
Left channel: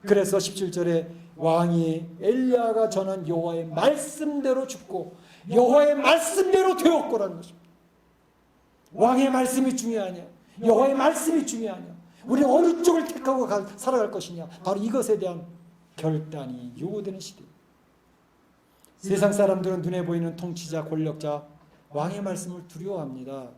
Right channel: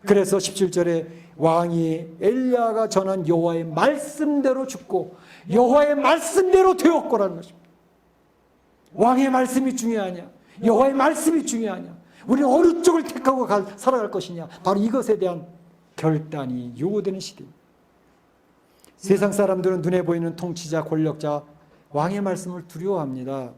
그래서 17절에 왕이 엘리야가 전한 여호와의 말씀대로 죽고 여호와의 말씀대로 되었고라는 것입니다. 왕의 말씀이 중요하냐? 여호와의 말씀이 중요하냐? 우리는 어느 쪽을 택하고 살아갈 것이냐? 바로 이것에 대한 결단이 요구되는 시대입니다. 세상 사람들은 눈에 보이는 통치자, 권력자, 왕의 말씀을 두려워합니다.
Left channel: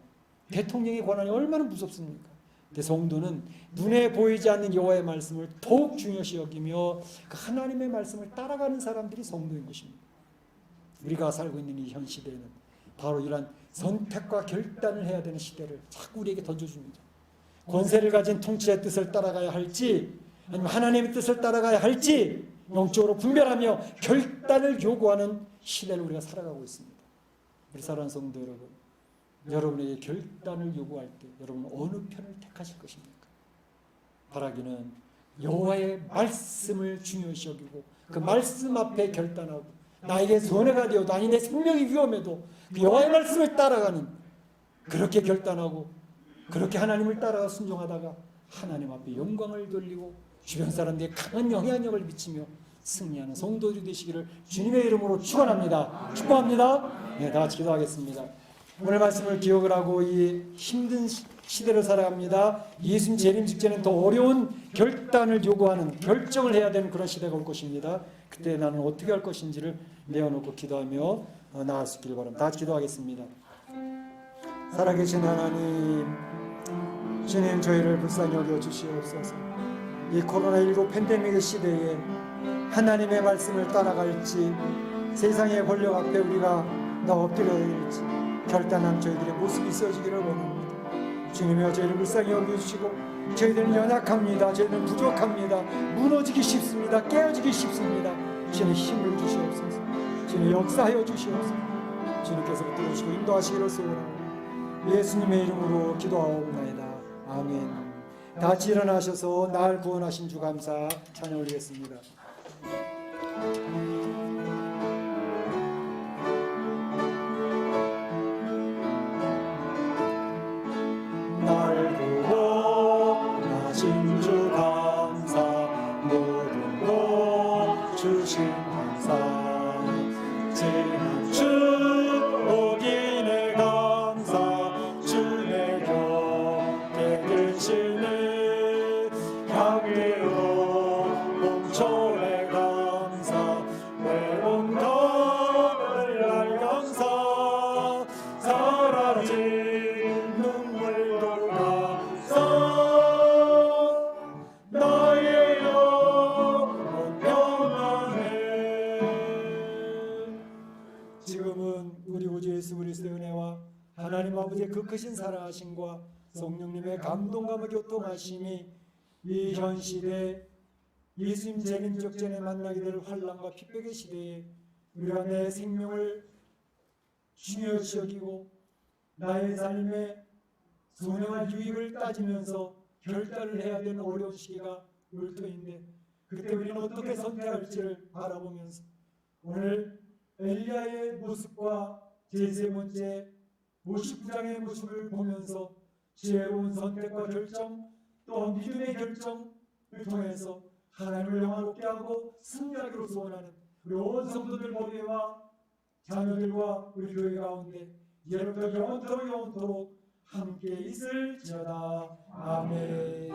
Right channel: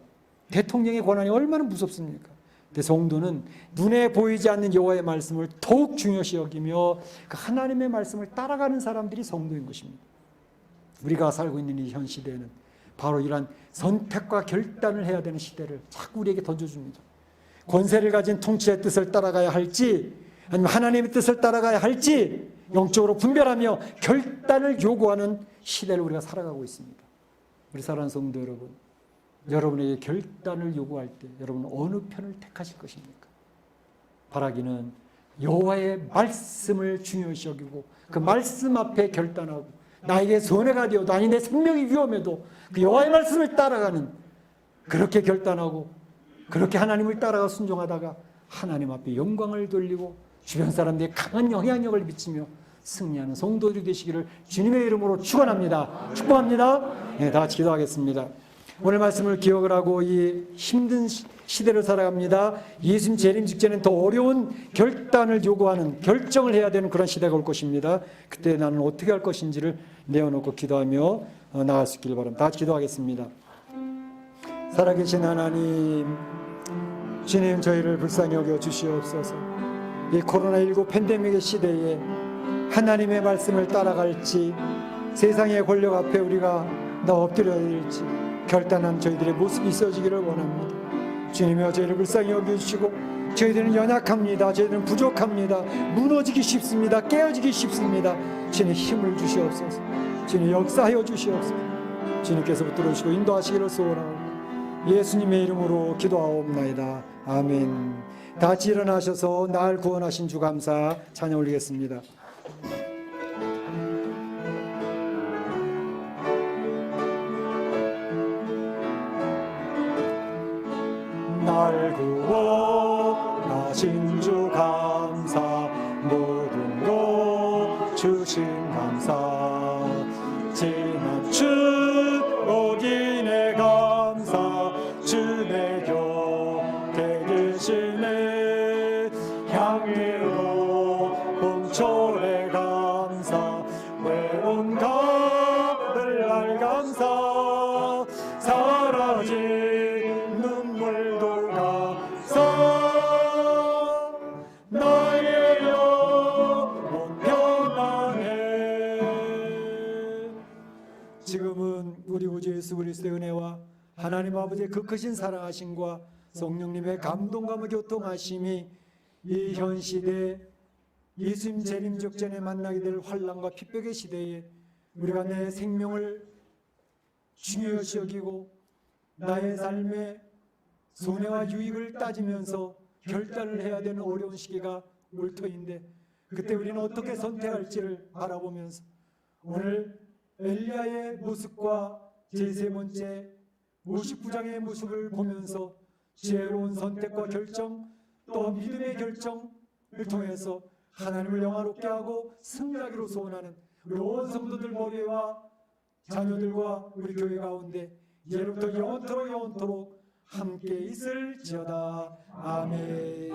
대통령의 권한이 얼마나 무섭습니까? 근데 성도는 눈에 보이지 않는 여호와의 말씀을 더욱 중요시 여기며 그 하나님의 말씀을 따라가는 사람들이 성도인 것입니다. 우리가 살고 있는 이 현 시대는 바로 이러한 선택과 결단을 해야 되는 시대를 자꾸 우리에게 던져줍니다. 권세를 가진 통치의 뜻을 따라가야 할지 아니면 하나님의 뜻을 따라가야 할지 영적으로 분별하며 결단을 요구하는 시대를 우리가 살아가고 있습니다. 우리 사랑하는 성도 여러분, 여러분에게 결단을 요구할 때 여러분은 어느 편을 택하실 것입니까? 바라기는 여호와의 말씀을 중요시 여기고 그 말씀 앞에 결단하고 나에게 손해가 되어도 아니 내 생명이 위험해도 그 여호와의 말씀을 따라가는 그렇게 결단하고 그렇게 하나님을 따라가 순종하다가 하나님 앞에 영광을 돌리고 주변 사람들에게 강한 영향력을 미치며 승리하는 성도들이 되시기를 주님의 이름으로 축원합니다. 축복합니다. 네, 다 같이 기도하겠습니다. 오늘 말씀을 기억을 하고 이 힘든 시대를 살아갑니다. 예수님 재림 직전에 더 어려운 결단을 요구하는 결정을 해야 되는 그런 시대가 올 것입니다. 그때 나는 어떻게 할 것인지를 내어놓고 기도하며 나갈 수 있기를 바랍니다. 다 같이 기도하겠습니다. 살아계신 하나님, 주님 저희를 불쌍히 여겨 주시옵소서. 이 코로나19 팬데믹의 시대에 하나님의 말씀을 따라갈지 세상의 권력 앞에 우리가 엎드려일지 결단한 저희들의 모습이 있어지기를 원합니다. 주님이여 저희를 불쌍히 여겨주시고 저희들은 연약합니다. 저희들은 부족합니다. 무너지기 쉽습니다. 깨어지기 쉽습니다. 주님 힘을 주시옵소서. 주님 역사하여 주시옵소서. 주님께서 붙들어주시고 인도하시기를 소원하고 예수님의 이름으로 기도하옵나이다. 아멘. 다 같이 일어나셔서 날 구원하신 주 감사 찬양 올리겠습니다. 날 구원하신 주 감사 모든 것 주신 감사 지난 축복이네 감사 주내 곁에 계시네 향기로운 봄철의 감사 내 온 가을 감사 사라진 눈물도 감사 나의 영혼 평안해. 지금은 우리 구주 예수 그리스도의 은혜와 하나님 아버지의 그 크신 사랑하심과 성령님의 감동감을 교통하심이 이 현 시대 예수님 재림 직전에 만나게 될 환난과 핍박의 시대에 우리가 내 생명을 중요시 여기고 나의 삶의 손해와 유익을 따지면서 결단을 해야 되는 어려운 시기가 올 터인데 그때 우리는 어떻게 선택할지를 바라보면서 오늘 엘리야의 모습과 제3 번째 59장의 모습을 보면서 지혜로운 선택과 결정 또 믿음의 결정을 통해서 하나님을 영화롭게 하고 승리하기로 소원하는 우리 온 성도들 머리와 자녀들과 우리 교회 가운데 예로부터 영원토록 함께 있을지어다. 아멘.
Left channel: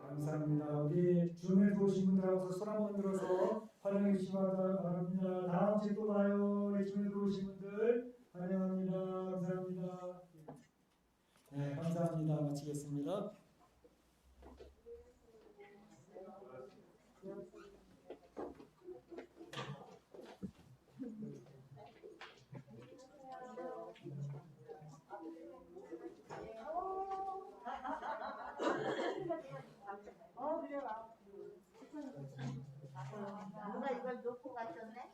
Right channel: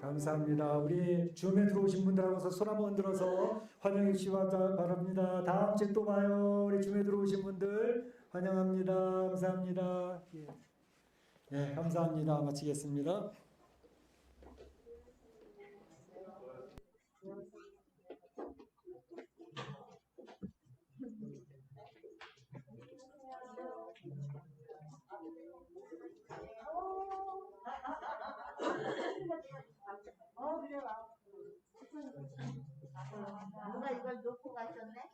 감사합니다. 우리 줌에 들어오신 분들하고서 손 한번 들어서 환영해 주시기 바랍니다. 다음 주에 또 봐요. 우리 줌에 들어오신 분들 환영합니다. 감사합니다. 네, 감사합니다. 마치겠습니다. 그래요. 누가 이걸 놓고 가셨네?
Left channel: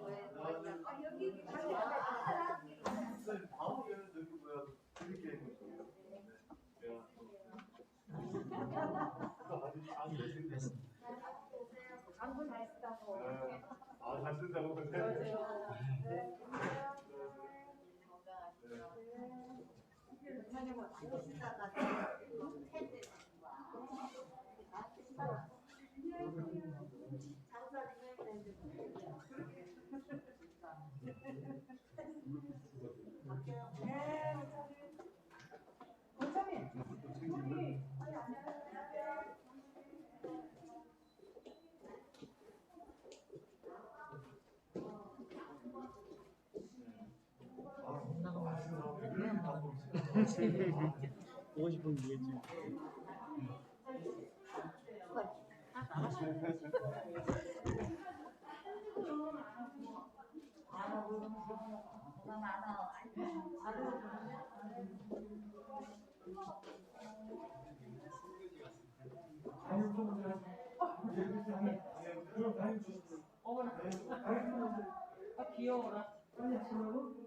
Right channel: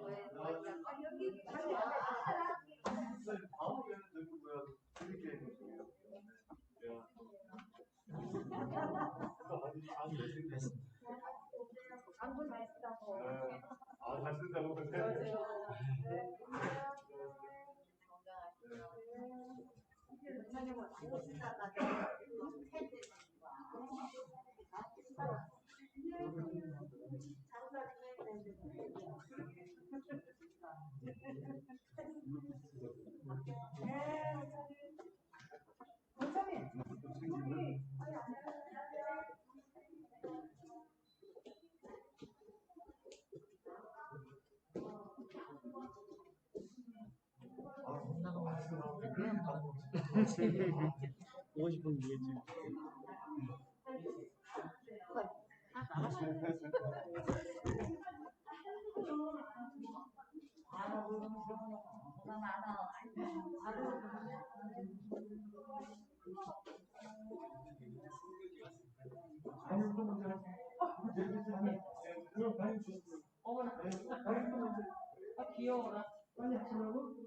여기 다음에는 저기 뭐야 그렇게 있는 거예요. 안 되신데. 안부 잘 쓰다고. 잘 쓴다고 근데. 보고 싶은 게지. 뭐가 많아. 귀여워라. 빨리 하시라고?